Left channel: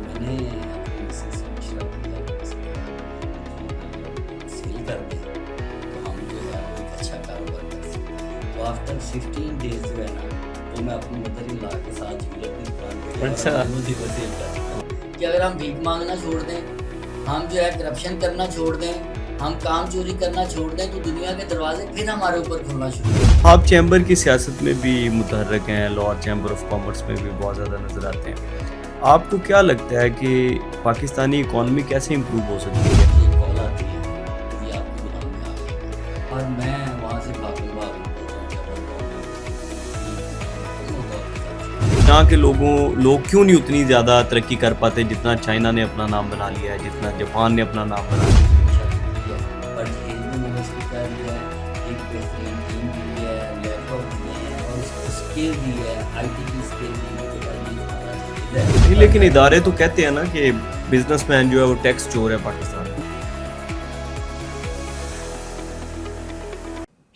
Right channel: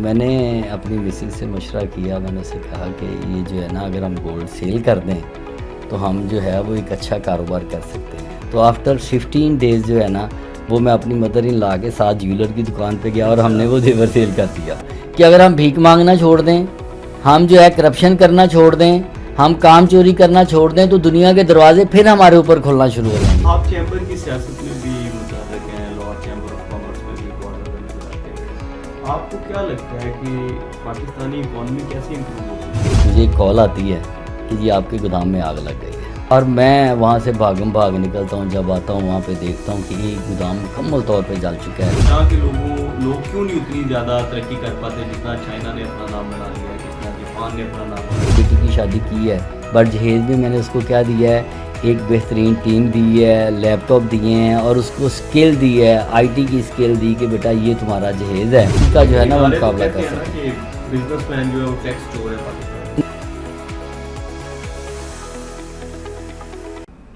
میں نے اپنی مسز سے مشورہ کیا، میں نے اسے کہا کہ یہ جو ہے نا اگر ہم گولڈ سیل کر دیں تو ہم جو ہے وہ ایک اچھا کاروبار کر سکتے ہیں. تو آفٹر 15 ڈیز جو ہے نا وہ میں اپنی مدر ان لا کے ساتھ جیولر کی دکان پہ گیا اور ہم نے وہ زیور سیل کر دیا کہ اگر ہم بھیک مانگنا چھوڑ دیں، ہم جو ہے کرپشن کرنا چھوڑ دیں، ہم کام چوری کرنا چھوڑ دیں تو دنیا کے دروازے پھر ہمارے اوپر کھلنا شروع ہو. آپ چیمبر کی سیاست میں بھی متحرک ہیں، لاہور چیمبر آف کامرس میں بھی بہت زیادہ نظر آتے ہیں. آپ کو کیا لگتا ہے کہ پاکستانی اکانومی کیسے امپروو ہو سکتی ہے؟ مجھے ایک کال آتی ہے کہ جی آپ کے گودام میں آگ لگ گئی ہے اور میں وہاں سے بھاگ نکلتا ہوں. جب آتا ہوں وہاں پہ دیکھتا ہوں کہ یہ گودام مکمل طور پہ جل چکا ہے. یہاں کے لوگ کیوں نہیں اتنی زیادہ ترقی کر پاتے جتنا چائنا نے اپنا نام بنا لیا ہے، جتنا جاپان نے اپنا نام بنا لیا؟ بیٹی کی شادی کی ہے، بٹ جہیز میں نے اس کو کیا دیا ہے، ایک بہترین ٹیم دی ہے، لیپ ٹاپ دیے ہیں اور اس کو اسکل دی ہے، آئی ٹی کی اسکل دی کہ بیٹا یہ تمہارا جہیز ہے. لیکن ادارے تو کہتے ہیں نا کہ بزنس مین جو ہے وہ ٹیکس چور ہے پاکستان میں.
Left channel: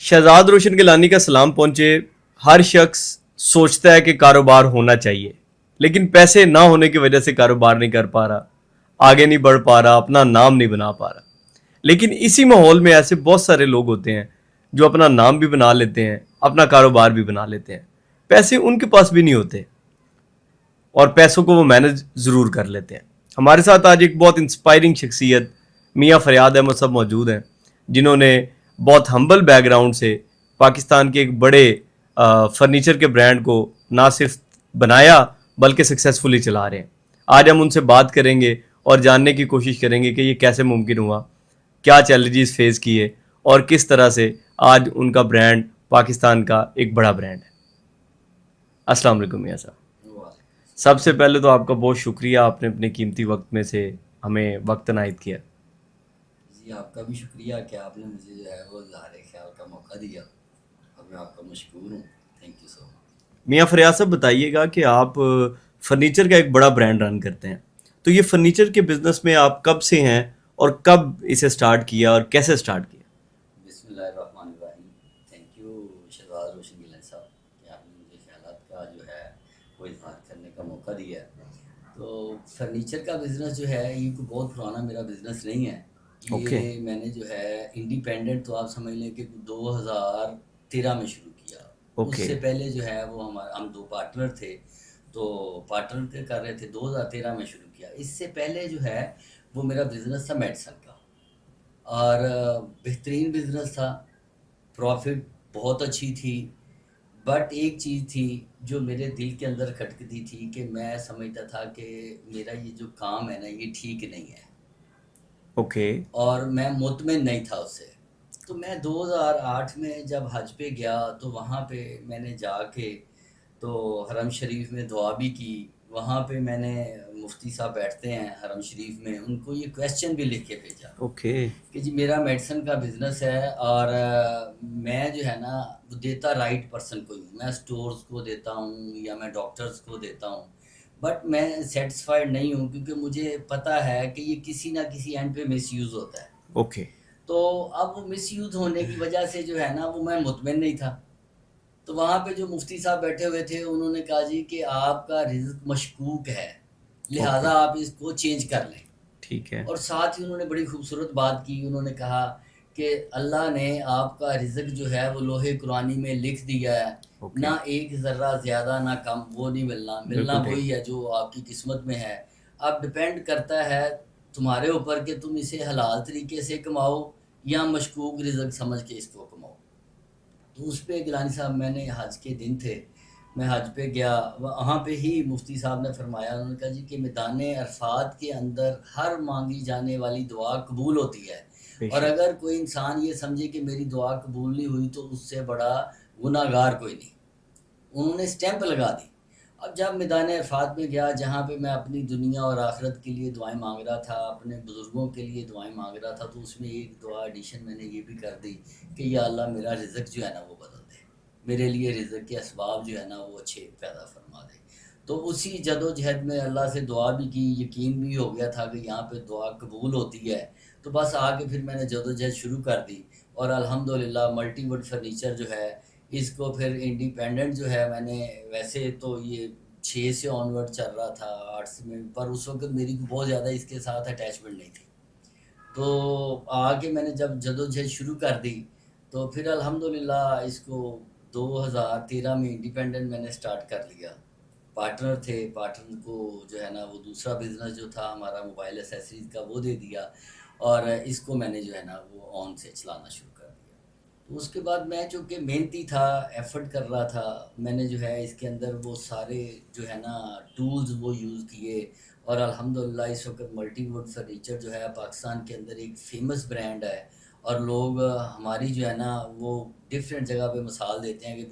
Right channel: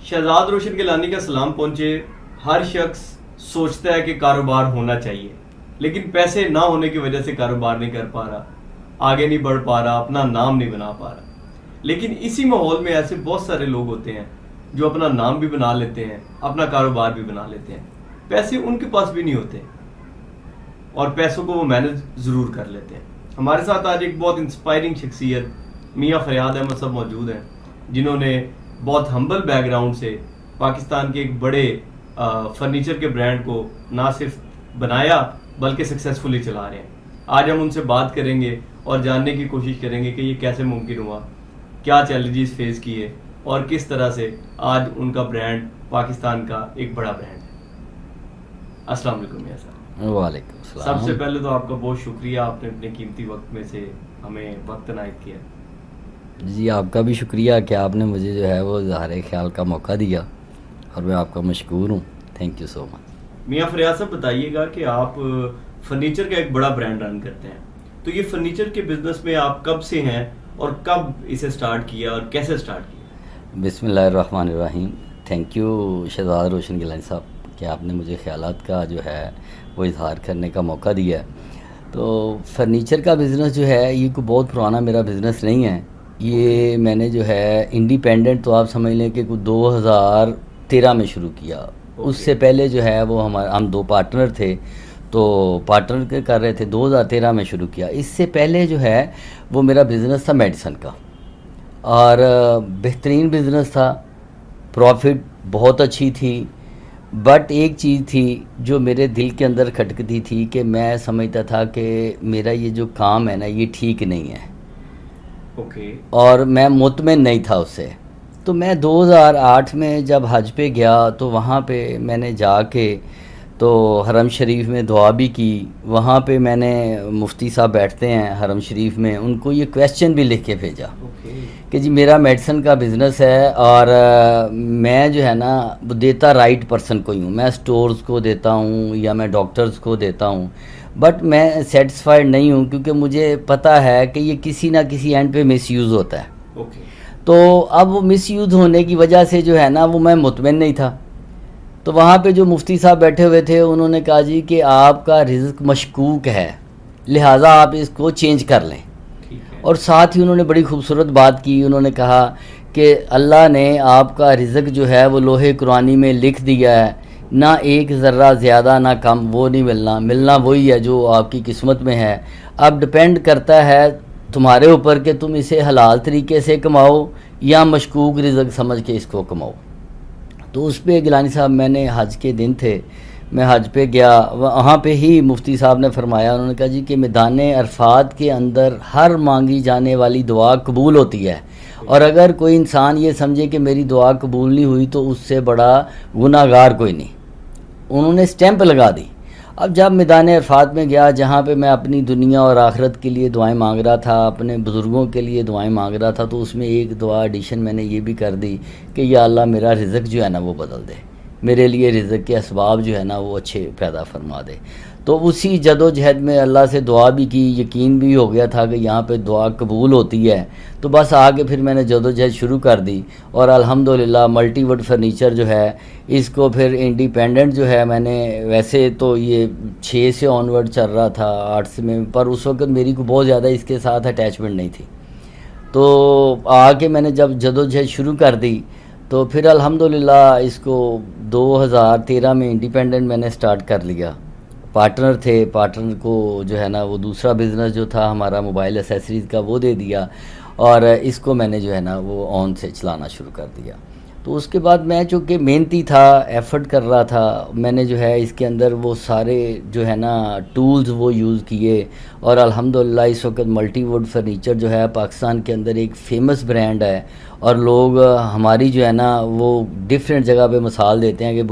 شہزاد روشن گیلانی کا سلام پہنچے. ہر شخص سوچتا ہے کہ کاروبار ہونا چاہیے، لیکن پیسے نہ ہونے کی وجہ سے کاروبار نہیں کر پا رہا، آگے نہیں بڑھ پا رہا، اپنا نام نہیں بنا پا رہا. لیکن اسی ماحول میں ایسے بہت سارے لوگ ہوتے ہیں جو اپنا نام بھی بنا لیتے ہیں، اپنا کاروبار بھی بنا لیتے ہیں، پیسے ان کے پاس بھی نہیں ہوتے اور پیسوں کو وہ مینج ضرور کر لیتے ہیں. ہمارے ساتھ آج ایک بہت انسپائرنگ شخصیت میاں فریاد احمد صاحب موجود ہیں، جنہوں نے بہت ہمبل بیک گراؤنڈ سے پاکستان کے ایک بڑے فرنیچر کے برانڈ کو نہ صرف بنایا بلکہ سکسیزفلی چلا رہے ہیں. آج ہم ان سے بات کریں گے اور جاننے کی کوشش کریں گے کہ یہ کیسے ممکن ہوا، کیا چیلنجز فیس کیے اور کس طرح سے آج ان کا برانڈ پاکستان کا ایک بڑا برانڈ ہے. السلام علیکم میاں صاحب. وعلیکم السلام. سب سے پہلے تو آپ کا بہت شکریہ، آپ نے اپنے قیمتی وقت میں سے ہمیں وقت عنایت کیا. جی آپ کا بھی شکریہ کہ آپ نے مجھے جو ہے وہ اظہار خیال کا موقع دیا اور میں آپ کا مشکور ہوں. تھینک یو سو مچ. میاں فریاد صاحب بتائیے گا کہ آپ فرنیچر کا ایک بڑا برانڈ رن کرتے ہیں، تو یہ فرنیچر کے بزنس میں آپ کب سے ہیں اور کب اسے سٹارٹ کیا اور کیسے سٹارٹ کیا؟ بسم اللہ الرحمن الرحیم. تھینک یو شہزاد روشن گیلانی صاحب کہ آپ نے مجھے خیالات کا جو ہے وہ اظہار کرنے کا موقع دیا ہے. تو فرنیچر کا بزنس جو ہے یہ کوئی بہت پرانا میرا بزنس نہیں ہے. یہ میں نے جو ہے انڈیپینڈنٹ تو آپ سمجھ لیں کہ 2013 میں شروع کیا. اس سے پہلے جو ہے وہ ہم دو پارٹنر تھے تو پارٹنر کر رہے تھے. 2013 میں شروع کیا. اس سے پہلے جو ہے وہ میرا بزنس تھا میڈیسن کا اور بہترین بزنس تھا، پروفٹ بہت اچھی تھی. بٹ ایک چیز تھی جو میرے دل کے اندر کھٹکتی تھی کہ میں سمجھتا تھا کہ میرا یہ جو کام ہے نا یہ ٹھیک نہیں ہے. اور میں مطمئن نہیں تھا اس سے. تو میں 2008 میں جب حج پہ گیا تو وہاں پہ میں نے جا کے تو حرم شریف میں دعا بھی کی. وہاں پہ میں نے مفتی صاحب بیٹھتے ہیں حرم شریف میں، ان کو یہ کویسچن بھی لکھ کے بھیجا کہ جی میرا میڈیسن کا بزنس ہے اور میں جو ہے نا دیتا رائٹ پرسن کو ہی ہوں. میں سٹورز کو دیتا ہوں یا میں ڈاکٹرز کو دیتا ہوں، بٹ میں سیٹسفائیڈ نہیں ہوں کیونکہ مجھے پتہ ہے کہ یہ کسی نہ کسی اینڈ پہ مس یوز ہوتا ہے. تو اب وہ مس یوز ہونے کی وجہ سے جو ہے نا وہ میں مطمئن نہیں تھا. تو وہاں پہ جو مفتی صاحب بیٹھے ہوئے تھے انہوں نے کہا جی کہ آپ کا رزق مشکوک ہے، لہٰذا آپ اس کو چینج کر لیں. اور ساتھ ہی انہوں نے بڑی خوبصورت بات کی. انہوں نے کہا کہ اللہ نے آپ کا رزق جو ہے وہ لوہے قرآنی میں لکھ دیا ہے، نہ ایک ذرہ زیادہ نہ کم، وہ نہیں ملنا وہی ہے جو آپ کی قسمت میں ہے. اب ڈپینڈ کرتا ہے تمہارے اوپر کہ تم اسے حلال طریقے سے کماؤ یا مشکوک رزق سمجھ کے اس کو کماؤ. تو اس پہ گیلانی صاحب میں نے حج کے دن تھے، میں حج پہ گیا. وہاں پہ ہی مفتی صاحب نے فرمایا، انہوں نے کہا جی کہ میدان عرفات کے اندر ہر مانگی جانے والی دعا قبول ہوتی ہے، اور اگر کوئی انسان یہ سمجھے کہ میری دعا قبول نہیں ہوئی تو اس سے بڑا گناہ گار کوئی نہیں. انہوں نے سٹیمپ لگا دی. اب جب میدان عرفات میں گیا جہاں پہ میں اپنی دنیا اور آخرت کے لیے دعائیں مانگ رہا تھا، اپنے بزرگوں کے لیے دعائیں مانگ رہا تھا، تو اس میں ایک دعا ایڈیشن میں نے یہ بھی کر دی کہ یا اللہ میرا رزق جو ہے نا وہ بدل دے، میرے لیے رزق کے اسباب جو ہے نا وہ اچھے پیدا فرما دے. تو اسی جد و جہد میں اللہ سے دعا بھی کی, یقین بھی ہو گیا تھا کہ یہاں پہ دعا قبول ہوتی ہے, تو بس آگے پھر میں نے جد و جہد شروع کر دی. اور الحمدللہ ملٹی ووڈ فرنیچر جو ہے اس کو پھر انڈیپینڈنٹ جو ہے میں نے, ویسے تو یہ 6 سے آن ورڈ چل رہا تھا 8 سے میں, پر اس وقت میری کو بہت زیادہ اس کے ساتھ اٹیچمنٹ نہیں تھی. تو آگے میں نے جب جد و جہد شروع کر دی تو پھر الحمدللہ اس کو 2013 میں انڈیپینڈنٹ میں نے سٹارٹ کر لیا. پارٹنر تھے, پارٹنر کو جو ہے نا وہ دوسرا بزنس جو تھا ہمارا موبائل ایسیسریز کا وہ دے دیا, اور اس کو میں نے جو ہے نا وہ آن سے چلانا شروع کر دیا. تو اس کے بعد میں چونکہ محنتی تھا, ایفرٹ کر رہا تھا, میں نے جو ہے اس کے اندر وہ سارے جو ہے نا ٹولز وہ یوز کیے, اور الحمدللہ اس وقت ملٹی ووڈ فرنیچر جو ہے پاکستان کے اندر ایک فیمس برانڈ ہے, اور لوگ ہماری جو ہے نا وہ ڈفرینٹ جگہ پہ مثال دیتے ہیں کہ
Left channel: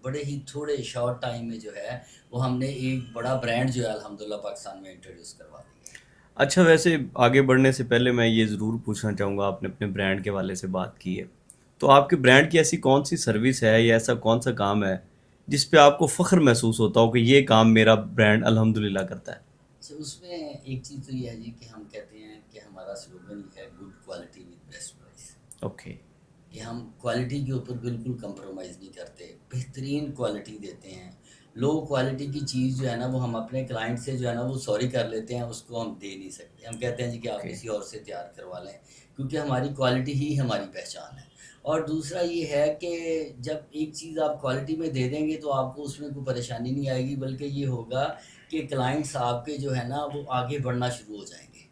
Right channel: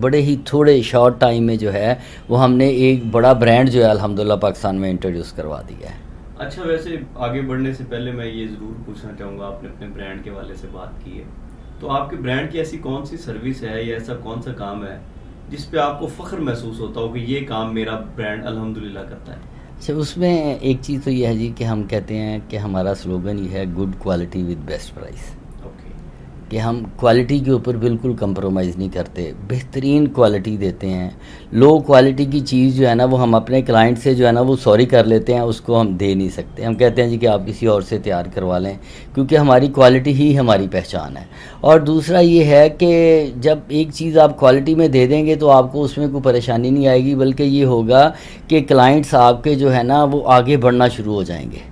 بڑے ہی تھوڑے شارٹ ٹائم میں جو ہے وہ ہم نے ایک بڑا برانڈ جو ہے الحمدللہ پاکستان میں انٹروڈیوس کروا دیا ہے. اچھا, ویسے آگے بڑھنے سے پہلے میں یہ ضرور پوچھنا چاہوں گا, آپ نے اپنے برانڈ کے حوالے سے بات کی ہے, تو آپ کے برانڈ کی ایسی کون سی سروس ہے یا ایسا کون سا کام ہے جس پہ آپ کو فخر محسوس ہوتا ہو کہ یہ کام میرا برانڈ الحمدللہ کرتا ہے؟ اچھا, اس میں ایک چیز تو یہ ہے جی کہ ہم کہتے ہیں کہ ہمارا سلوگن یہ ہے good quality with best price. Okay. کہ ہم کوالٹی کے اوپر بالکل کمپرومائز نہیں کرتے, بہترین کوالٹی دیتے ہیں. لو کوالٹی کی چیز جو ہے نا وہ ہم اپنے کلائنٹ سے جو ہے نا وہ سوری کر لیتے ہیں, اس کو ہم دے نہیں سکتے. ہم کہتے ہیں جی کہ آپ کسی اور سے تیار کروا لیں, کیونکہ ہماری کوالٹی ہی ہماری پہچان ہے. اور دوسرا یہ ہے کہ جب ایک چیز آپ کوالٹی میں دے دیں گے تو آپ کو اس میں کوئی پریشانی نہیں آئے گی, بلکہ یہ ہوگا کہ کلائنٹس آپ کے جو ہے نا وہ آگے بڑھنا شروع ہو جائیں گے,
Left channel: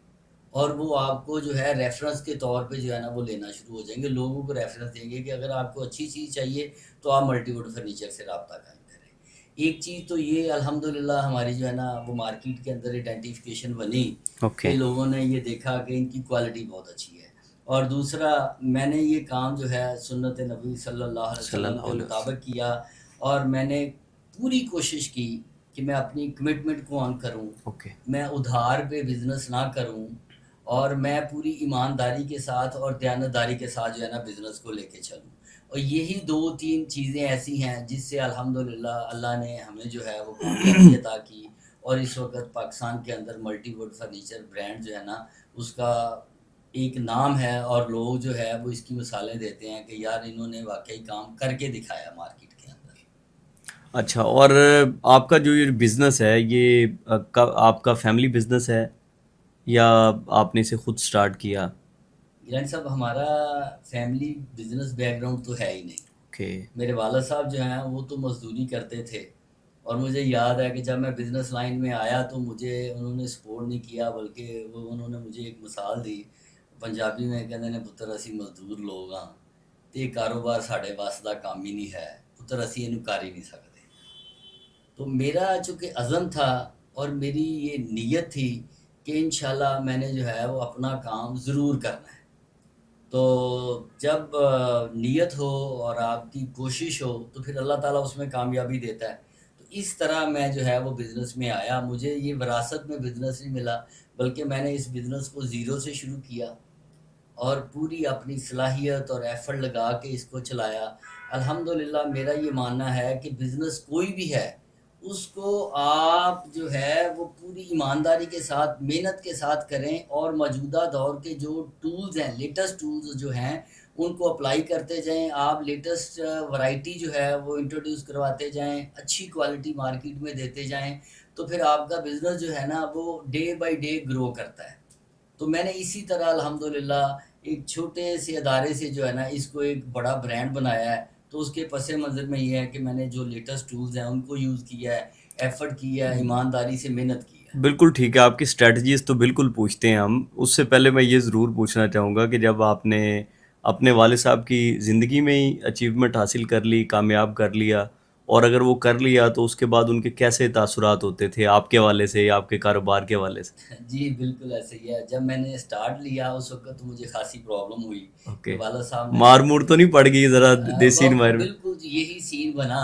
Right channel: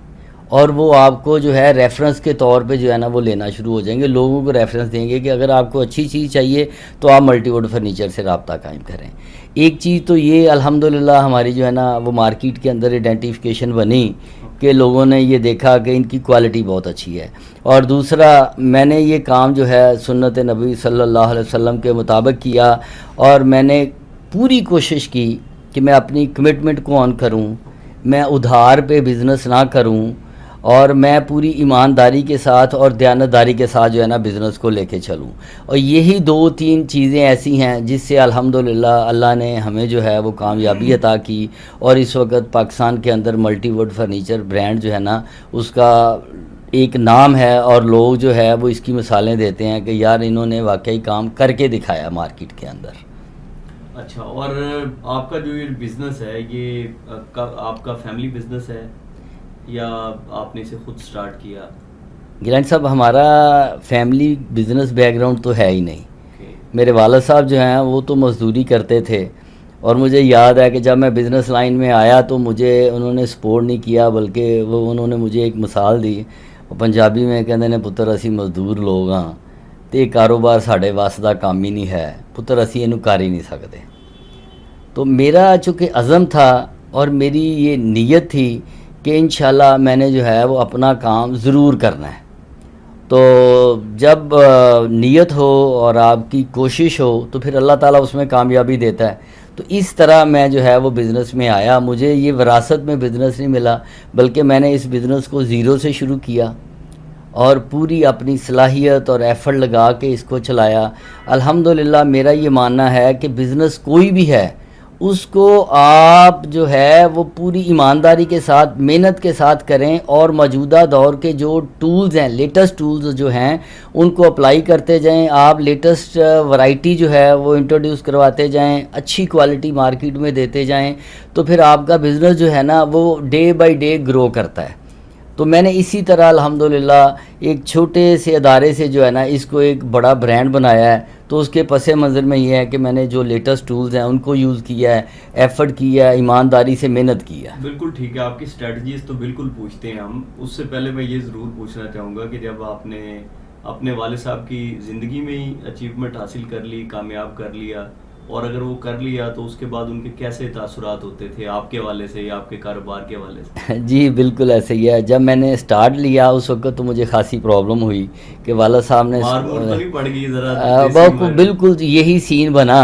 اور وہ آپ کو جو ہے ریفرنس کے طور پہ جو ہے نا وہ لینا شروع ہو جائیں گے. لوگوں کو ریفرنس دیں گے کہ اگر آپ کو اچھی چیز چاہیے تو آپ ملٹی ووڈ فرنیچر سے رابطہ قائم کریں. ایک چیز تو یہ الحمدللہ ہماری جو ہے نا وہ مارکیٹ کے اندر آئیڈینٹیفیکیشن بنی کہ لوگوں نے یہ دیکھا کہ ان کی کوالٹی بہت اچھی ہے. اور دوسرا میں نے یہ کام جو ہے سنت نبی صلی اللہ علیہ وسلم کے مطابق کیا, اور میں نے پوری کوشش کی کہ میں اپنی کمٹمنٹ کو آن کروں, میں ادھار پہ بزنس نہ کروں, اور میں پوری ایمانداری کے ساتھ اور دیانتداری کے ساتھ جو ہے نا بزنس کو لے کے چلوں. اور یہی 2-3 چیزیں ایسی ہیں جس سے الحمدللہ اللہ نے ہمیں جو ہے وہ کامیابی عطا کی, اور اس وقت پاکستان کے اندر ملٹی ووڈ فرنیچر برانڈ جو ہے نا اس کا ایک نام ہے, اور لوگ جو ہے وہ اس کی مثالیں دیتے ہیں کہ یار انہوں نے واقعی کام کر کے دکھایا مارکیٹ کے اندر. اچھا, اور آپ کا جو یہ بزنس ہے یہ آپ کا فیملی بزنس ہے یا آپ نے اسے خود سٹارٹ کیا؟ گیلانی صاحب, ہمارا فیملی بزنس بیک گراؤنڈ تو ہے ہی نہیں. میرے والد صاحب جو ہیں وہ تو مزدوری کرتے تھے, اور مجھے یاد ہے کہ جب میں بزنس لائن میں آیا تو مجھے انہوں نے سپورٹ نہیں کیا, بلکہ انہوں نے مجھے ایک مثال دی. پنجابی میں کہتے ہیں پتر اسی مزدور لوگ ہاں تے کاروبار ساڈے وس دا کام ہی نہیں ہے, پتر اسی اینو کر ہی نہیں سکتے. تو میرا چونکہ عزم تھا اور میری یہ نیت تھی کہ انشاءاللہ میں نے جو ہے وہ اپنا کام ضرور کرنا ہے. تو جب نیت ہو اور آپ کی کوشش ہو تو پھر اللہ تعالیٰ اس میں کامیابی دیتا ہے. تو اس طرح میں جو ہے وہ بزنس میں آیا. مجھے یہ وراثت میں بزنس نہیں ملا, بلکہ میں نے اس بزنس کو زیرو سے شروع کیا اور پوری اپنی صلاحیت اور ایفرٹ لگا کے اس کو چلایا. الحمدللہ میرا یہ ماننا ہے کہ بزنس کوئی بھی ہے اس کو آپ جو ہے وہ پوری ایمانداری کے ساتھ محنت کے ساتھ کریں, اور موجودہ دور کے جو ٹولز ہیں, لیٹسٹ ٹولز جو ہیں ان کو اپلائی کرتے جائیں. آپ لیٹسٹ ورائٹی جو ہے وہ انٹروڈیوس کرواتے جائیں, اچھی کوالٹی مارکیٹ میں دیتے جائیں, تو پھر آپ کا بزنس جو ہے نا وہ ڈے بائی ڈے گرو کرتا ہے. تو میں نے اسی طرح الحمدللہ ایک چھوٹے سے ادارے سے جو ہے نا اس کو ایک بڑا برانڈ بنایا ہے. تو اس کے پس منظر میں یہ ہے کہ میں نے جو لیٹسٹ ٹولز ہیں ان کو یوز کیا ہے, ایفرٹ کیا ہے, ایمانداری سے محنت کی ہے. بالکل ٹھیک ہے, آپ کی اسٹریٹجیز تو بالکل پوچھتے ہیں ہم. اس سے پہلے میں یہ ضرور پوچھنا چاہوں گا کہ جب آپ نے اپنے والد صاحب کی زندگی میں ہی اچیومنٹ حاصل کر لی, کامیاب کر لیا, اور اگر وہ کر لیا تو اس کے بعد ان کے کیسے تاثرات ہوتے تھے آپ کے حوالے سے یا آپ کے کاروبار کے حوالے سے؟ جی بالکل ایسے ہی ہے. جب میں نے سٹارٹ لیا اس وقت تو مجھے خاصی پرابلم ہوئی کہ والد صاحب نے مار مور تو نہیں پڑ گئی ذرا؟ بالکل یہی سین بنا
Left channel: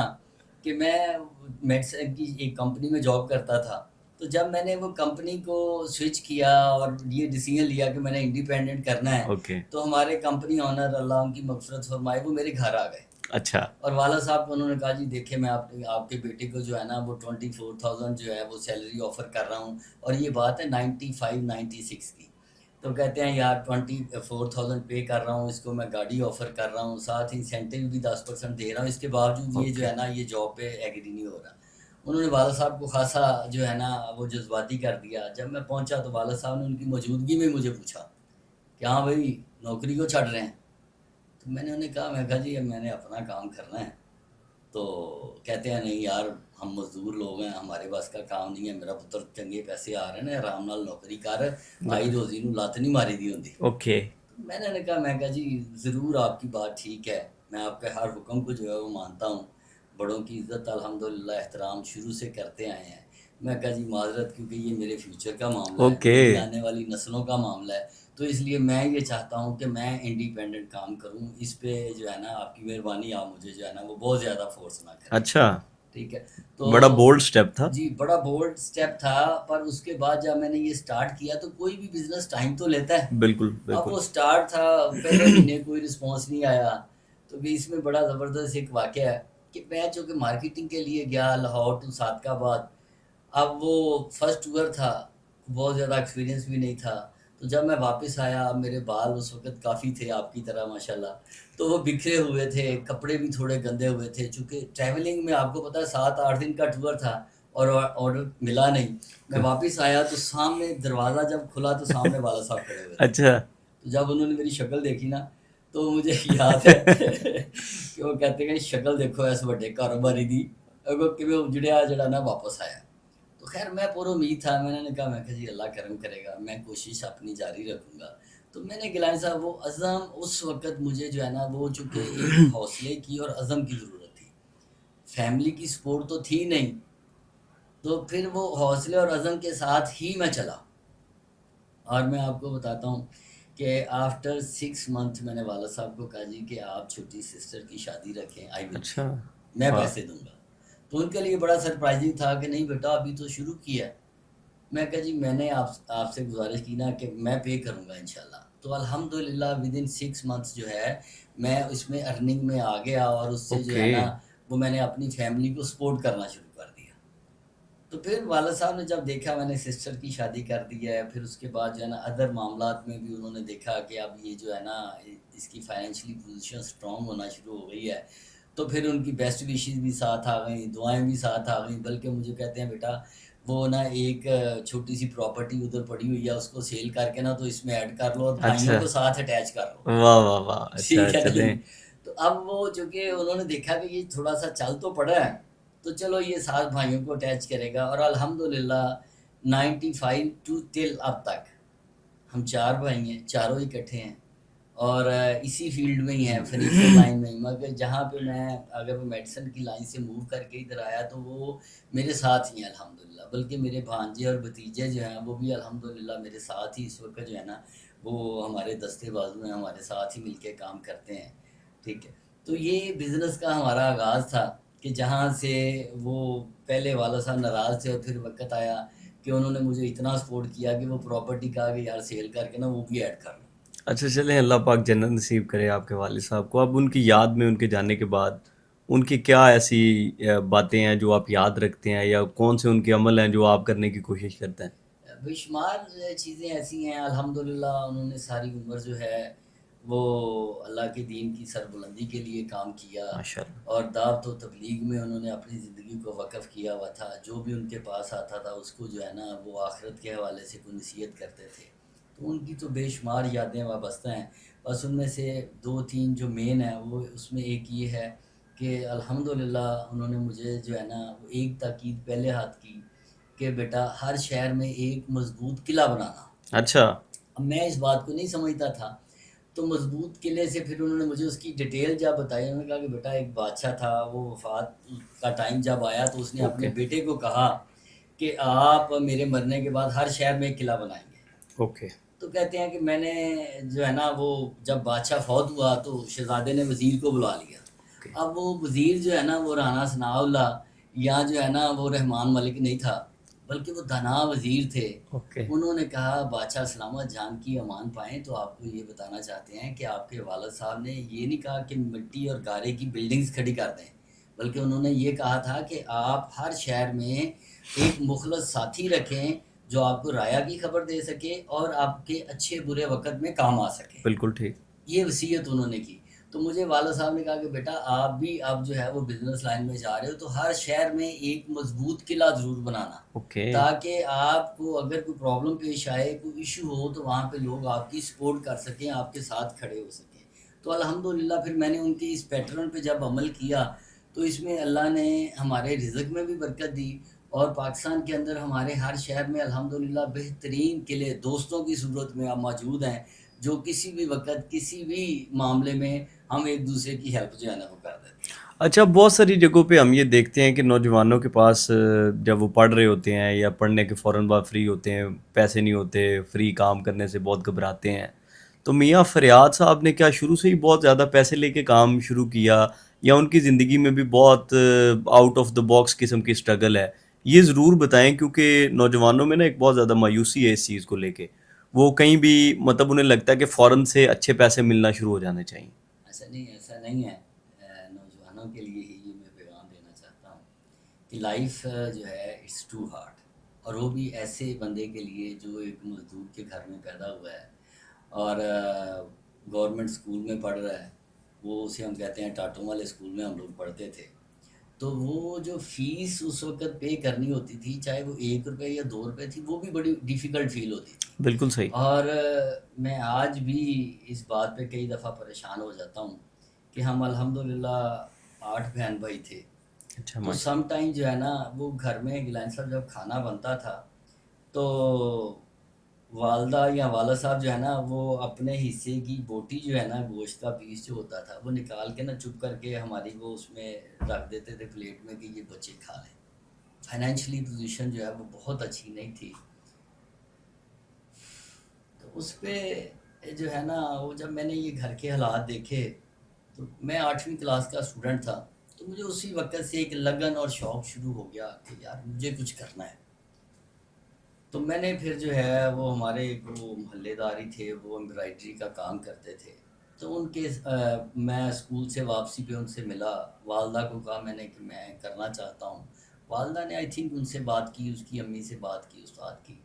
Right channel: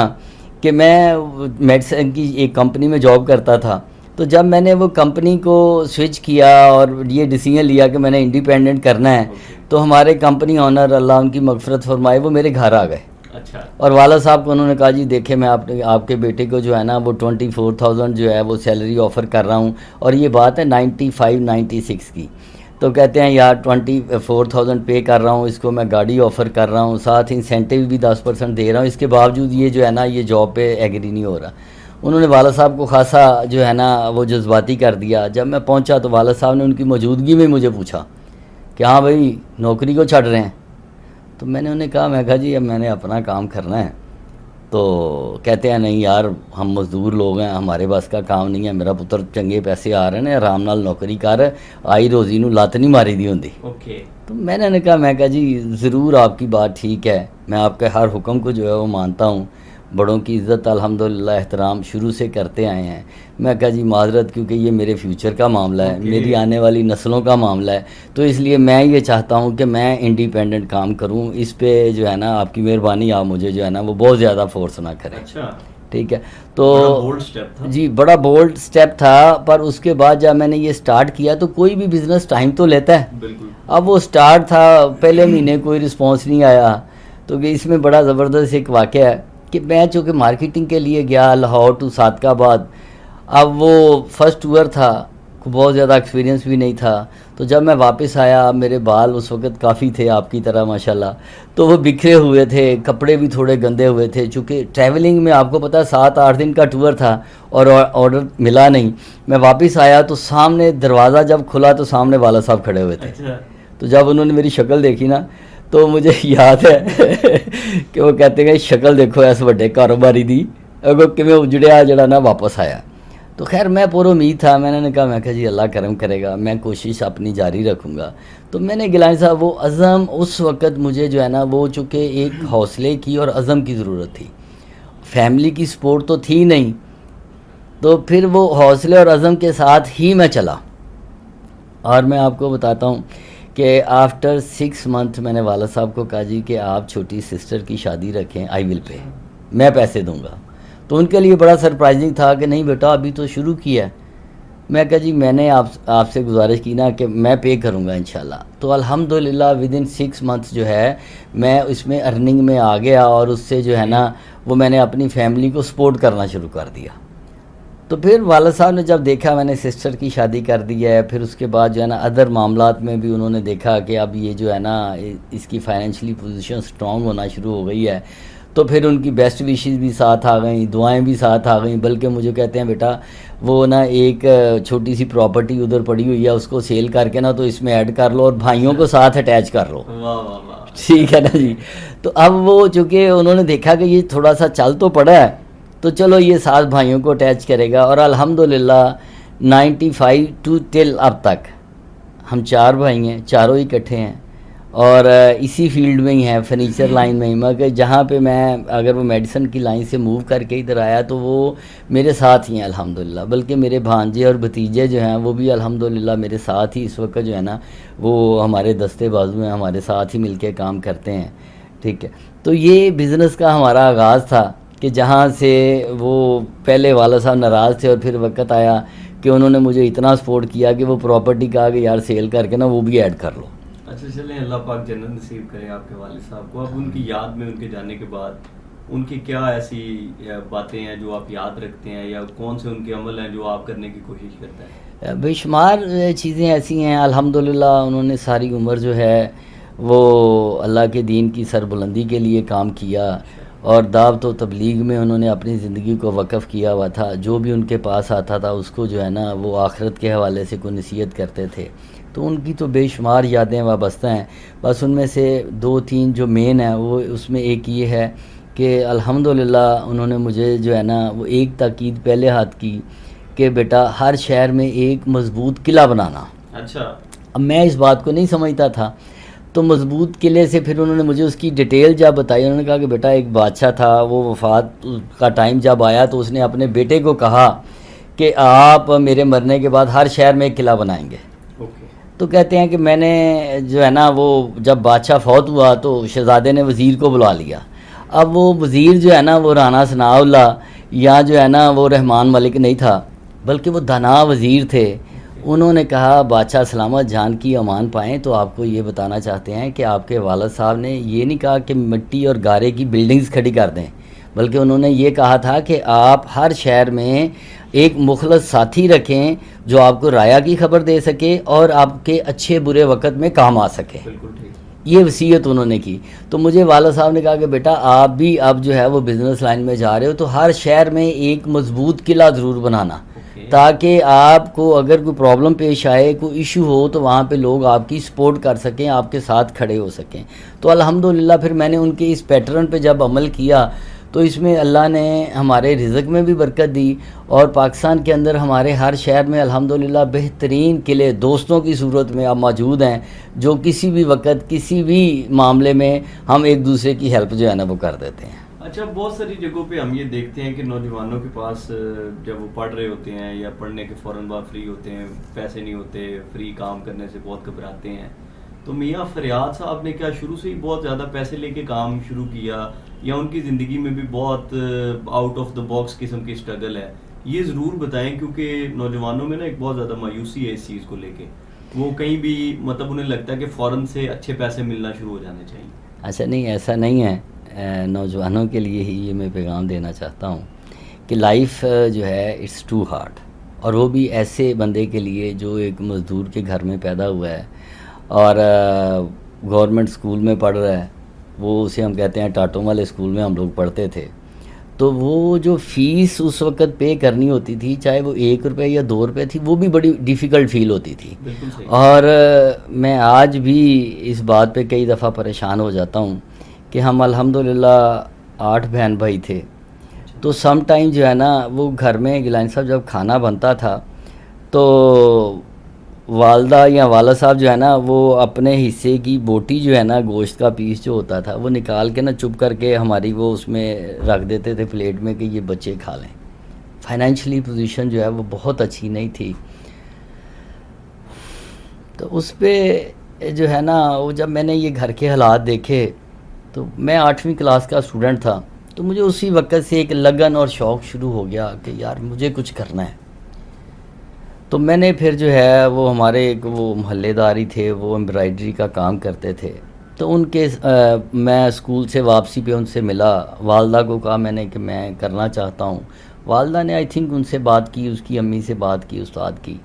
کہ میں میڈیسن کی ایک کمپنی میں جاب کرتا تھا. تو جب میں نے وہ کمپنی کو سوئچ کیا اور یہ ڈیسیژن لیا کہ میں نے انڈیپینڈنٹ کرنا ہے, تو ہمارے کمپنی آنر اللہ ان کی مغفرت فرمائے وہ میرے گھر آ گئے. اچھا اور والد صاحب کو انہوں نے کہا جی دیکھیں میں آپ کے بیٹے کو جو ہے نا وہ 24,000 جو ہے وہ سیلری آفر کر رہا ہوں، اور یہ بات ہے 95-96 کی. تو کہتے ہیں یار 24,000 پے کر رہا ہوں اس کو، میں گاڑی آفر کر رہا ہوں، ساتھ انسینٹیو بھی 10% دے رہا ہوں، اس کے باوجود یہ جو ہے نا یہ جاب پہ ایگری نہیں ہو رہا. انہوں نے والد صاحب کو خاصا جو ہے نا وہ جذباتی کر دیا. جب میں پہنچا تو والد صاحب نے ان کی موجودگی میں مجھے پوچھا کہ ہاں بھائی نوکری کو چھڑ رہے ہیں؟ تو میں نے انہیں کہا جی اب میں نے اپنا کام کرنا ہے. تو کہتے ہیں نہیں یار ہم مزدور لوگ ہیں، ہمارے بس کا کام نہیں ہے، میرا پتر چنگے پیسے آ رہے ہیں، آرام نال نوکری کر، آئی روزی نو لت نہیں ماری دی ہوندی. اوکے. تو میں نے کہا جی ضرور آپ کی بات ٹھیک ہے، میں آپ کے ہر حکم کو جو ہے وہ مانتا ہوں، بڑوں کی عزت الحمدللہ احترام شروع سے کرتے آئے ہیں. میں کہا جی معذرت کیونکہ یہ میرے فیوچر کا معاملہ ہے، میری آنے والی نسلوں کا معاملہ ہے، تو اس لیے میں یہ چاہتا ہوں کہ میں انڈیپینڈنٹ کام کروں. اس پہ جو ہے نا آپ کی مہربانی، آپ مجھے جو ہے نا وہ بہت زیادہ فورس نہ کریں. اچھا ٹھیک ہے. تو بڑا بولڈ سٹیپ تھا. جی بڑا بولڈ سٹیپ تھا، پر اس کے بعد جب میں نے یہ سٹارٹ کیا تو کوئی بھی بزنس ٹائم تو لیتا ہے. بالکل. اب وہ سٹارٹ تھا، پہلے مہینے کوئی رسپانس نہیں آیا. تو کہ اس میں بڑا زبردست ایک واقعہ ہے کہ میں چونکہ مارکیٹنگ کے لیے گیا لاہور ٹو صادق آباد. اب وہ فرسٹ ٹور تھا، بہت زیادہ ایکسپیرینس بھی نہیں تھا. تو جب میں واپس آیا میرے بال اس وقت کافی تھے آپ کی طرح ماشاءاللہ، تو وہ بکھرے ہوئے تھے، کپڑے بھی تھوڑے گندے ہوئے تھے، چونکہ ٹریولنگ میں آپ کو پتہ 7-8 دن کا ٹور تھا اور آرڈر ملا نہیں. میں واپس آیا تو سامنے دروازہ جب کھلا تو سامنے والد صاحب کھڑے ہوئے تھے. اچھا. تو جب انہوں نے میری شکل دیکھی نا تو مجھے یاد ہے کہ وہ کہتے ہیں شکل دیکھو اس وڈے کاروباری دی کہ میں اجڑیا جڑا نا واپس آیا. تو خیر میں پورا امید تھا، میں نے کہا جی اللہ کرم کرے گا، میں کوشش اپنی جاری رکھوں گا. تو میں نے گیلانی صاحب وہ عزم اس وقت مجھے جو ہے نا وہ چونکہ ایک حوصلے کی اور عزم کی ضرورت تھی، فیملی کی سپورٹ تو تھی نہیں، تو پھر وہ حوصلے اور عزم کے ساتھ ہی میں چلا. اور میں آپ کو بتاتا ہوں کہ آفٹر 6 منتھ میں نے والد صاحب کو کہا جی کہ آپ چھوٹی سسٹر کی شادی رکھیں، آئی ول پے، میں پیسے دوں گا. تو ان کے لیے بڑا سرپرائزنگ تھا کہ نہیں بیٹا ابھی تو شروع کیا ہے. میں کہا جی میں نے آپ سے گزارش کی نا کہ میں پے کروں گا انشاءاللہ. تو الحمدللہ ودن 6 منتھس جو ہے میں اس میں ارننگ میں آ گیا، اور اس سے جو ہے نا وہ میں نے اپنی فیملی کو سپورٹ کرنا شروع کر دیا. تو پھر والد صاحب نے جب دیکھا میں نے سسٹر کی شادی کر دی ہے، پھر اس کے بعد جو ہے نا ادر معاملات میں بھی انہوں نے دیکھا کہ اب یہ جو ہے نا اس کی فائنینشلی پوزیشن سٹرونگ ہونا شروع ہو گئی ہے. تو پھر ان کی بیسٹ وشز بھی ساتھ آ گئیں، دعائیں بھی ساتھ آ گئیں، بلکہ مجھے کہتے ہیں بیٹا وہ نا ایک چھوٹی سی پراپرٹی ادھر پڑی ہوئی ہے اس کو سیل کر کے نا تو اس میں ایڈ کر لو اور بھائیوں کو ساتھ اٹیچ کر لو. واہ واہ واہ. ٹھیک ہے نا جی. تو اب وہ چونکہ انہوں نے دیکھا کہ یہ تھوڑا سا چل تو پڑا ہے تو چلو یہ 7 بھائیوں کو اٹیچ کرے گا. اور الحمدللہ 95 ٹو ٹل اب تک ہم 4 بھائی ہیں، چاروں ہی اکٹھے ہیں اور اسی فیلڈ میں ہی ہیں، فرنیچر لائن میں ہی. مگر جہاں پہ میں اگر وہ میڈیسن کی لائن سے موو کر کے ادھر آیا تو وہ میرے ساتھ ہی ہیں الحمدللہ. بلکہ میرے بھانجے اور بھتیجے جو ہیں وہ بھی الحمدللہ میرے ساتھ ہی اس وقت جو ہے نا وہ ہمارے دستے بازو ہیں، ہمارے ساتھ ہی مل کے کام کرتے ہیں. ٹھیک ہے. تو یہ بزنس کا ہمارا آغاز تھا کہ جہاں سے وہ پہلے والد صاحب ناراض تھے اور پھر وقت آیا کہ انہوں نے مجھے اتنا سپورٹ کیا کہ وہ پراپرٹی کہا کہ یار سیل کر کے نا وہ بھی ایڈ کر لو. اچھا چلیں اللہ پاک جنت نصیب کرے آپ کے والد صاحب کو. اب ان کی یاد میں ان کے جانے کے بعد ان کی کیا ایسی باتیں ہیں جو آپ یاد رکھتے ہیں، یا کون سے ان کے عمل ہیں جو آپ کرنے کی کوشش کرتے ہیں؟ بے شمار چیزیں ایسی ہیں الحمدللہ. انہوں نے ساری عمر جو ہے وہ اللہ کے دین کی سربلندی کے لیے کام کیا اور دعوت و تبلیغ میں انہوں نے اپنی زندگی کو وقف کیا ہوا تھا. جو بھی ان کے پاس آتا تھا اس کو جو ہے نا وہ آخرت کے حوالے سے کوئی نصیحت کرتے تھے. تو ان کی تو بے شمار یادیں وابستہ ہیں. بس ان میں سے 2-3 جو مین ہیں وہ اس میں ایک یہ ہے کہ الحمدللہ انہوں نے مجھے جو ہے نا وہ ایک تاکید پہلے ہاتھ کی کہ بیٹا ہر شہر میں ایک مضبوط قلعہ بنانا. اچھا. اب میں اس بات کو نہیں سمجھتا تھا تو مضبوط قلعے سے پھر انہوں نے مجھے اس کی ڈیٹیل جب بتائی. انہوں نے کہا کہ بیٹا ایک بادشاہ تھا، وہ وفات کا ٹائم جب آیا تو اس نے اپنے بیٹے کو کہا کہ آپ میرے مرنے کے بعد ہر شہر میں ایک قلعہ بنائیں گے. اوکے. تو کہتے ہیں کہ میں نے جو ہے نا وہ جب بادشاہ فوت ہوا تو شہزادے نے وزیر کو بلا لیا. اب وہ وزیر جو ہے نا وہ رانا ثناء اللہ یا جو ہے نا وہ رحمان ملک نہیں تھا، بلکہ وہ دانا وزیر تھے. انہوں نے کہا بادشاہ سلامت جان کی امان پائیں تو آپ کو یہ بتانا چاہتے ہیں کہ آپ کے والد صاحب نے یہ نہیں کہا کہ مٹی اور گارے کی بلڈنگز کھڑی کر دیں، بلکہ انہوں نے یہ کہا تھا کہ آپ ہر شہر میں ایک مخلص ساتھی رکھیں جو آپ کو رایا کی خبر دے سکے اور آپ کے اچھے برے وقت میں کام آ سکے. بالکل ٹھیک. یہ وصیت انہوں نے کی. تو مجھے والد صاحب نے کہا کہ بیٹا آپ بھی اب جو ہے وہ بزنس لائن میں جا رہے ہو تو ہر شہر میں ایک مضبوط قلعہ ضرور بنانا، تاکہ آپ کو اگر کوئی پرابلم پیش آئے، کوئی ایشو ہو تو وہاں پہ لوگ آپ کی سپورٹ کر سکیں، آپ کے ساتھ کھڑے ہو سکیں. تو الحمدللہ پھر میں نے ان کے اس پیٹرن پہ جب عمل کیا تو اس میں اللہ نے ہمارے رزق میں بھی برکت دی، اور پاکستان کے اندر ہمارے ہر شہر میں الحمدللہ بہترین قلعے دوستوں کی صورت میں اب موجود ہیں، جو کسی بھی وقت کسی بھی معاملے میں ہم ایک دوسرے کی ہیلپ جو ہے نا وہ کر دیتے ہیں. اچھا، بہت ساری جگہوں پہ ہم یہ دیکھتے ہیں کہ نوجوانوں کے پاس جب وہ پڑھ رہے ہوتے ہیں یا پڑھنے کے فوراً بعد فری ہوتے ہیں، پیسے نہیں ہوتے، فری کام کرنے سے بہت گھبراتے ہیں، تو میاں فریاد صاحب نے کیا شروع سے ہی بہت زیادہ پیسے لے کے کام شروع کیا، یا ان کی زندگی میں بھی بہت آؤٹ آف دا باکس قسم کی اسٹرگل ہے؟ یہ ضرور بتائیں، کیونکہ نوجوانوں میں نا ایک بہت زیادہ مایوسی ہے اس چیز کو لے کے. وہ کہیں بھی مطلب انہیں لگتا ہے کہ فوراً سے اچھے پیسے ملنا شروع ہو جانے چاہیے. اچھا نہیں، ایسا نہیں ہے. نوجوانوں کے لیے ہی یہ میں پیغام دینا چاہتا ہوں کہ لائف جو ہے اٹس ٹو ہارڈ، اور وہ بھی ایسے بندے کے لیے جو ایک مزدور کے گھر میں پیدا ہوا ہے اور گورنمنٹ اسکول میں پڑھ رہا ہے. وہ اسے ہم کہتے ہیں ٹاٹوں والے اسکول میں ہم لوگ پڑھتے تھے. تو وہ جو فیس اس وقت پے کرنی ہوتی تھی، چاہے وہ 1 روپے یا 2 روپے تھی، وہ بھی بڑی ڈیفیکلٹ فیل ہوتی تھی. بالکل صحیح. اور میں آج بھی اس بات پہ کئی دفعہ پریشان ہو جاتا ہوں کہ ہم الحمدللہ 8 بہن بھائی تھے. تو سم ٹائم جو ہے نا وہ گھر میں گیلانی صاحب جب کھانا بنتا تھا تو والدہ یا والد صاحب جو ہے نا وہ اپنے حصے کی بوٹی جو ہے نا گوشت کا پیس جو ہوتا تھا وہ نکال کے نا چپ کر کے ہماری وہ اس میں رکھ دیتے تھے پلیٹ میں کہ یہ بچے کھا لیں. فائنینشلی پوزیشن جو ہے وہ بہت اچھی نہیں تھی. تو اس پہ جو ہے نا وہ جب میں نے یہ گھر کے حالات دیکھے تو میں 8ویں کلاس کا اسٹوڈنٹ تھا، تو مجھے اسی وقت سے ایک لگن اور شوق شروع ہو گیا کہ یار مجھے کچھ کرنا ہے. تو میں نے پھر جو ہے وہ ہمارے ایک وہ محلے داری تھے، وہ امبرائڈری کا کام کرتے تھے، تو ان کے میں اسکول سے واپسی پہ ان سے ملا. والدہ کو کہا میں نے کہ میں کرنا چاہتا ہوں. والدہ نے آئی تھنک ان سے بات کی، اس کی امی سے بات کی، استاد کی.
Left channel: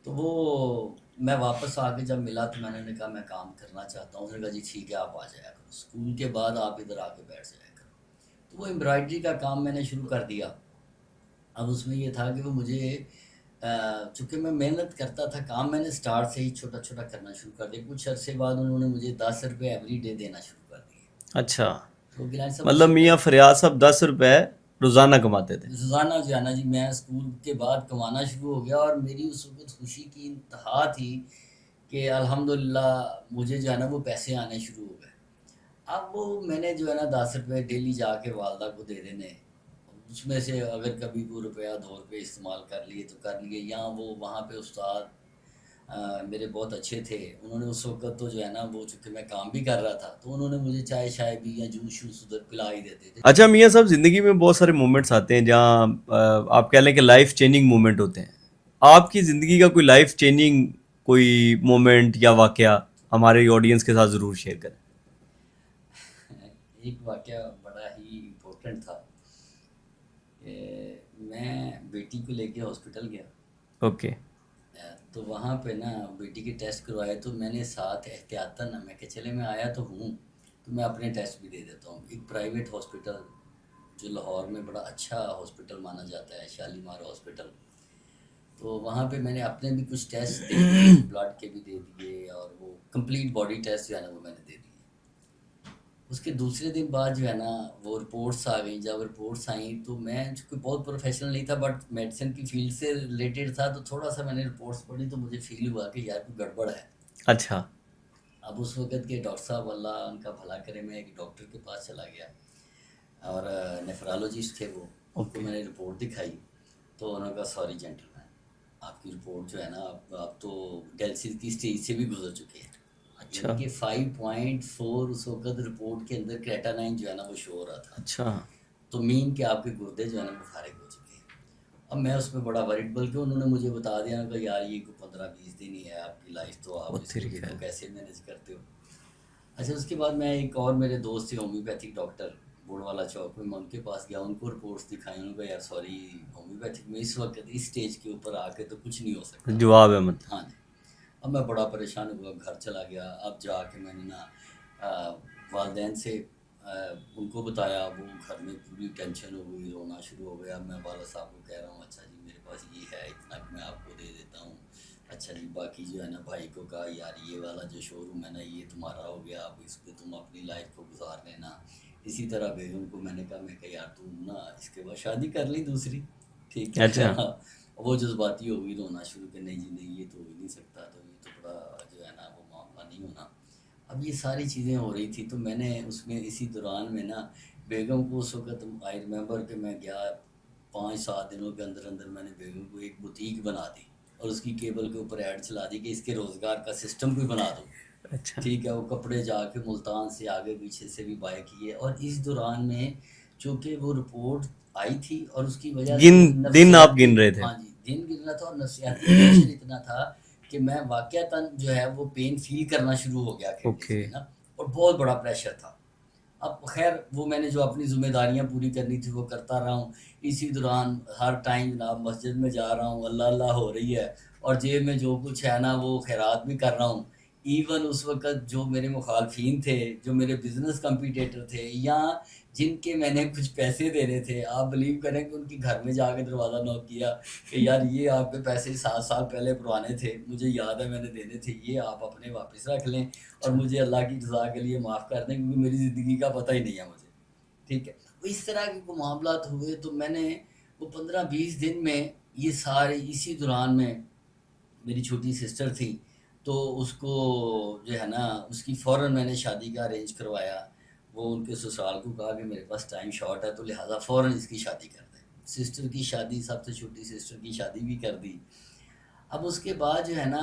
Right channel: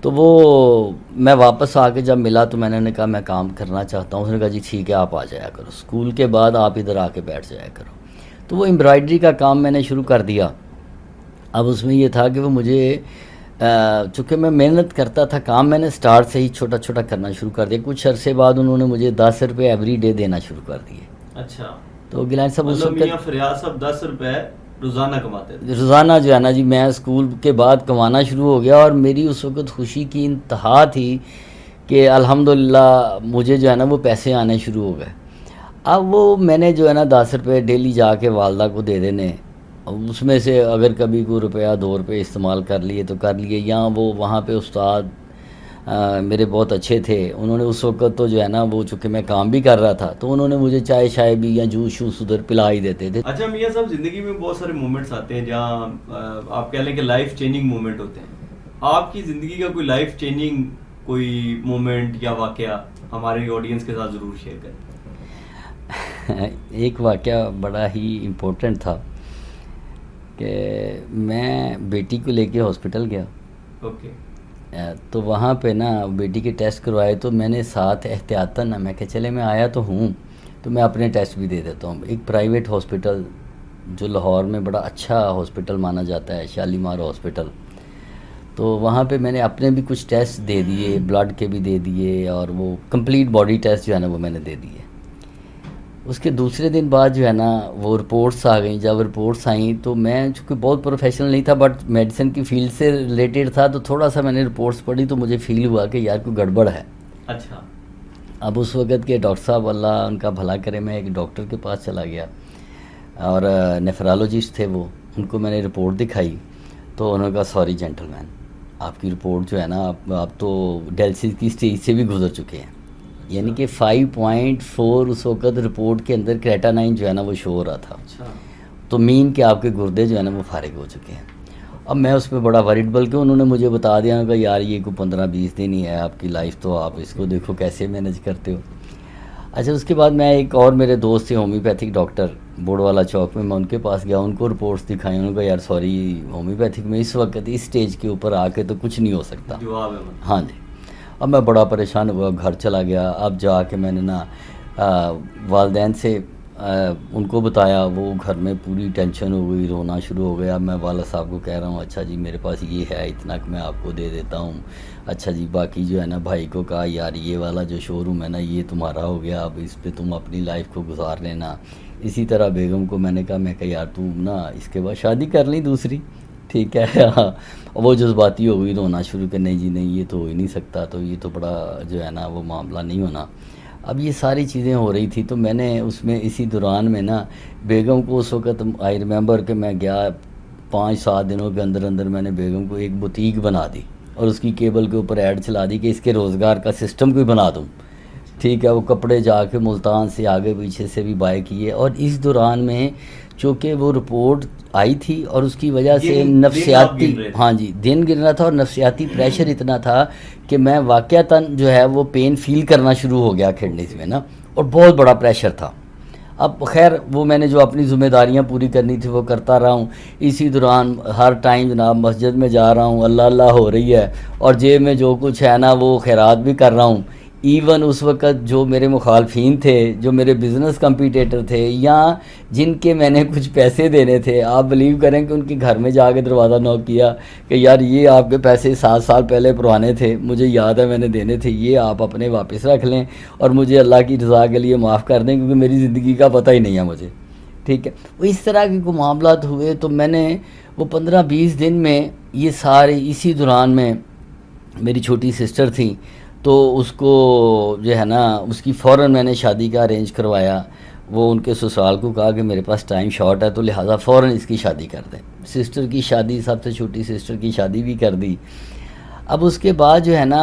تو وہ میں واپس آ کے جب ملا تو میں نے کہا میں کام کرنا چاہتا ہوں. اس نے کہا جی ٹھیک ہے آپ آ جایا کرو، اسکول کے بعد آپ ادھر آ کے بیٹھ جایا کرو. تو وہ امبرائڈری کا کام میں نے شروع کر دیا. اب اس میں یہ تھا کہ وہ مجھے چونکہ میں محنت کرتا تھا، کام میں نے سٹارٹ سے ہی چھوٹا چھوٹا کرنا شروع کر دیا. کچھ عرصے بعد انہوں نے مجھے 10 روپے ایوری ڈے دینا شروع کر دیے. اچھا، تو گیلانی صاحب مطلب میاں فریاد صاحب 10 روپے روزانہ کماتے تھے؟ روزانہ جو ہے نا جی میں اسکول کے بعد کمانا شروع ہو گیا، اور میری اس وقت خوشی کی انتہا تھی کہ الحمدللہ مجھے جو ہے نا وہ پیسے آنے شروع ہو گئے. اب وہ میں نے جو ہے نا 10 روپے ڈیلی جا کے والدہ کو دے دینے، اس میں سے اگر کبھی کوئی روپیہ 2 روپے استعمال کر لیے تو کر لیے. یا وہ وہاں پہ استاد میرے بہت اچھے تھے، انہوں نے اس وقت تو جو ہے نا وہ چونکہ میں کام بھی کر رہا تھا تو انہوں نے مجھے چائے شائے بھی یا جوس شوس ادھر پلا ہی دیتے تھے. اچھا میاں صاحب، زندگی میں بہت سارے مومنٹس آتے ہیں جہاں آپ کہہ لیں کہ لائف چینجنگ مومنٹ ہوتے ہیں. آپ کی زندگی کا کوئی لائف چینجنگ کوئی مومنٹ یا واقعہ ہمارے آڈینس کے ساتھ ضرور شیئر کریں. ایک واقعہ بڑا ہی امپورٹنٹ تھا کہ میں بیٹی کو لے کے ہاسپٹل گیا. اوکے. تو وہاں پہ نا بیٹی کے ٹیسٹ کروائے تو میں نے ساتھ احتیاطاً میں کہ چلے میں آیا تو ہوں تو میں اپنے ٹیسٹ بھی دے دیتا ہوں. ایک پرائیویٹ ہاسپٹل جو لاہور میں بڑا اچھا ہاسپٹل مانا جاتا ہے، شالیمار ہاسپٹل. تو وہاں پہ میں نے اپنے بھی کچھ ٹیسٹ دے دیے، بلڈ کے بھی دے دیے، اور وہ کمپلیٹ باڈی ٹیسٹ جو ہے نا وہ میں نے دے دیے. اس کے دوسرے دن بعد جو ہے نا وہ رپورٹس آ گئیں. جب رپورٹس آئیں تو میں چونکہ بہت پروفیشنل نہیں تھا بٹ میڈیسن کی فیلڈ سے ریلیٹڈ تھا، تو تھوڑا سا میں نے رپورٹس پڑھی تو مجھے فیل ہوا کہ یار کوئی گڑبڑ ہے. اچھا. اب اس وقت کے ڈاکٹر صاحب اللہ ان کا بھلا کرے، میں ایک ڈاکٹر کے پاس چلا گیا اور نیفرالوجسٹ تھے وہ، ان کو میں نے رپورٹ دکھائی تو انہوں نے کہا سوری جینٹل مین، آپ کی رپورٹ جو ہے نا آپ تو ڈائلسس کی اسٹیج سے بھی گزر چکے ہیں. یعنی کہ 5.4 اس وقت رپورٹ کے اندر کریٹانائن جو ہے نا وہ شو ہو رہا تھا. اچھا. تو مین کہ آپ کے گردے جو ہے نا وہ فارغ ہو چکے ہیں. اب میں اس پہ بڑا ورڈ، بلکہ انہوں نے مجھے بتا دیا کہ یار یہ کوئی 15-20 دن ہی ہے آپ کی لائف، تو آپ اس کو دیکھو کیسے مینج کرتے ہو. اچھا اس کے بعد میں ایک اور میرے دوست تھے ہومیوپیتھک ڈاکٹر بوڑ والا چوک میں ان کے پاس گیا، ان کو رپورٹس دکھائی، انہوں نے کہا یار سوری ہومیوپیتھک میں اس وقت اس سٹیج کے اوپر آ کے تو کچھ نہیں ہو سکتا. جواب ہے مطلب. ہاں جی. اب میں بڑا پریشان ہوا، گھر چلا گیا. اب جا کے میں نے نا والدین سے ان کو بتایا، وہ گھر میں پوری ٹینشن ہو گئی، رونا شروع ہو گیا. میں والد صاحب کو کہہ رہا ہوں اچھا جی میرے پاس یہ ہے اتنا کہ میں آپ کو دے دیتا ہوں. اچھا جی باقی جو ہے نا بھائی کو کہا یار یہ والا جو شو روم ہے نا یہ تمہارا ہو گیا، اب اس پہ تم اپنی لائف کو گزار لینا. اسی طرح بیگم کو میں نے کہا یار تم نا اس کے بعد شادی کر لی دوسری، ٹھیک ہے. اچھا وہ جذباتی ہو گئی، رونا شروع کر، نہیں جی نہیں یہ تو ہو ہی نہیں سکتا، تو یہ تو بڑا جو ہے نا وہ معاملہ نہیں ہونا. اب یہ ساری چیزیں ہو رہی تھی تو میں نے اس میں اسی دوران میں نا بیگم کو اس وقت آئی ریمبر کہ میں گیا 5-7 دنوں کے اندر اندر میں نے بیگم کو ایک بوتیک بنا دی اور اس کی کیبل کے اوپر ایڈ چلا دی کہ اس کے روزگار کا سسٹم کوئی بنا دوں. ٹھیک ہے. وہ کپڑے جا کے ملتان سے آگے پیچھے سے بھی بائی کیے. اور اس دوران میں چونکہ وہ رپورٹ آئی تھی اور اس کی وجہ سے نفسیاتی، ہاں جی دن گن رہا تھا اور نفسیاتی پریشر اتنا تھا کہ میں واقعتاً جو ہے وہ پین فیل کرنا شروع ہو گیا کڈنیز میں نا، اور بہت بڑا پریشر تھا. اب خیر وہ میں نے جو اپنی ذمہ داریاں پوری کرنی تھی وہ کرتا رہا ہوں. اسی دوران ہر ٹائم جناب مسجد میں جا رہا ہوں، اللہ اللہ ہو رہی ہے اور جیب میں جو کچھ ہے نا وہ خیرات بھی کر رہا ہوں. ایون اس وقت جو میرے مخالفین تھے، جو میرے بزنس کمپیٹیٹر تھے یا جن کے میں نے کچھ پیسے دینے تھے، آپ بلیو کریں کہ ان کے گھر میں جا کے دروازہ نوک کیا کہ یار یہ آپ کے پیسے 7 سال پہلے پرانے تھے، مجھے یاد ہے میں نے دینے تھے، یہ آپ اپنے واپس رکھ لیں اور مجھے اللہ کی رضا کے لیے معاف کر دیں کیونکہ میری زندگی کا پتہ ہی نہیں ہے مجھے. ٹھیک ہے. وہ اس طرح کے کوئی معاملات ہوئے تو میں نے وہ 15-20 دن میں یہ سارے، اسی دوران میں میری چھوٹی سسٹر تھی تو اس کو جو ہے نا اس کی فوراً میں نے شادی کا ارینج کروایا. وہ ان کے سسرال کو کہا کہ میرے پاس ٹائم شارٹ ہے تو لہٰذا فوراً اس کی شادی کر دیں. سسٹر کی شادی، سب سے چھوٹی سسٹر کی شادی بھی کر دی. اب اس کے بعد جو ہے نا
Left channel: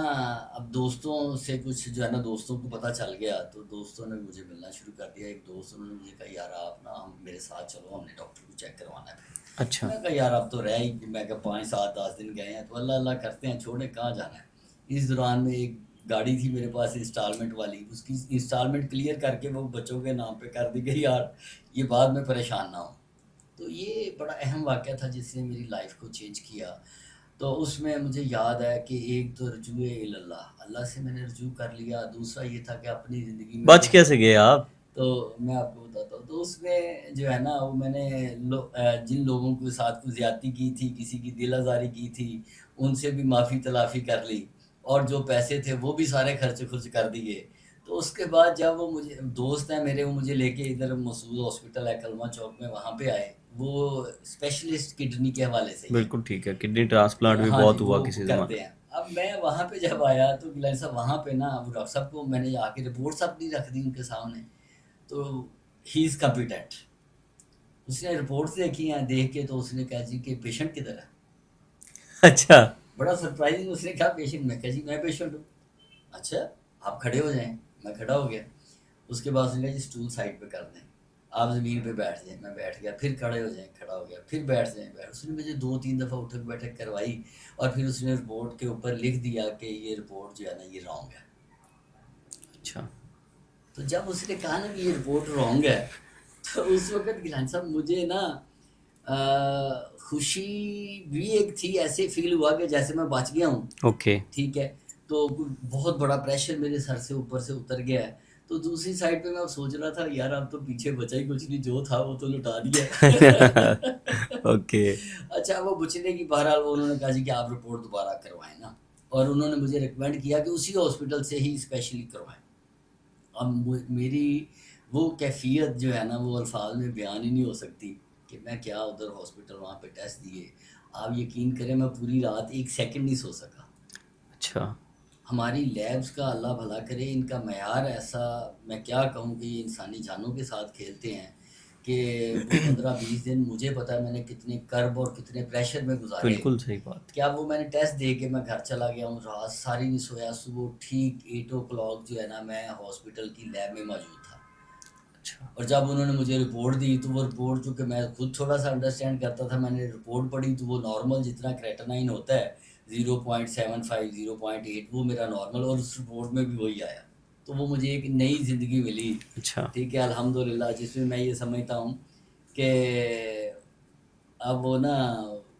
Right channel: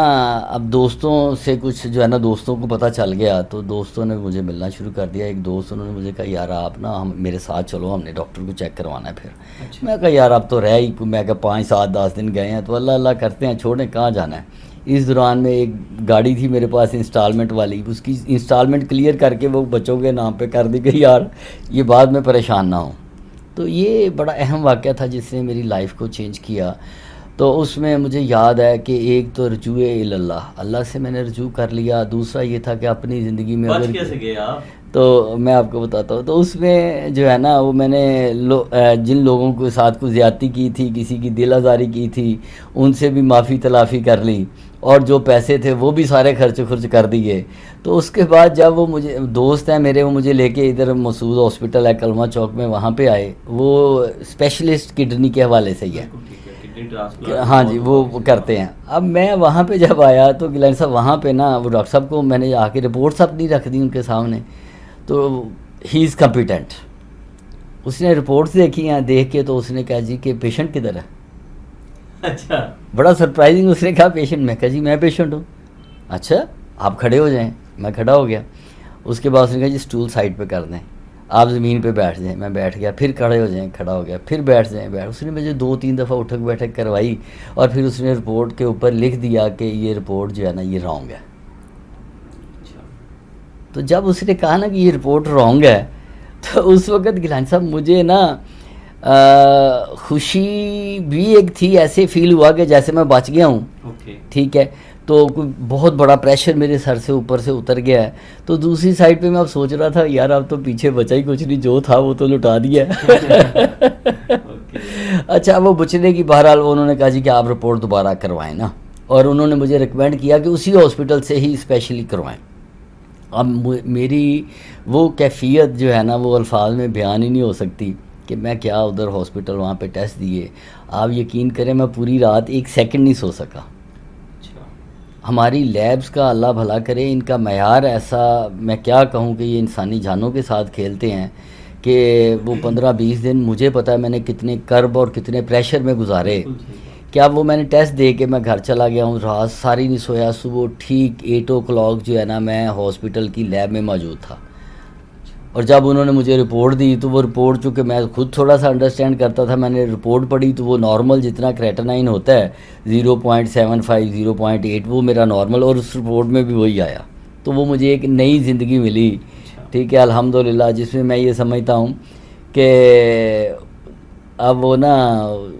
اب دوستوں سے کچھ جو ہے نا دوستوں کو پتہ چل گیا تو دوستوں نے مجھے ملنا شروع کر دیا. ایک دوست انہوں نے مجھے کہا یار آپ نا ہم میرے ساتھ چلو، ہم نے ڈاکٹر کو چیک کروانا ہے. پھر اچھا. میں کہا یار اب تو رہ ہی، میں کہا 5-7-10 دن گئے ہیں تو اللہ اللہ کرتے ہیں، چھوڑیں کہاں جانا ہے. اس دوران میں ایک گاڑی تھی میرے پاس انسٹالمنٹ والی، اس کی انسٹالمنٹ کلیئر کر کے وہ بچوں کے نام پہ کر دی کہ یار یہ بعد میں پریشان نہ ہوں. تو یہ بڑا اہم واقعہ تھا جس نے میری لائف کو چینج کیا. تو اس میں مجھے یاد ہے کہ ایک تو رجوع اللہ، اللہ سے میں نے رجوع کر لیا. دوسرا یہ تھا کہ اپنی زندگی میں بچ کیسے گئے آپ؟ تو میں آپ کو بتاتا ہوں. تو اس میں جو ہے نا وہ میں نے جن لوگوں کے ساتھ کو زیادتی کی تھی، کسی کی دل آزاری کی تھی، ان سے بھی معافی تلافی کر لی اور جو پیسے تھے وہ بھی سارے خرچ کر دیے. تو اس کے بعد جب وہ مجھے دوست ہیں میرے، وہ مجھے لے کے ادھر مسعود ہاسپٹل ہے کلمہ چوک میں، وہاں پہ آئے. وہ اسپیشلسٹ کڈنی کے حوالے سے ہی ہے. بالکل ٹھیک ہے. کڈنی ٹرانسپلانٹ ہاں جی وہ کرتے ہیں. اب میں وہاں پہ جب آیا تو گیلانی صاحب وہاں پہ نا وہ ڈاکٹر صاحب کو میں نے آ کے رپورٹس اپنی رکھ دی ان کے سامنے. تو ہی از کمپیٹنٹ. اس نے رپورٹس دیکھی ہیں، دیکھ کے تو اس نے کہا جی کہ پیشنٹ کدھر ہے. اچھا. بڑا سرپرائزنگ. اس نے کہا پیشنٹ. میں کہا جی میں پیشنٹ ہوں. اچھا آپ کھڑے ہو جائیں. میں کھڑا ہو گیا. اس کے بعد اس نے کہا جی اسٹول سائڈ پہ کر دیں، آپ زمین پہ بیٹھ جائیں. میں بیٹھ گیا. پھر کھڑے ہو جائیں. کھڑا ہو گیا. پھر بیٹھ جائیں. اس نے مجھے 2-3 دفعہ اٹھک بیٹھک کروائی اور پھر اس نے رپورٹ کے اوپر لکھ دیا کہ یہ رپورٹ جو ہے نا یہ رانگ ہے. اچھا. تو جب اس نے کہا نا کہ یہ رپورٹ رانگ ہے تو اس وقت گیلانی صاحب مجھے نا خوشی بھی ایک تھی، ایسے فیل ہوا کہ جیسے میں بچ گیا ہوں. اوکے. ٹھیک ہے. تو کوئی بہت بڑا پریشر میرے سر سے اوپر سے اتر گیا ہے. تو دوسری سائڈ پہ میں اب سوچ رہا تھا یار اب تو پیچھے بچا ہی کچھ نہیں، جو تھا وہ تو لٹا دیا. اوکے. اچھا وہ بچنے کی بہرحال انہوں نے کہا جی کہ آپ رپورٹ دوبارہ کروائیں نا، اور انہوں نے مجھے ریکمینڈ کیا کہ اسی ہاسپٹل سے ہی اسپیشلی کروائیں. اب میری وہ کیفیت جو ہے نا وہ الفاظ میں بیان ہی نہیں ہو سکتی کہ میں کیا ادھر ہاسپٹل وہاں پہ ٹیسٹ دیے. آپ یقین کریں میں پوری رات 1 سیکنڈ نہیں سو سکا. اچھا. ہماری لیبز کا اللہ بھلا کرے، ان کا معیار ایسا، میں کیا کہوں کہ یہ انسانی جانوں کے ساتھ کھیلتے ہیں کہ وہ 15-20 دن مجھے پتا ہے میں نے کتنے کرب اور کتنے پریشر میں گزارے. بالکل صحیح بات. کیا وہ میں نے ٹیسٹ دے کے میں گھر چلا گیا ہوں، رات ساری نہیں سویا. صبح ٹھیک 8 o'clock جو ہے نا میں ہاسپٹل کی لیب میں موجود تھا. اور جب انہوں نے مجھے رپورٹ دی تو وہ رپورٹ چونکہ میں خود تھوڑا سا انڈرسٹینڈ کرتا تھا، میں نے رپورٹ پڑھی تو وہ نارمل جتنا کریٹنائن ہوتا ہے 0.75 0.8 وہ میرا نارمل، اور اس رپورٹ میں بھی وہی آیا. تو وہ مجھے ایک نئی زندگی ملی، اچھا. ٹھیک ہے الحمدللہ، جس میں یہ سمجھتا ہوں کہ اب وہ نا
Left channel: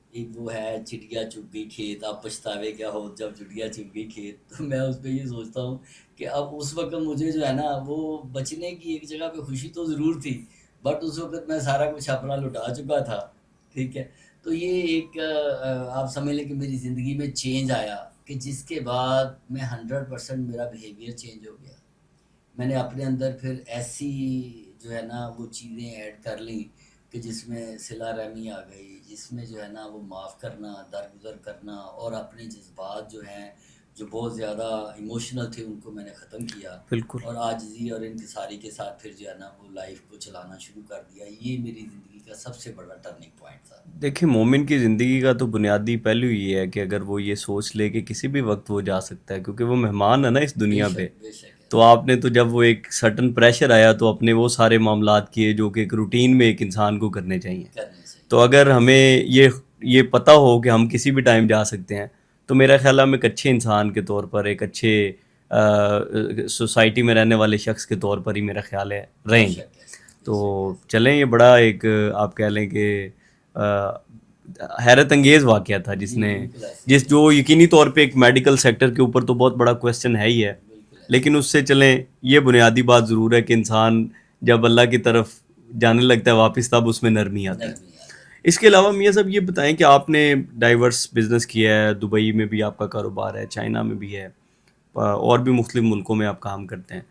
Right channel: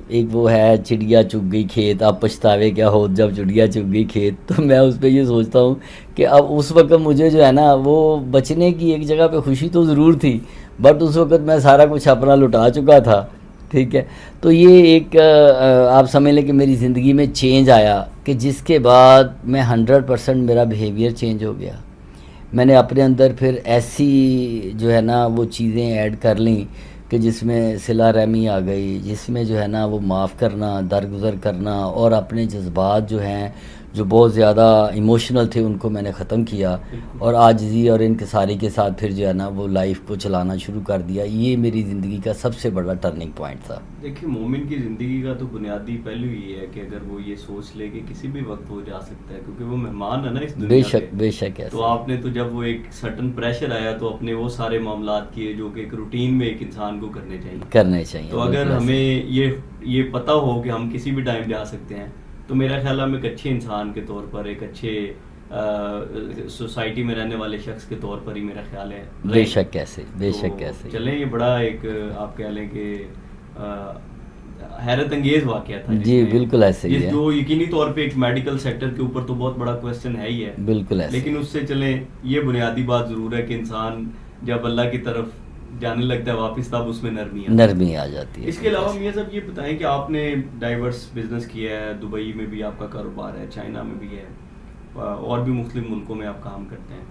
ایک وہ ہے چڑیا چگ گئی کھیت، اب پچھتاوے کیا ہو جب چڑیا چگ گئی کھیت. تو میں اس پہ یہ سوچتا ہوں کہ اب اس وقت مجھے جو ہے نا وہ بچنے کی ایک جگہ پہ خوشی تو ضرور تھی، بٹ اس وقت میں سارا کچھ اپنا لٹا چکا تھا، ٹھیک ہے. تو یہ ایک آپ سمجھ لیں کہ میری زندگی میں چینج آیا کہ جس کے بعد میں 100% میرا بیہیویئر چینج ہو گیا. میں نے اپنے اندر پھر ایسی جو ہے نا وہ چیزیں ایڈ کر لیں کہ جس میں صلہ رحمی آ گئی، جس میں جو ہے نا وہ معاف کرنا، درگزر کرنا، اور اپنے جذبات جو ہیں جو بہت زیادہ ایموشنل تھے ان کو میں نے ختم کیا، بالکل. اور عاجزی اور انکساری کے ساتھ پھر جو ہے نا وہ لائف کو چلانا شروع کر دیا. یہ میری زندگی کا سب سے بڑا ٹرننگ پوائنٹ تھا. دیکھیں مومن کی زندگی کا تو بنیادی پہلو یہ ہے کہ اگر وہ یہ سوچ لے کہ کسی بھی وقت وہ جا سکتا ہے، کیونکہ وہ مہمان ہے نا اس بے دنیا پہ. شک بے شک تو آپ نے تو جب وہ ایک سرٹن پریشر آیا تو اپنے وہ سارے معاملات کیے جو کہ ایک روٹین میں ایک انسان کو کرنے چاہیے. تو اگر ہمیں یہ پتہ ہو کہ ہم کسی بھی ٹائم جا سکتے ہیں تو میرا خیال ہے ہم ایک اچھے انسان کے طور پر، ایک اچھے سوسائٹی میں رہنے والے شخص کے طور پر ہی میرا خیال ہے بے شک کیسے بے شک تو کیسے. چلیں یہ بڑا ایک آپ کہہ لیں کہ حیرت انگیز واقعہ تھا جس جی نے بالکل ایسے ہی ہے، جو یقینی طور پہ ایک میڈیکل سیکٹر کے اوپر تو بہت بڑا کویسچن ہے ہی ہے، بالکل ایسے. لیکن اس سے چلیں یہ بنیادی بات ضرور ہے کہ انسان جب اللہ کی طرف جانے لگتا ہے واپس تب اس میں نرمی آتی ہے. نرمی آ جاتی ہے. اس کے علاوہ میاں صاحب یہ بتائیں کہ آپ نے ڈائیورس بزنس کیا ہے، دبئی میں بھی آپ کا کاروبار ہے، چائنا میں بھی ہے، اور بھی مختلف ملکوں میں آپ کام کرتے ہیں،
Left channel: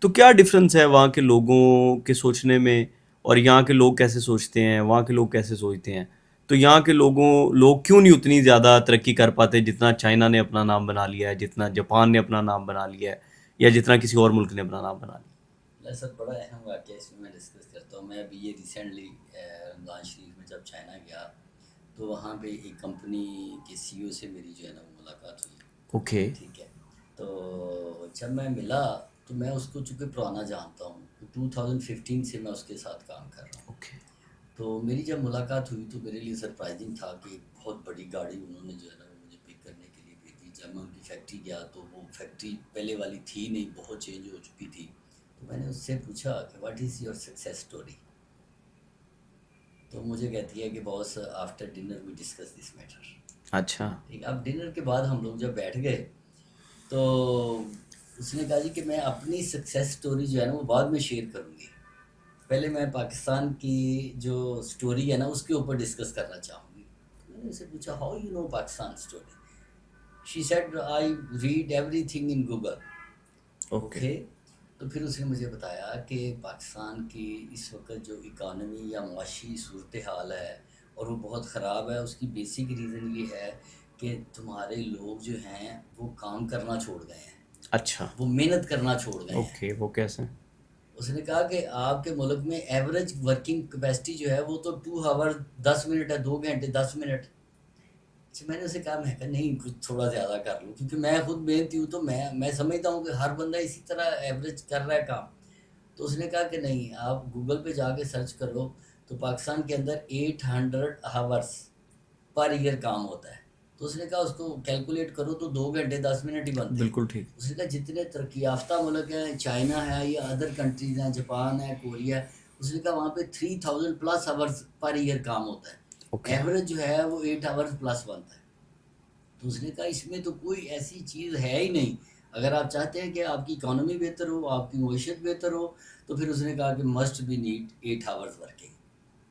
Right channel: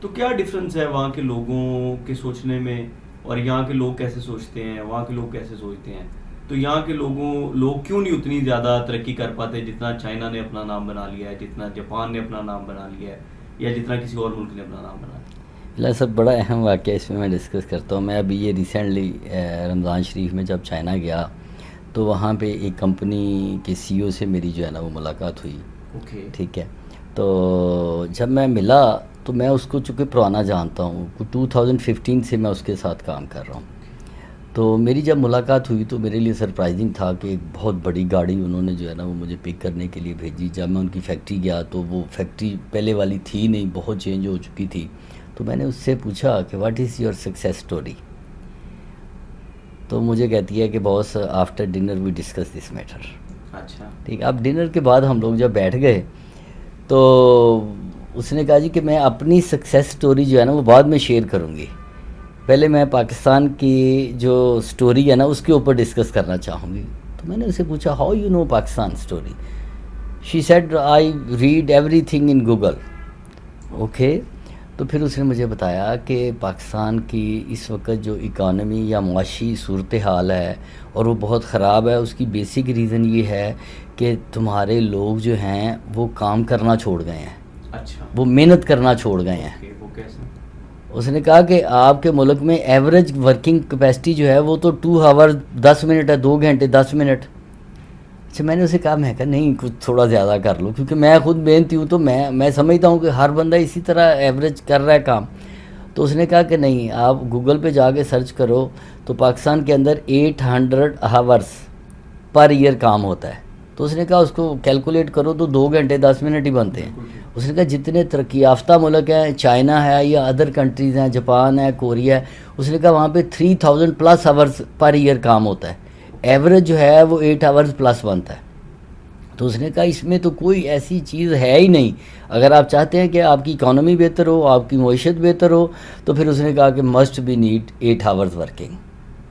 تو کیا ڈفرینس ہے وہاں کے لوگوں کے سوچنے میں اور یہاں کے لوگ کیسے سوچتے ہیں، وہاں کے لوگ کیسے سوچتے ہیں؟ تو یہاں کے لوگ کیوں نہیں اتنی زیادہ ترقی کر پاتے جتنا چائنا نے اپنا نام بنا لیا ہے، جتنا جاپان نے اپنا نام بنا لیا ہے، یا جتنا کسی اور ملک نے اپنا نام بنا لیا؟ اللہ سب بڑا اہم واقعہ اس میں ڈسکس کرتا ہوں. میں ابھی یہ ریسنٹلی رمضان شریف میں جب چائنا گیا تو وہاں پہ ایک کمپنی کے سی او سے میری جو ہے نا وہ ملاقات ہوئی. اوکے. ٹھیک ہے. تو جب میں ملا تو میں اس کو چونکہ پرانا جانتا ہوں، 2015 سے میں اس کے ساتھ کام کر رہا ہوں. تو میری جب ملاقات ہوئی تو میرے لیے سرپرائزنگ تھا کہ ایک بہت بڑی گاڑی انہوں نے جو ہے نا وہ مجھے پک کرنے کے لیے بھیجی. جب میں ان کی فیکٹری گیا تو وہ فیکٹری پہلے والی تھی نہیں، بہت چینج ہو چکی تھی. تو میں نے اس سے پوچھا کہ what is your success story? تو مجھے کہتی ہے کہ boss after dinner we discuss this matter. اچھا. ٹھیک ہے. اب ڈنر کے بعد ہم لوگ جب بیٹھ گئے تو اس نے کہا جی کہ میں اپنی سکسیس اسٹوری جو ہے نا وہ بعد میں شیئر کروں گی، پہلے میں پاکستان کی جو اسٹوری ہے نا اس کے اوپر ڈسکس کرنا چاہوں گی. تو میں نے اسے پوچھا how you know Pakistan story? She said I read everything in Google. Okay. تو پھر اس نے مجھے بتایا کہ پاکستان کی اس وقت جو اکانومی یا معاشی صورتحال ہے اور وہ بہت خراب ہے، اس کی بیسک ریزن یہ ہے کہ تمہارے لوگ جو ہیں وہ کام کرنا چھوڑ گئے ہیں. اچھا. وہ محنت کرنا چھوڑ گئے ہیں. اوکے. وہ کیسے؟ اس نے کہا کہ آپ کے ملک میں ایوریج ورکنگ کیپیسٹی جو ہے وہ تو 2 آور 10 منٹ ہے، 2 گھنٹے 10 منٹ. اچھا میں نے اسے کہا، میں کہا نہیں کچھ تھوڑا زیادہ کر لو، کیونکہ میں خود محنتی ہوں تو میں سمجھتا ہوں کہ ہر بندہ اسی طرح ایوریج کر رہا ہے کام. تو اس نے کہا کہ نہیں، آپ گوگل پہ جا کے سرچ کرو تو پاکستان کے اندر 800 آورس پر ایئر کام ہوتا ہے. تو اس نے کہا اس کو کیلکولیٹ کرو تو 2 گھنٹے 10 منٹ ہی بنتے ہیں. اس نے کہا جتنے ترقی یافتہ ملک ہیں، چائنا ہے یا ادر کنٹریز ہیں، جاپان ہے، کوریا ہے، اس نے کہا وہاں پہ 3000 پلس آورس پر ایئر کام ہوتا ہے. ایوریج جو ہے وہ 8 آورس پلس بنتا ہے. تو اس نے کہا اس میں تو کوئی ایسی چیز ہے ہی نہیں، اگر آپ چاہتے ہیں کہ آپ کی اکانومی بہتر ہو، آپ کی معیشت بہتر ہو، تو پھر اس نے کہا کہ must be need 8 hours working.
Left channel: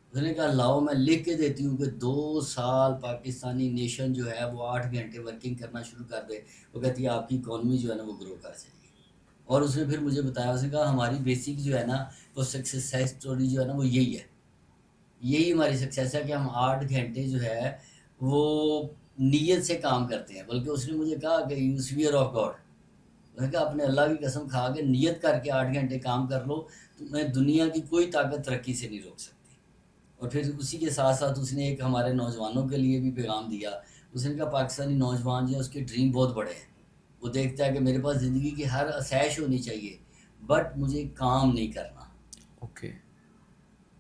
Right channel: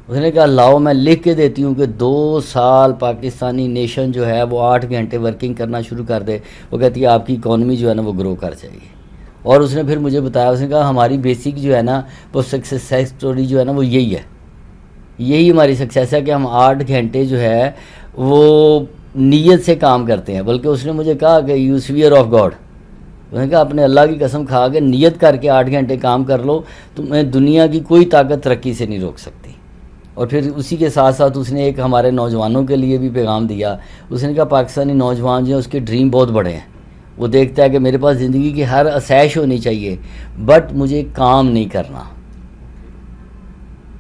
اس نے کہا لاؤ میں لکھ کے دیتی ہوں کہ 2 سال پاکستانی نیشن جو ہے وہ 8 گھنٹے ورکنگ کرنا شروع کر دے، وہ کہتی ہے آپ کی اکانومی جو ہے نا وہ گرو کر جائے گی. اور اس نے پھر مجھے بتایا، اس نے کہا ہماری بیسک جو ہے نا وہ سکسیس اسٹوری جو ہے نا وہ یہی ہے، یہی ہماری سکسیس ہے کہ ہم 8 گھنٹے جو ہے وہ نیت سے کام کرتے ہیں. بلکہ اس نے مجھے کہا کہ یو سویئر آف گاڈ، اس نے کہا اپنے اللہ کی قسم کھا کے نیت کر کے 8 گھنٹے کام کر لو، تمہیں دنیا کی کوئی طاقت ترقی سے نہیں روک سکتی. اور پھر اسی کے ساتھ ساتھ اس نے ایک ہمارے نوجوانوں کے لیے بھی پیغام دیا. اس نے کہا پاکستانی نوجوان جو ہیں اس کے ڈریم بہت بڑے ہیں، وہ دیکھتا ہے کہ میرے پاس زندگی کی ہر آسائش ہونی چاہیے بٹ مجھے کام نہیں کرنا.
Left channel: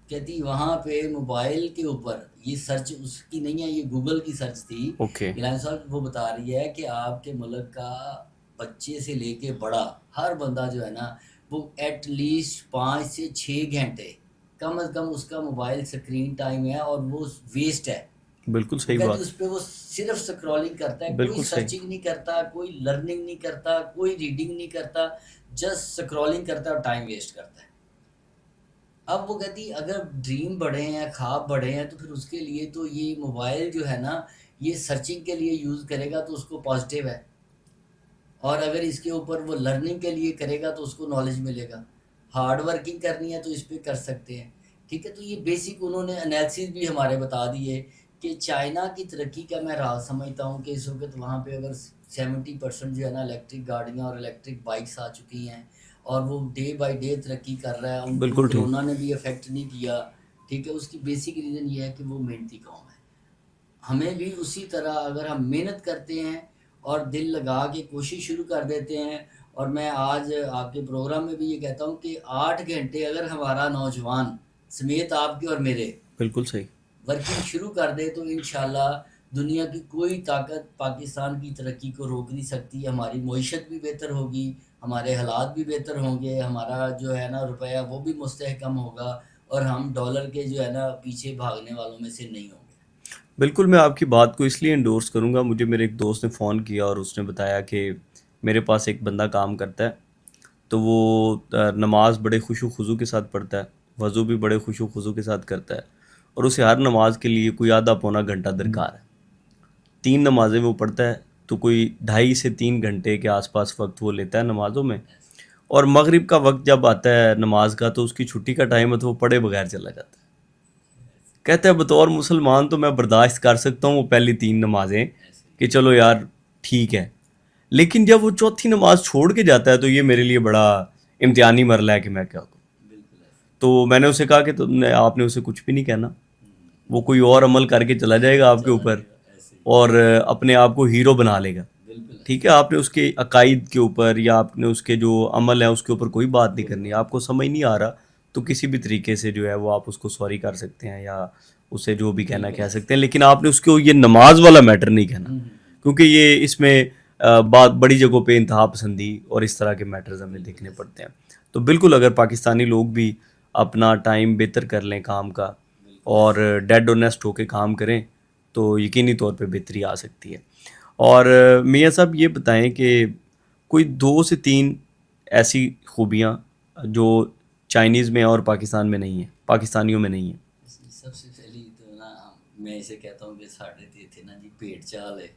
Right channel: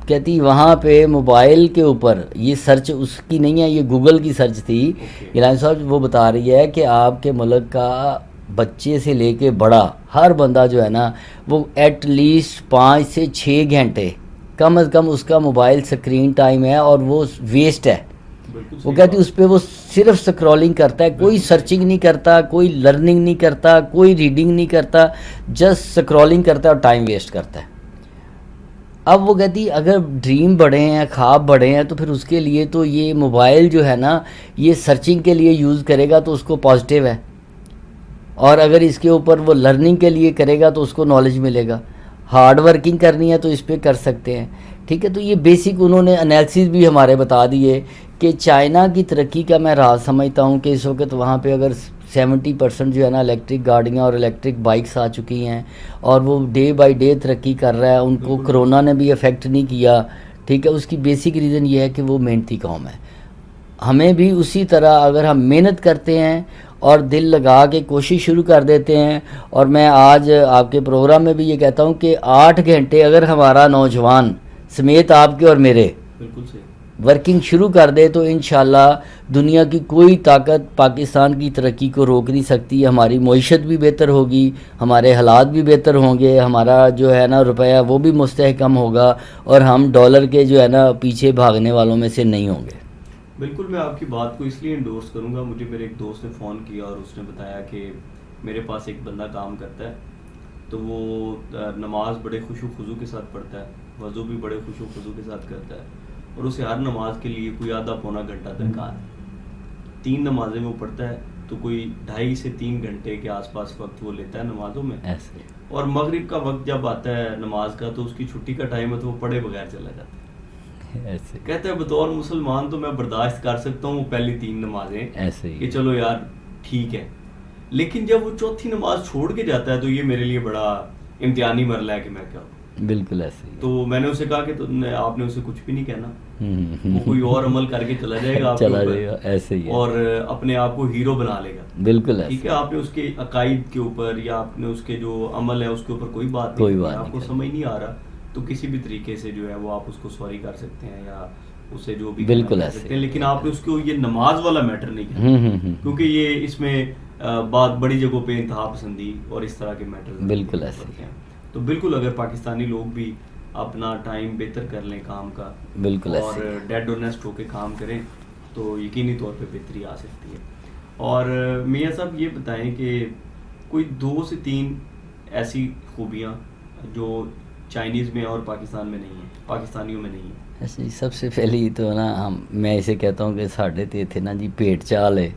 کہتی وہاں پہ موبائل کے اوپر یہ سرچ اس کی نہیں ہے، یہ گوگل کی سرچ تھی. اوکے. گیلانی صاحب وہ بتا رہی ہے کہ آپ کے ملک کا بچے سے لے کے بڑا ہر بندہ جو ہے نا وہ ایٹ لیسٹ 5 سے 6 گھنٹے کم از کم اس کا موبائل سکرین ٹائم ہے، اور وہ ویسٹ ہے. بالکل وہ صحیح کہتی بات. اس پہ وہ صرف سکرولنگ کرتا ہے، کوئی بالکل صحیح. سرچنگ نہیں کرتا، کوئی لرننگ نہیں کرتا، کوئی ریڈنگ نہیں کرتا، جسٹ سکرولنگ کرتا ہے اور ٹائم ویسٹ کرتا ہے. اب وہ کہتی اگر ڈریم بڑے ہیں، خواب بڑے ہیں، تو پھر اس کے لیے تو یہ موبائل جو ہے نا یہ سرچنگ کے لیے یوز کرے گا تو اس کو پازیٹیو ہے، اور اگر اس کے اوپر وہ لرننگ کے لیے کرے گا تو اس کو نالج ملے گا. ہارڈ ورکنگ کرنی ہے تو اس پہ کر سکتے ہیں. ٹھیک ہے، تو یہ بیسک انہوں نے انالیسس بھی ہمارے بتا دیے کہ چائنا کی ترقی کا میں راز سمجھتا ہوں کہ اس وقت وہاں پہ اگر 70% جو ہے نا الیکٹرک گاڑیاں اور الیکٹرک بائکس آ چکی ہیں، اور وہ ڈے بائی ڈے ترقی کر رہا ہے. ان کو بالکل کرونا نے بھی افیکٹ نہیں کیا. ٹھیک ہے، اس کی بیسک ریزن یہ ہے کہ وہ محنتی قوم ہے. ہمیں بھی اسی طرح اگر ہم محنت کرتے ہیں اور دل لگا کے کوشش شروع کر دیتے ہیں، اور میں آج آپ کے پروگرام میں بھی یہ کہتا ہوں کہ 8 گھنٹے اگر ہمارا نوجوان سمیت آپ کے اور میرے بالکل صحیح. ورکنگ شروع کر دے تو انشاءاللہ دنیا کی کوئی طاقت پاکستان کی ترقی کو روک نہیں سکتی. ہماری معیشت بھی بہتر ہوگی، ہمارے حالات بھی بہتر ہوں گے، ہمارا جو ہے نا روپیہ وہ بھی مستحکم ہوگا، اور ہم ڈالر کے جو ہے نا پیچھے بھاگنے والوں میں سے نہیں ہوں گے. بالکل میں آپ کی بات کو اس لیے انڈورس کروں گا. مجھے میرے ایک دوست نے فون کیا اور اس نے بتایا کہ میرے پاس ایک بندہ کام کرتا ہے، تو وہ نماز بڑے خوش و خضوع کے ساتھ پڑھتا ہے، وضو بھی بڑے خوش و خضوع کے ساتھ کرتا ہے، اور اسے ہر نماز کے لیے کوئی آدھا پونا گھنٹہ درکار ہے. 3 نمازیں وہ پڑھتا ہے تو کوئی 2.5 سے 3 گھنٹے کے آس پاس وقت وہ لیتا ہے نمازوں میں. ایسے اور مغرب کا وقت جب آتا ہے نماز کا تو اس کی چھٹی کا ٹائم ہے تو وہ پڑھے بغیر چلا جاتا ہے. ایسے کہتا ہے بطور مسلمان تو میں برداشت کر سکتا ہوں وہ پہلی 3 نمازیں ایسے کہ ہی چلو یار ٹھیک ہے، لیکن جب وہ چوتھی نماز چھوڑ کے جاتا ہے تو یہ میرے لیے بڑا امتحانی مرحلہ ہے کہ میں کیا کروں. بالکل ایسے ہی. تو میں نے اسے کہا کہ آپ نے اسے کچھ بھی نہیں کہنا، وہ کوئی اور عمل کر کے چلا جائے گا آپ کے چلا اوپر جائے گا. ایسے ہی اور اپنے آپ کو ہیرو بنا لے گا. بالکل ٹھیک ہے، آپ نے اس کے عقائد کے اوپر یا آپ نے اس کے جو عمل ہے اس کے اوپر کوئی بات نہیں کوئی کرنی. بات آپ نہیں کو سمجھ نہیں آ رہا تو کسی بھی طریقے سے جو ہے وہ آپ اس کو سوری کر سکتے ہیں یا اسے جو بھی کہنا کہہ سکتے ہیں، لیکن آپ نے اس کو یہ نماز والا میٹر نہیں کہنا، کیونکہ یہ اس میں بات بڑی جگہوں پہ انتہا پسندی اور اس طرح کے میٹرز ہمیں بالکل دیکھنے ایسے پڑتے ہیں. تو بالکل اگر پاکستانی لوگ بھی اپنا ٹائم بہتر کر لیں کام کا بالکل اور ڈیڈ اونیسٹ ہو کے کام کریں تو یقینی طور پہ بہتری آ سکتی ہے. اور میاں صاحب یہ بتائیں کہ کوئی 2 سے 3 ایسی خوبیاں جو چائنیز میں اور پاکستان میں نہیں ہیں، پاکستانیوں میں نہیں ہیں. ایسے ہی سب سے پہلی تو نا میں اسے کہتا ہوں کہ ساڈے تے تھے نا جی پیٹ چال ہے،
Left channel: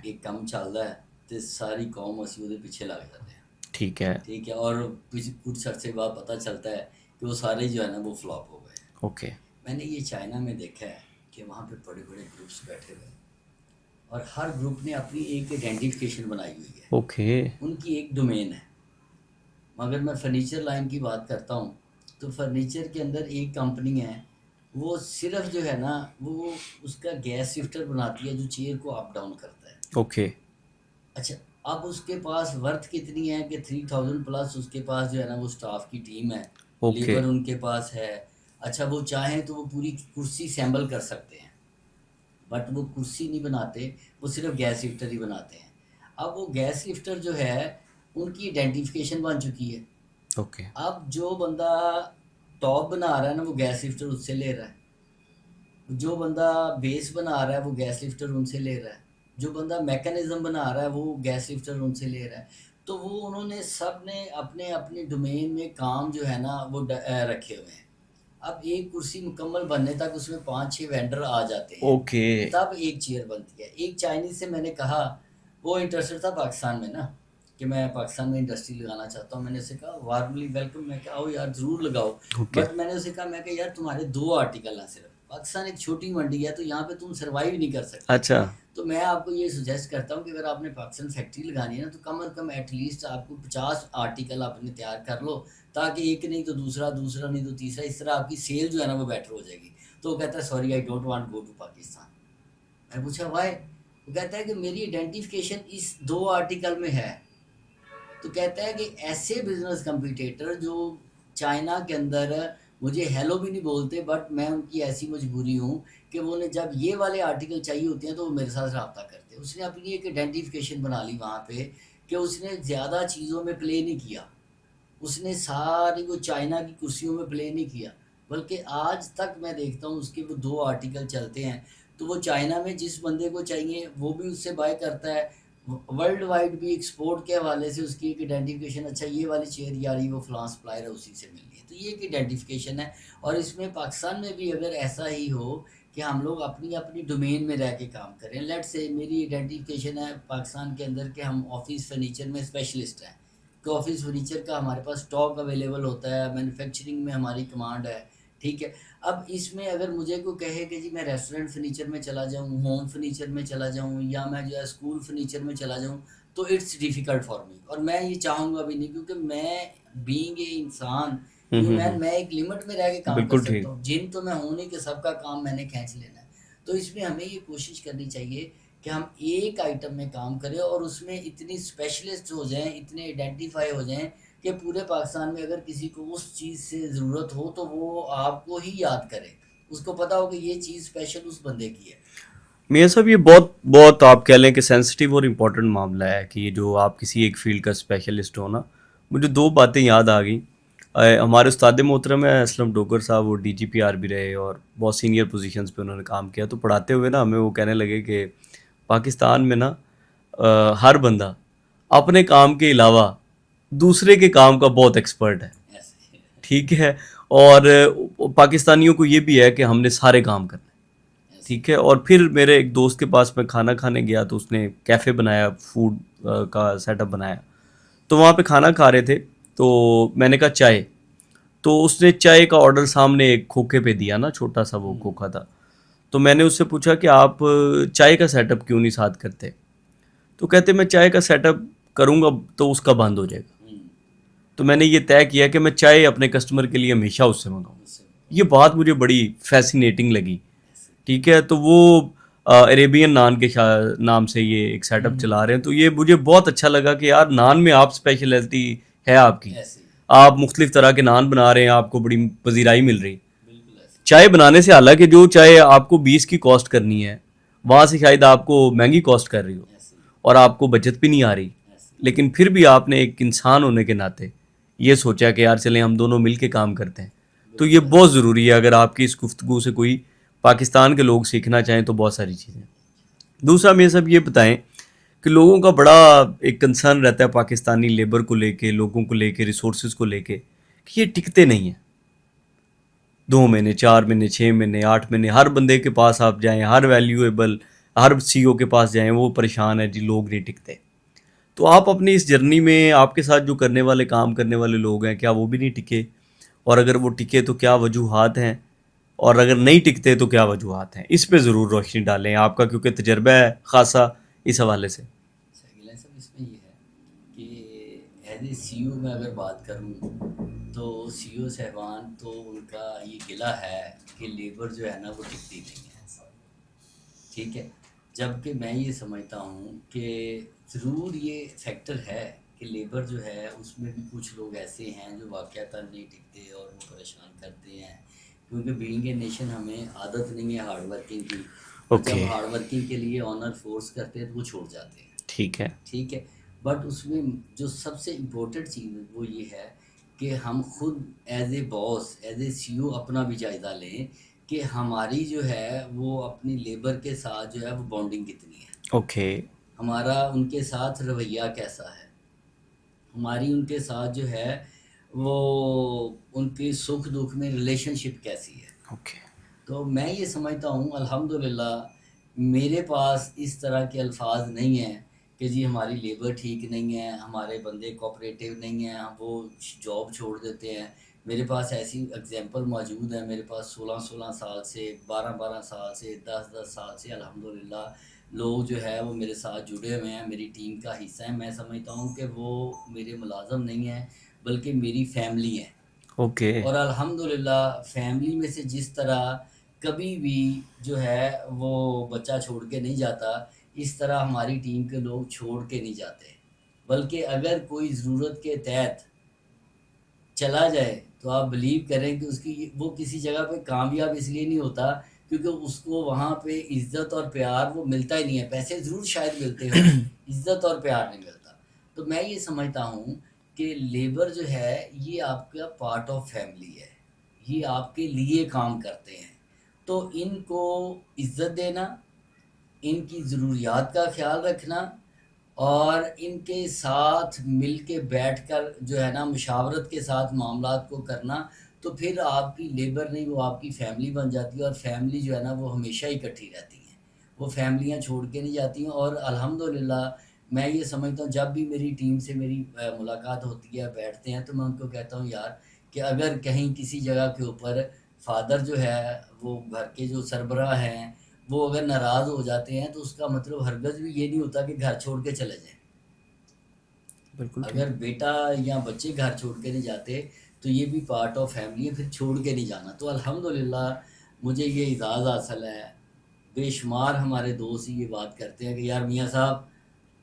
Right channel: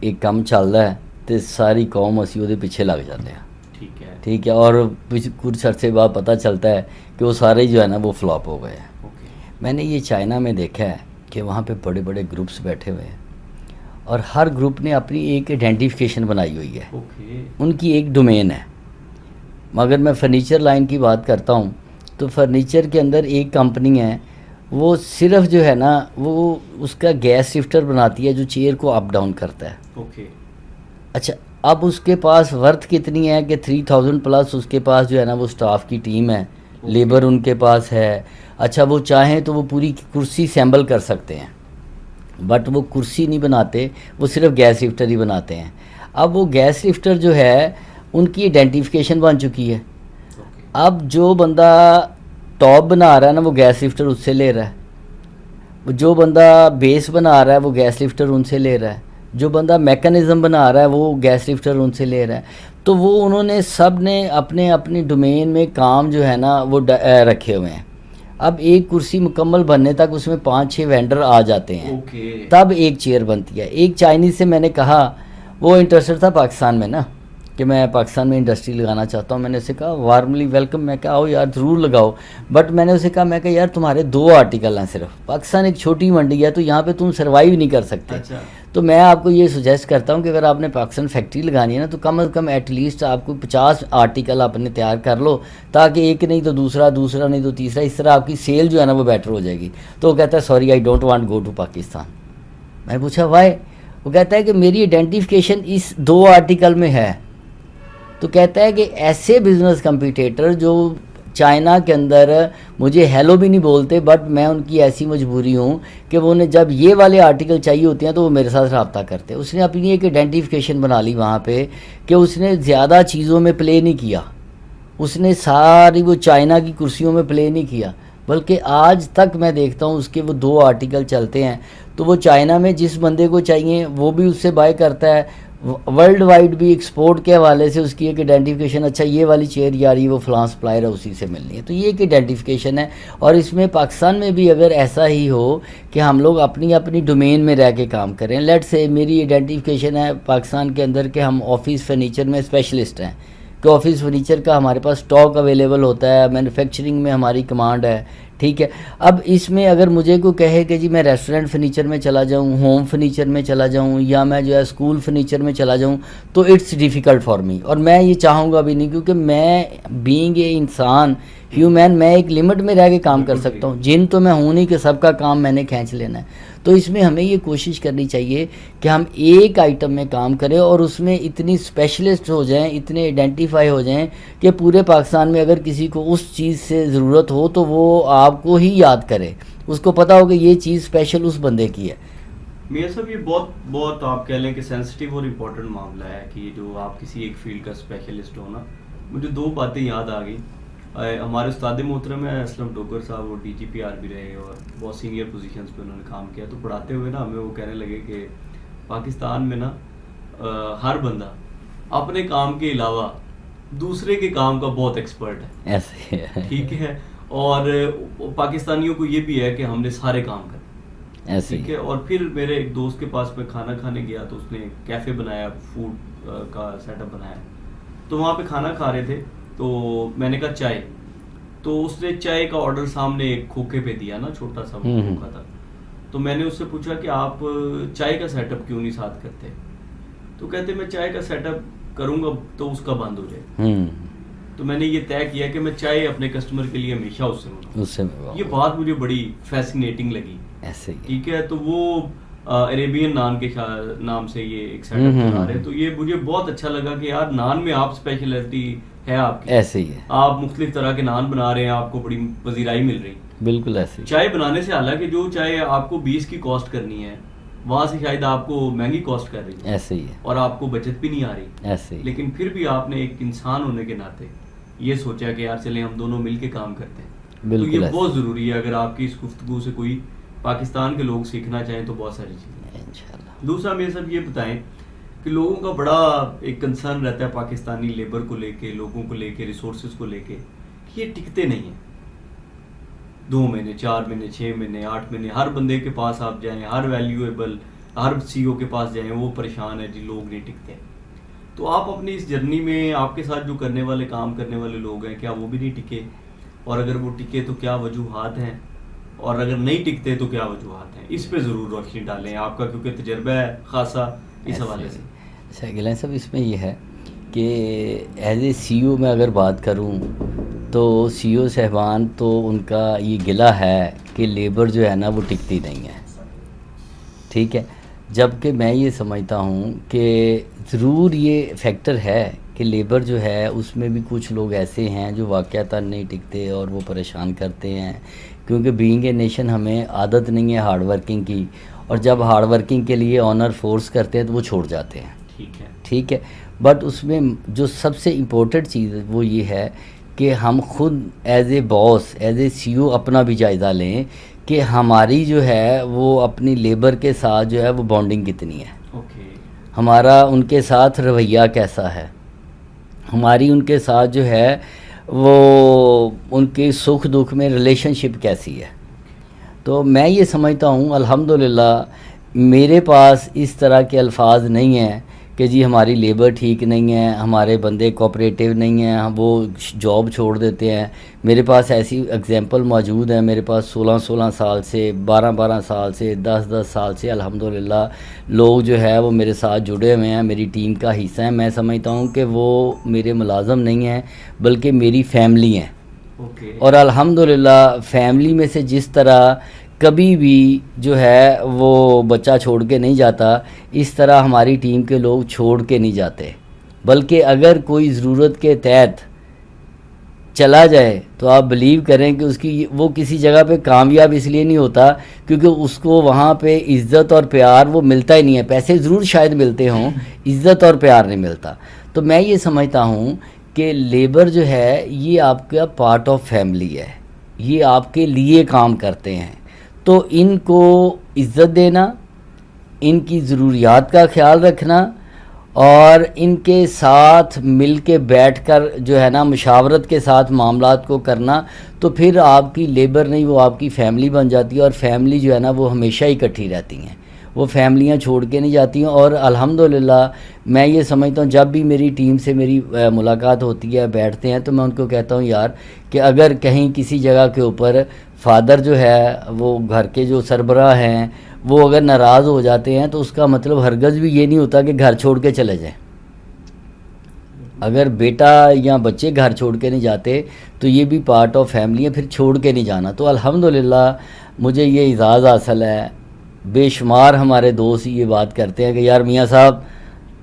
ایک کم چلتا ہے تو ساری قوم اسی وہ پیچھے لگ جاتے ہیں. ٹھیک ہے. ٹھیک ہے، اور کچھ عرصے بعد پتہ چلتا ہے کہ وہ سارے جو ہے نا وہ فلاپ ہو گئے ہیں. اوکے. میں نے یہ چائنا میں دیکھا ہے کہ وہاں پہ بڑے بڑے گروپس بیٹھے ہوئے ہیں، اور ہر گروپ نے اپنی ایک آئیڈینٹیفیکیشن بنائی ہوئی ہے. اوکے. ان کی ایک ڈومین ہے. مگر میں فرنیچر لائن کی بات کرتا ہوں تو فرنیچر کے اندر ایک کمپنی ہے، وہ صرف جو ہے نا وہ اس کا گیس شفٹر بناتی ہے جو چیئر کو اپ ڈاؤن کرتا ہے. اوکے. اچھا، اب اس کے پاس ورتھ کتنی ہے کہ 3000 پلس اس کے پاس جو ہے نا وہ سٹاف کی ٹیم ہے، لیبر ان کے پاس ہے. اچھا، وہ چاہیں تو وہ پوری کرسی سیمبل کر سکتے ہیں، بٹ وہ کرسی نہیں بناتے، وہ صرف گیس لفٹر ہی بناتے ہیں. اب وہ گیس لفٹر جو ہے ان کی آئیڈینٹیفیکیشن بن چکی ہے. اوکے. اب جو بندہ ٹاپ بنا رہا ہے نا وہ گیس لفٹر اس سے لے رہا ہے، جو بندہ بیس بنا رہا ہے وہ گیس لفٹر ان سے لے رہا ہے، جو بندہ میکانزم بنا رہا ہے وہ گیس لفٹر ان سے لے رہا ہے. تو وہ انہوں نے سب نے اپنے اپنی ڈومین میں کام جو ہے نا وہ رکھے ہوئے ہیں. اب ایک کرسی مکمل بننے تک اس میں 5-6 وینڈر آ جاتے ہیں، اوکے. تب ایک چیئر بنتی ہے. ایک چائنیز سے میں نے کہا، وہ انٹرسٹڈ تھا پاکستان میں نا کہ میں پاکستان میں انڈسٹری لگانا چاہتا ہوں. میں نے اسے کہا وارملی ویلکم، میں کہا آؤ یار ضرور لگاؤ. بٹ میں نے اسے کہا، میں کہا یار تمہارے 2 آرٹیکل ہیں صرف، پاکستان ایک چھوٹی منڈی ہے تو یہاں پہ تم سروائیو نہیں کر سکتے. اچھا. تو میں آپ کو یہ سجیسٹ کرتا ہوں کہ اگر آپ نے پاکستان فیکٹری لگانی ہے نا تو کم از کم ایٹ لیسٹ آپ کو 50 آرٹیکل اپنے تیار کر لو، تاکہ ایک نہیں تو دوسرا، دوسرا نہیں تو تیسرا، اس طرح آپ کی سیل جو ہے نا وہ بیٹر ہو جائے گی. تو وہ کہتا ہے sorry I don't want go to Pakistan. میں نے پوچھا وائی؟ وہ کہتا ہے کہ میری آئیڈینٹیفیکیشن اس 2 آرٹیکل میں ہے. تو کہتا ہے کہ ایسے بزنس کمپیٹیٹر جو چائنا کے اندر مجھے ہیلو بھی نہیں بولتے، بٹ میں ان کی ایسی مجبوری ہوں کہ وہ انہیں جب یہ والے آرٹیکل چاہیے ہوتے ہیں تو وہ میرے ساتھ رابطہ کرتے ہیں. اس نے اپنی ایک آئیڈینٹیفیکیشن بنا لی وہاں پہ کہ اس نے زیادہ چیزوں میں پلے نہیں کیا، اس نے ساری وہ چائنا کی کرسیوں میں پلے نہیں کیا، بلکہ آج تک میں دیکھتا ہوں اس کے وہ 2 آرٹیکل چلتے ہیں تو وہ چائنا میں جس بندے کو چاہیے وہ بھی اس سے بائی کرتا ہے، ورلڈ وائڈ بھی ایکسپورٹ کے حوالے سے اس کی ایک آئیڈینٹیفیکیشن، اچھا یہ والی چیئر یاری وہ فلاں سپلائر ہے اسی سے ملنی ہے، تو یہ ایک آئیڈینٹیفیکیشن ہے. اور اس میں پاکستان میں بھی اگر ایسا ہی ہو کہ ہم لوگ اپنی ڈومین میں رہ کے کام کریں، لیٹ سے میری آئیڈینٹیفیکیشن ہے پاکستان کے اندر کہ ہم آفس فرنیچر میں اسپیشلسٹ ہیں، کہ آفس فرنیچر کا ہمارے پاس اسٹاک اویلیبل ہوتا ہے، مینوفیکچرنگ میں ہماری کمانڈ ہے، ٹھیک ہے. اب اس میں اگر مجھے کوئی کہے کہ جی میں ریسٹورنٹ فرنیچر میں چلا جاؤں، ہوم فرنیچر میں چلا جاؤں، یا میں جو ہے اسکول فرنیچر میں چلا جاؤں، تو اٹس ڈیفیکلٹ فار می، اور میں یہ چاہوں گا بھی نہیں، کیونکہ میں بینگ اے انسان ہیومن، میں ایک لمٹ میں رہ کے کام کر سکتا ہوں. جن تو میں ہوں نہیں کہ سب کا کام میں نے کھینچ لینا ہے. تو اس میں ہمیں یہ کوشش کرنی چاہیے کہ ہم ایک آئٹم میں کام کریں اور اس میں اتنی اسپیشلسٹ ہو جائیں، اتنے آئیڈینٹیفائی ہو جائیں کہ پورے پاکستان میں اگر کسی کو اس چیز سے ضرورت ہو تو وہ آپ کو ہی یاد کرے، اس کو پتا ہو کہ یہ چیز اسپیشل اس بندے کی ہے. میاں صاحب یہ بہت آپ کہہ لیں کہ سینسٹیو اور امپورٹنٹ معاملہ ہے کہ یہ جو آپ کسی ایک فیلڈ کا اسپیشلسٹ ہونا. مجھے 2 باتیں یاد آ گئیں. ہمارے استاد محترم ہیں اسلم ڈوگر صاحب، وہ DGP بھی رہے اور بہت سینئر پوزیشنز پہ انہوں نے کام کیا. تو پڑھاتے ہوئے نا ہمیں وہ کہنے لگے کہ پاکستان میں نا ہر بندہ اپنے کام کے علاوہ دوسرے کے کام کا بہت ایکسپرٹ ہے. ایسے ہی ٹھیک ہے. اور پاکستانیوں کو یہ بھی ہے کہ ہم نے سارے کام کرنے. ایسے ٹھیک ہے. اور پھر میرے ایک دوست کے پاس میں کھانا کھانے گیا تو اس نے کیفے بنایا، فوڈ کا سیٹ اپ بنایا. تو وہاں پہ کھانا کھا رہے تھے تو میں نے کہا چائے، تو اس نے چائے کا آرڈر سامنے ایک کھوکھے پہ دیا نا، چھوٹا سا وہ کھوکھا تھا. تو میں نے اس سے پوچھا کہ آپ چائے کا سیٹ اپ کیوں نہیں ساتھ کرتے؟ تو کہتے میں چائے کا سیٹ اپ کروں گا تو اس کا بند ہو جائے گا. تو میں نے یہ طے کیا کہ میں چائے اپنے کسٹمر کے لیے ہمیشہ اس سے منگاؤں. یہ بات مجھے بڑی فیسینیٹنگ لگی. ٹھیک ہے. تو وہ عربین نان کے نام سے یہ ایک سیٹ اپ چلا رہے ہیں. تو یہ مجھے بہت اچھا لگا کہ یار نان میں آپ اسپیشلٹی ہے آپ کی، ایسے ہی ہے، آپ مختلف طرح کے نان بنا رہے ہیں، آپ کو بڑی پذیرائی مل رہی. بالکل ایسے ہی. چائے بنانے سے، حالانکہ جو چائے آپ کو 20 کی کاسٹ کرنی ہے وہاں سے شاید آپ کو مہنگی کاسٹ کر رہی ہے، ایسے ہی ہے، اور آپ کو بچت بھی نہیں آ رہی. ایسے ہی. لیکن پھر بھی آپ نے ایک انسان ہونے کے ناطے یہ سوچا کہ یار چلیں ہم دونوں مل کے کام کرتے ہیں. تو یہ بہت ضروری ہے. اگر آپ کی اس گفتگو سے کوئی پاکستان کے لوگ سیکھنا چاہیں تو بہت ساری چیزیں. دوسرا میں سب یہ بتائیں کہ لوگوں کا بڑا ایک کنسرن رہتا ہے پاکستانی لیبر کو لے کے، لوگوں کو لے کے، ریسورسز کو لے کے، کہ یہ ٹکتے نہیں ہیں. 2 مہینے، 4 مہینے، 6 مہینے، 8 مہینے، ہر بندے کے پاس آپ جائیں، ہر ویلیویبل، ہر CEO کے پاس جائیں، وہ پریشان ہے جی لوگ نہیں ٹکتے. تو آپ اپنی اس جرنی میں آپ کے ساتھ جو کرنے والے کام کرنے والے لوگ ہیں، کیا وہ بھی نہیں ٹکے؟ اور اگر وہ ٹکے تو کیا وجوہات ہیں؟ اور اگر نہیں ٹکتے تو کیا وجوہات ہیں؟ اس پہ ضرور روشنی ڈالیں آپ کا، کیونکہ تجربہ ہے خاصا اس حوالے سے. اچھا گیلان صاحب، اس میں یہ ہے کہ ایز اے CEO میں اگر بات کروں تو CEO صاحبان تو ان کا یہ گلہ ہے کہ لیبر جو ہے نا وہ ٹکتی نہیں ہے. ٹھیک ہے. جبکہ میں یہ سمجھتا ہوں کہ ضرور یہ فیکٹر ہے کہ لیبر جو ہے اس میں بھی کچھ لوگ ایسے ہیں جو واقعتاً نہیں ٹکتے اور وہ پریشان کرتے ہیں، کیونکہ بینگ اے نیشن ہمیں عادت نہیں ہے ہارڈ ورکنگ کی، اور جب ہارڈ ورکنگ کے لیے آنر فورس کرتے ہیں تو وہ چھوڑ جاتے ہیں. ٹھیک ہے. ٹھیک ہے. بٹ اس میں جو سب سے امپورٹنٹ چیز وہ یہ ہے کہ ہم خود as a boss, as a CEO اپنا بھی جائزہ لیں کہ ہماری جو ہے وہ اپنی لیبر کے ساتھ جو ہے وہ بانڈنگ کتنی ہے. اوکے. ہمارا ان کے ساتھ رویہ کیسا ہے، ہماری ان کے ساتھ جو ہے وہ ان کے سکھ دکھ میں ریلیشن شپ کیسی ہے. تو میں یہ سمجھتا ہوں الحمدللہ میرے پاس اس طرح کے الفاظ نہیں ہیں کہ جی ہماری لیبر ٹھیک نہیں ہے، ہمارے بندے کوآپریٹیو نہیں ہیں، وہ جاب چھوڑ دیتے ہیں. میرے پاس ایسی اگزامپل موجود ہیں، میرے پاس 16 سال سے، 12 سال سے، 10 سال سے الحمدللہ لوگ جو ہے وہ میرے ساتھ جڑے ہوئے ہیں، میری ٹیم کا حصہ ہیں. میں سمجھتا ہوں کہ وہ میرے ملازم نہیں ہیں بلکہ میری فیملی ہیں. اوکے. اور الحمدللہ فیملی میں سے جس طرح کبھی بھی جو ہے وہ بچہ چھوڑ کے نہیں جاتا، اس طرح ہماری ٹیم کے لوگ چھوڑ کے نہیں جاتے، بلکہ اگر کوئی ضرورت کے تحت چلا جائے تو آپ بلیو کریں کہ اس کی وہ کسی جگہ پہ کامیاب اس لیے نہیں ہوتا کیونکہ اس کو وہاں پہ عزت اور پیار وہ ملتا ہی نہیں ہے. پیسے ضرور شاید ملتے ہوں, عزت اور پیار نہیں ملتا. تو میں یہ سمجھتا ہوں کہ لیبر جو ہے یہ آپ کا پارٹ آف فیملی ہے, یہ آپ کے لیے کام کرتے ہیں. تو ان کو عزت دینا, ان کی ضروریات کا خیال رکھنا اور ان کے ساتھ مل کے بیٹھ کر جو ہے نا مشاورت کے ساتھ معاملات کو کرنا, تو پھر آپ کی لیبر نہیں وہ آپ کی فیملی بن جاتی ہے. اور فیملی جو ہے نا وہ ہمیشہ ہی اکٹھی رہتی ہیں, وہ فیملیاں چھوڑ کے نہیں جاتی ہیں. اور الحمدللہ میں یہ سمجھتا ہوں جب بھی میری ٹیم سے میری ملاقات ہوتی ہے, بیٹھتے ہیں, تو میں ان کو کہتا ہوں یار کہ اگر کہیں کسی جگہ کے اوپر فادر جو ہے وہ گھر کے جو سربراہ ہیں وہ اگر ناراض ہو جاتے ہیں تو اس کا مطلب ہرگز بھی یہ نہیں ہوتا کہ گھر چھوڑ کے چلے جائیں. اگر بیٹا یا بچے گھر چھوڑ کے نہیں جاتے تو یہ بھی پارٹ آف فیملی ہے, پھر چھوڑ کے نہیں جانا. تو الحمدللہ مجھے یہ اعزاز حاصل ہے. بے شمار ہمارے دوست یہ بات کرتے ہیں کہ یار میاں صاحب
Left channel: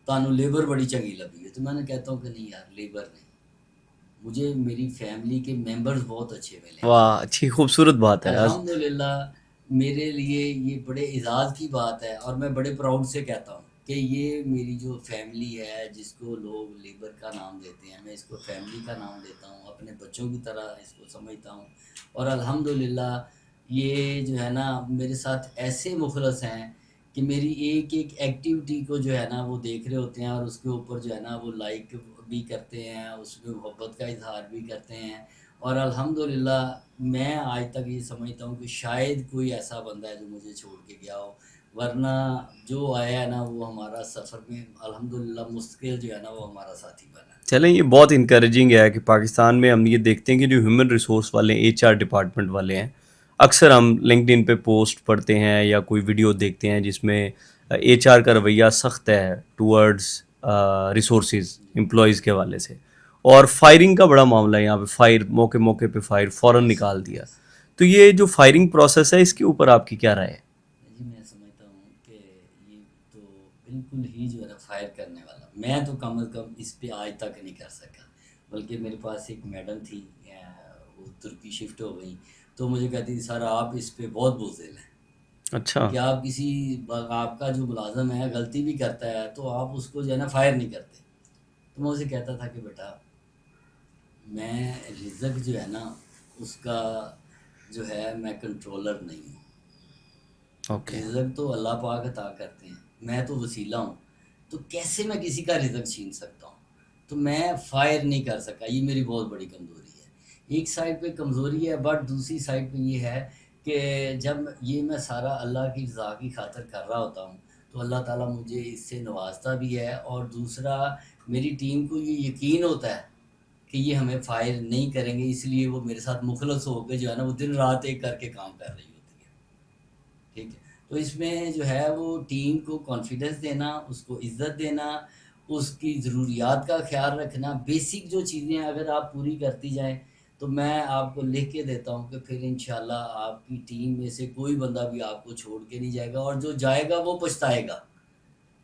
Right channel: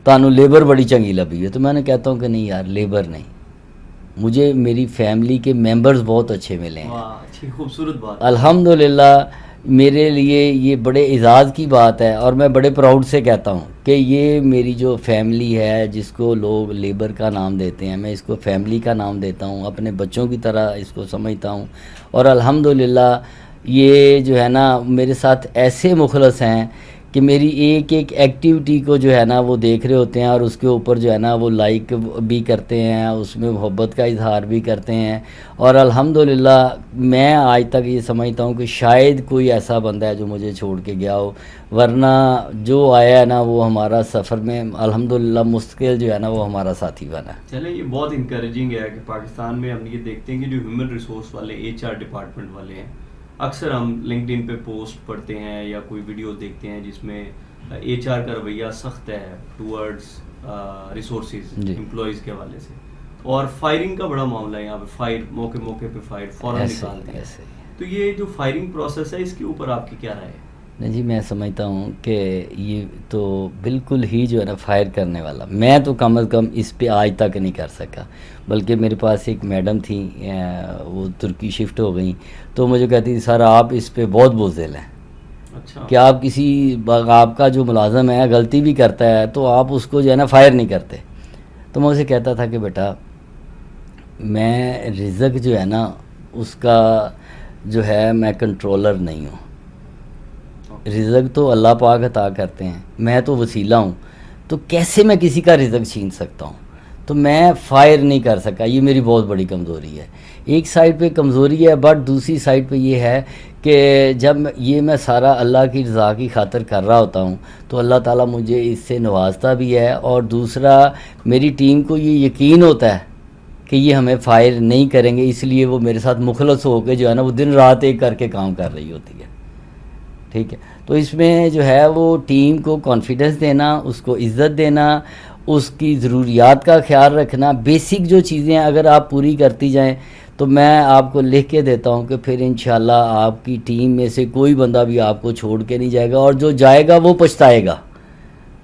تانوں لیبر بڑی چنگی لبی ہے. تو میں نے کہتا ہوں کہ نہیں یار, لیبر نہیں, مجھے میری فیملی کے ممبرز بہت اچھے ملے ہیں. واہ, اچھی خوبصورت بات ہے. الحمدللہ میرے لیے یہ بڑے اعزاز کی بات ہے اور میں بڑے پراؤڈ سے کہتا ہوں کہ یہ میری جو فیملی ہے جس کو لوگ لیبر کا نام دیتے ہیں, میں اس کو فیملی کا نام دیتا ہوں, اپنے بچوں کی طرح اس کو سمجھتا ہوں. اور الحمدللہ یہ جو ہے نا میرے ساتھ ایسے مخلص ہیں کہ میری ایک ایک ایکٹیویٹی کو جو ہے نا وہ دیکھ رہے ہوتے ہیں اور اس کے اوپر جو ہے نا وہ لائک بھی کرتے ہیں, اس میں محبت کا اظہار بھی کرتے ہیں. اور الحمدللہ میں آج تک یہ سمجھتا ہوں کہ شاید کوئی ایسا بندہ ہے جو مجھے چھوڑ کے گیا ہو, ورنہ جو آیا ہے نا وہ ہمارا سفر میں الحمدللہ مستقل جو ہے نا وہ ہمارا ساتھی بنا. چلیں, یہ بہت انکریجنگ ہے کہ پاکستان میں ہم یہ دیکھتے ہیں کہ جو ہیومن ریسورس والے ایچ آر ڈپارٹمنٹ والے ہیں, اکثر ہم لنکڈ ان پہ پوسٹ پڑھتے ہیں یا کوئی ویڈیو دیکھتے ہیں جس میں ایچ آر کا رویہ سخت ہے ٹورڈز ریسورسز امپلائیز کے حوالے سے, اور فائرنگ کا بڑا معاملہ ہے یہاں پہ. فائر موقع موقع پہ فائر فوراً نکال دیا. تو یہ جو فائرنگ پروسیس ہے اس کے اوپر آپ کی کیا رائے ہے؟ نہیں جی, میں سمجھتا ہوں کہ یہ تو بالکل ہی جو ہے نا فائر کرنے والا, میں تو کم از کم اس پہ آج تک نہیں کر سکا. بلکہ میرے پاس ایک میڈم تھیں, وہ ترکی شفٹ ہو گئیں, تو مجھے کہتی تھی سر آپ اس پہ بہت بزدل ہیں. اچھا, کہ آپ کسی آپ کا جو ملازم ہے غلطی بھی کرتا ہے تو آپ اس کو جو ہے نا فائر نہیں کرتے. تو میں اسے کہتا تھا کہ بیٹا میں رزق جو ہے نا اس کا جو ہے میں کنٹرولر نہیں ہوں. رزق تو اللہ پاک عطا کرتے ہیں, میں تو وسیلہ ہوں. تو کیسے میں کسی کا رزق چھین سکتا ہوں؟ تو میں فائر نہیں کر سکا. یہ میری بہت بڑی کمزوری ہے. ایک سائڈ پہ کمزوری ہے, بٹ دوسری سائڈ پہ یہ ہے کہ جب یہ میں سارا اللہ کی رضا کی خاطر کر رہا ہوتا ہوں تو اللہ تعالیٰ مجھے اس سے نوازتا بھی ہے. اور دوسرا میری ٹیم کو یہ یقین ہوتا ہے کہ یہ ہمیں فائر نہیں کریں گے, اس لیے وہ میرے ساتھ مخلص ہو کے جو ہے نا وہ دن رات ایک کر کے کام کر رہی ہوتی ہے. ٹھیک ہے, تو اس میں جو ہے وہ ٹیم کو کانفیڈنس دینا, اس کو عزت دینا, اس کی ضروریات کا خیال رکھنا, بیسک جو چیزیں اگر آپ پوری کرتی جائیں تو میں آپ کو لکھ کے دیتا ہوں کہ پھر انشاءاللہ آپ کی ٹیم میں سے کوئی بندہ بھی آپ کو چھوڑ کے نہیں جائے گا, اور جو جائے گا وہ پچھتائے گا.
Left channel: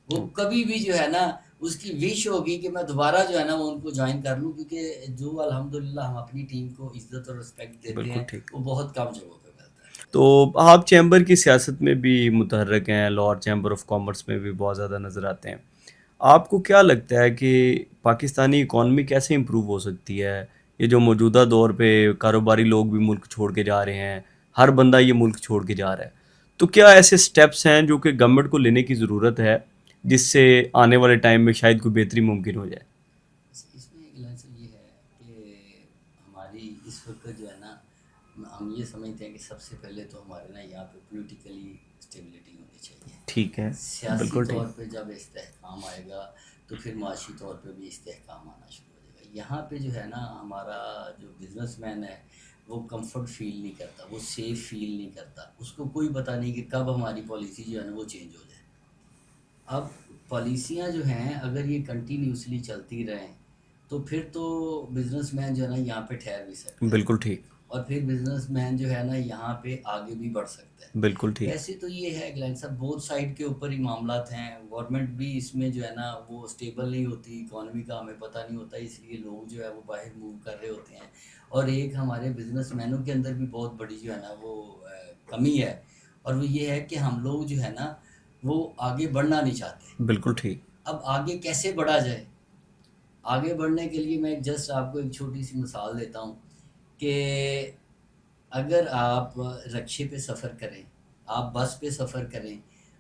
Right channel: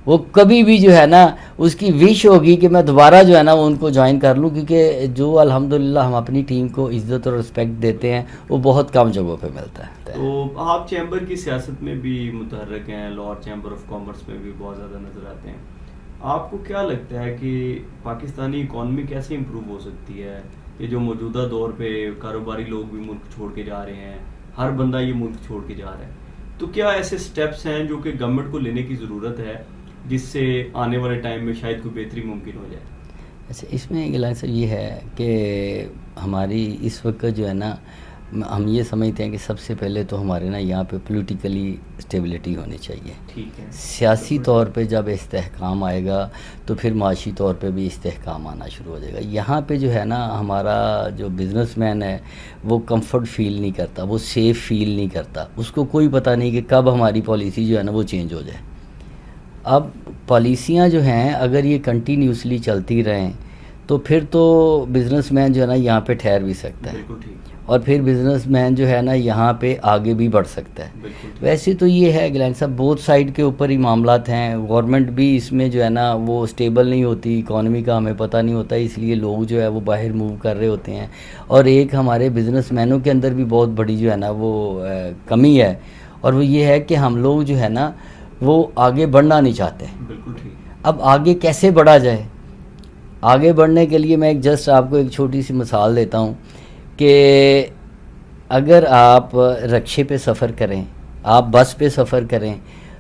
وہ کبھی بھی جو ہے نا اس کی وش ہوگی کہ میں دوبارہ جو ہے نا وہ ان کو جوائن کر لوں, کیونکہ جو الحمدللہ ہم اپنی ٹیم کو عزت اور رسپیکٹ دیتے ہیں وہ بہت کم جگہوں پہ ملتا ہے. تو آپ چیمبر کی سیاست میں بھی متحرک ہیں, لاہور چیمبر آف کامرس میں بھی بہت زیادہ نظر آتے ہیں. آپ کو کیا لگتا ہے کہ پاکستانی اکانومی کیسے امپروو ہو سکتی ہے؟ یہ جو موجودہ دور پہ کاروباری لوگ بھی ملک چھوڑ کے جا رہے ہیں, ہر بندہ یہ ملک چھوڑ کے جا رہا ہے, تو کیا ایسے سٹیپس ہیں جو کہ گورنمنٹ کو لینے کی ضرورت ہے جس سے آنے والے ٹائم میں شاید کوئی بہتری ممکن ہو جائے؟ اچھا, اس میں غلط سر یہ ہے کہ ہماری اس وقت جو ہے نا ہم یہ سمجھتے ہیں کہ سب سے پہلے تو ہمارے نا یہاں پہ پولیٹیکلی اسٹیبلٹی ہونی چاہیے. ٹھیک ہے, سیاسی طور پہ جب استحکام آئے گا تو پھر معاشی طور پہ بھی استحکام آنا شروع ہو جائے گا. یہاں پہ جو ہے نا ہمارا جو بزنس مین ہے وہ کمفرٹ فیل نہیں کرتا, وہ سیف فیل نہیں کرتا, اس کو کوئی پتہ نہیں کہ کب ہماری پالیسی جو ہے نا وہ چینج ہو جائے. اب پالیسیاں جو ہیں اگر یہ کنٹینیوسلی چلتی رہیں تو پھر تو بزنس مین جو ہے نا یہاں پہ ٹھہر بھی سکتا ہے، بالکل ٹھیک، اور پھر بزنس مین جو ہے نا یہاں پہ آگے بھی بڑھ سکتا ہے. بالکل ٹھیک. ویسے تو یہ ہے گلین صاحب بہت سائڈ کے اوپر ہی معاملات ہیں. گورنمنٹ بھی اس میں جو ہے نا وہ اسٹیبل نہیں ہوتی، اکانومی کا ہمیں پتہ نہیں ہوتا، اس لیے لوگ جو ہے وہ باہر موو کر رہے ہوتے ہیں. اور ایک ہمارے بزنس مینوں کے اندر بھی بہت بڑی جو ہے نا وہ کمی ہے، اور وہ یہ ہے کہ ہم لوگ جو ہے نا وہ آگے بڑھنا نہیں چاہتے. بالکل ٹھیک. اب آگے کیسے بڑھا جائے؟ آگے بڑھنے کے لیے میں جسٹ آپ کو ایک چھوٹی سی مثال دیتا ہوں کہ اگر آپ رکشے پہ سفر کریں، آپ بس پہ سفر کریں،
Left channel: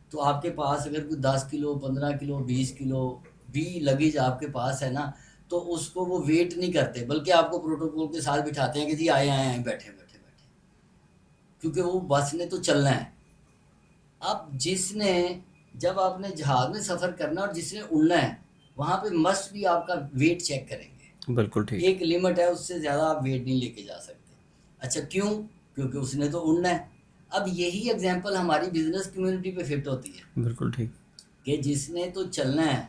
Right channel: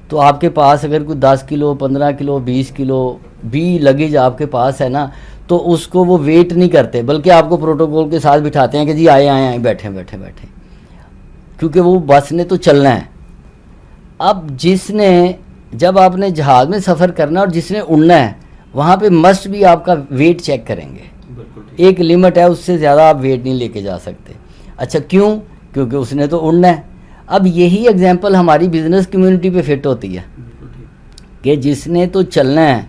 تو آپ کے پاس اگر کوئی 10 کلو 15 کلو 20 کلو بھی لگیج آپ کے پاس ہے نا، تو اس کو وہ ویٹ نہیں کرتے، بلکہ آپ کو پروٹوکول کے ساتھ بٹھاتے ہیں کہ جی آئے بیٹھیں، کیونکہ وہ بس نے تو چلنا ہے. اب جب آپ نے جہاز میں سفر کرنا اور جس نے اڑنا ہے، وہاں پہ مسٹ بھی آپ کا ویٹ چیک کریں گے. بالکل ٹھیک. ایک لمٹ ہے، اس سے زیادہ آپ ویٹ نہیں لے کے جا سکتے. اچھا کیوں؟ کیونکہ اس نے تو اڑنا ہے. اب یہی ایگزامپل ہماری بزنس کمیونٹی پہ فٹ ہوتی ہے. بالکل ٹھیک. کہ جس نے تو چلنا ہے،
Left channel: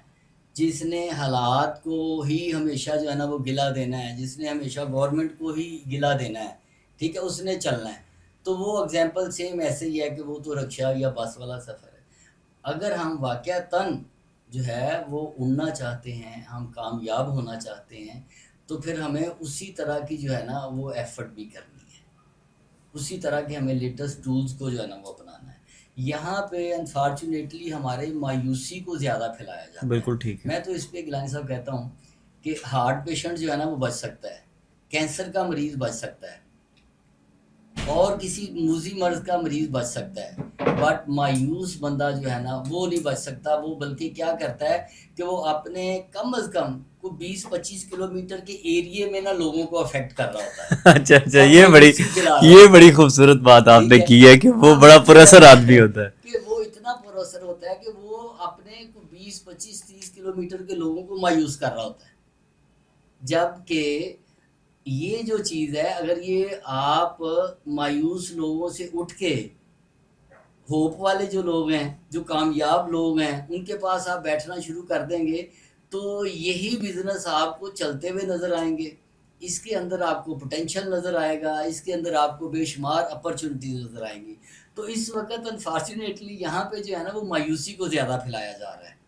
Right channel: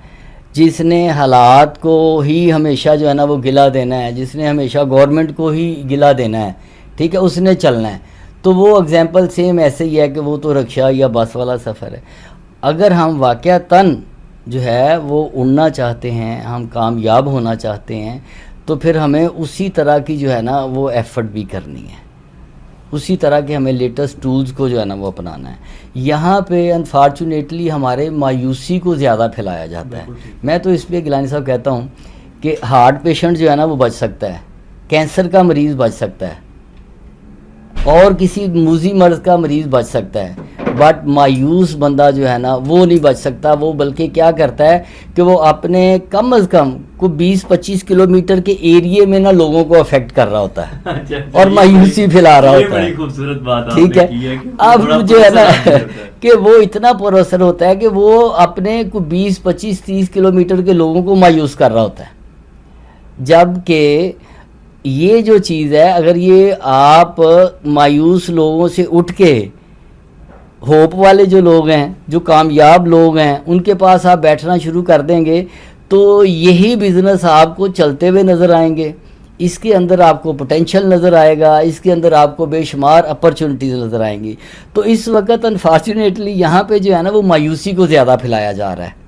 جس نے حالات کو ہی ہمیشہ جو ہے نا وہ گلا دینا ہے، جس نے ہمیشہ گورنمنٹ کو ہی گلا دینا ہے، ٹھیک ہے، اس نے چلنا ہے. تو وہ ایگزامپل سیم ایسے ہی ہے کہ وہ تو رکشہ یا بس والا سفر ہے. اگر ہم واقعتاً جو ہے وہ اڑنا چاہتے ہیں، ہم کامیاب ہونا چاہتے ہیں، تو پھر ہمیں اسی طرح کی جو ہے نا وہ ایفرٹ بھی کرنی ہے، اسی طرح کے ہمیں لیٹسٹ ٹولز کو جو ہے نا وہ اپنانا ہے. یہاں پہ انفارچونیٹلی ہمارے مایوسی کو زیادہ پھیلایا جاتا ہے. بالکل ٹھیک. میں تو اس پہ گیلانی صاحب کہتا ہوں کہ ہارٹ پیشنٹ جو ہے نا وہ بچ سکتا ہے، کینسر کا مریض بچ سکتا ہے، اور کسی موذی مرض کا مریض بچ سکتا ہے، بٹ مایوس بندہ جو ہے نا وہ نہیں بچ سکتا. وہ بلکہ کیا کرتا ہے کہ وہ اپنے کم از کم کو 20-25 کلومیٹر کے ایریے میں نا لوگوں کو افیکٹ کر رہا ہوتا ہے. اچھا اور مایوسی پھیلا رہا ہوتا ہے. بڑی خوبصورت بات آپ ٹھیک نے ہے؟ کی ہے کہ وہ اب بڑا جو پراسر ہے آدمی ہوتا ہے. کہ وہ اتنا پراسر ہوتا ہے کہ وہ اپنے کو 20-25-30 کلومیٹر کے لوگوں کو مایوس کر رہا ہوتا ہے. جبکہ یہ جو چیز ہے، اگر یہ آپ مایوس لوگوں سے اٹھ کے ہوپ والے جو لوگ ہیں، جو کامیاب لوگ ہیں، ان کے پاس آپ بیٹھنا شروع کر دیں گے تو یہی بزنس آپ کو چلتے ہوئے نظر آئیں گے. اس کے اندر آپ کو پوٹینشیل نظر آئے گا، اس کے اندر آپ کو بے شمار اپرچونٹیز نظر آئیں گی. تو اس وقت انفارچونیٹلی یہاں پہ جو ہے نا وہ مایوسی کو زیادہ پھیلایا جا رہا ہے.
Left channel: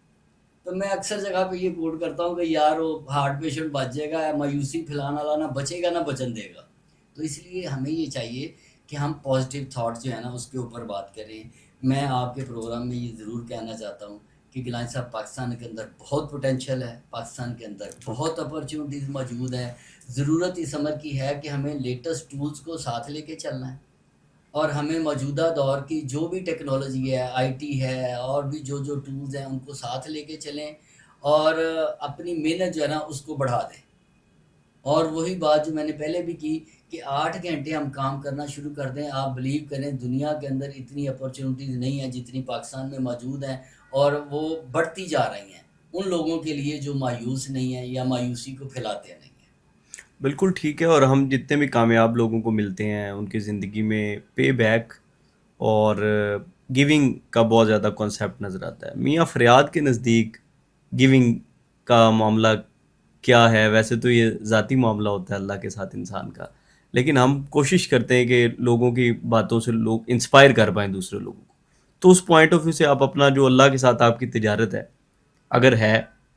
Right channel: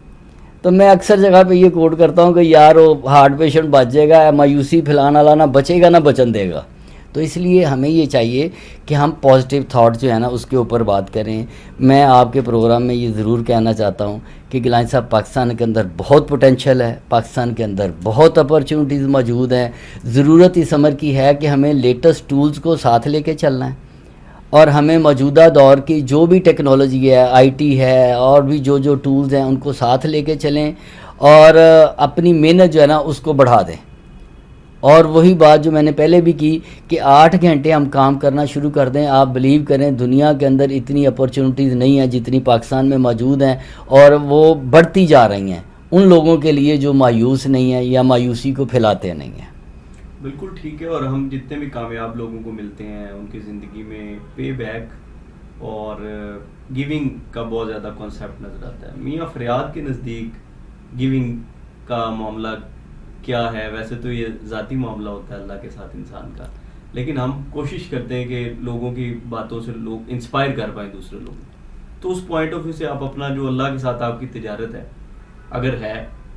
تو میں اکثر جگہ پہ یہ کوٹ کرتا ہوں کہ یار وہ ہارٹ پیشنٹ بچ جائے گا، مایوسی پھیلانا لانا بچے گا نہ بچن دے گا. تو اس لیے ہمیں یہ چاہیے کہ ہم پازیٹیو تھاٹ جو ہے نا اس کے اوپر بات کریں. میں آپ کے پروگرام میں یہ ضرور کہنا چاہتا ہوں کہ گیلانی صاحب پاکستان کے اندر بہت پوٹینشیل ہے، پاکستان کے اندر بہت اپرچونٹیز موجود ہیں. ضرورت اس عمر کی ہے کہ ہمیں لیٹسٹ ٹولز کو ساتھ لے کے چلنا ہے، اور ہمیں موجودہ دور کی جو بھی ٹیکنالوجی ہے، آئی ٹی ہے، اور بھی جو ٹولز ہیں ان کو ساتھ لے کے چلیں، اور اپنی محنت جو ہے نا اس کو بڑھا دیں. اور وہی بات جو میں نے پہلے بھی کی کہ 8 گھنٹے ہم کام کرنا شروع کر دیں. آپ بلیو کریں دنیا کے اندر اتنی اپرچونٹیز نہیں ہیں جتنی پاکستان میں موجود ہیں، اور وہ بڑھتی جا رہی ہیں ان لوگوں کے لیے جو مایوس نہیں ہیں یا مایوسی کو پھیلاتے نہیں ہیں. بالکل ٹھیک ہے. اور ہم جتنے بھی کامیاب لوگوں کو ملتے ہیں ان کی زندگی میں پے بیک اور گیونگ کا بہت زیادہ کانسیپٹ نظر آتا ہے. میاں فریاد کے نزدیک گیونگ کا معاملہ کیا ہے؟ ویسے تو یہ ذاتی معاملہ ہوتا ہے اللہ کے ساتھ انسان کا، لیکن ہم کوشش کرتے ہیں کہ لوگوں کی باتوں سے لوگ انسپائر کر پائیں دوسرے لوگوں کو. تو اس پوائنٹ آف ویو سے آپ اپنا جو اللہ کے ساتھ آپ کی تجارت ہے اگر ہے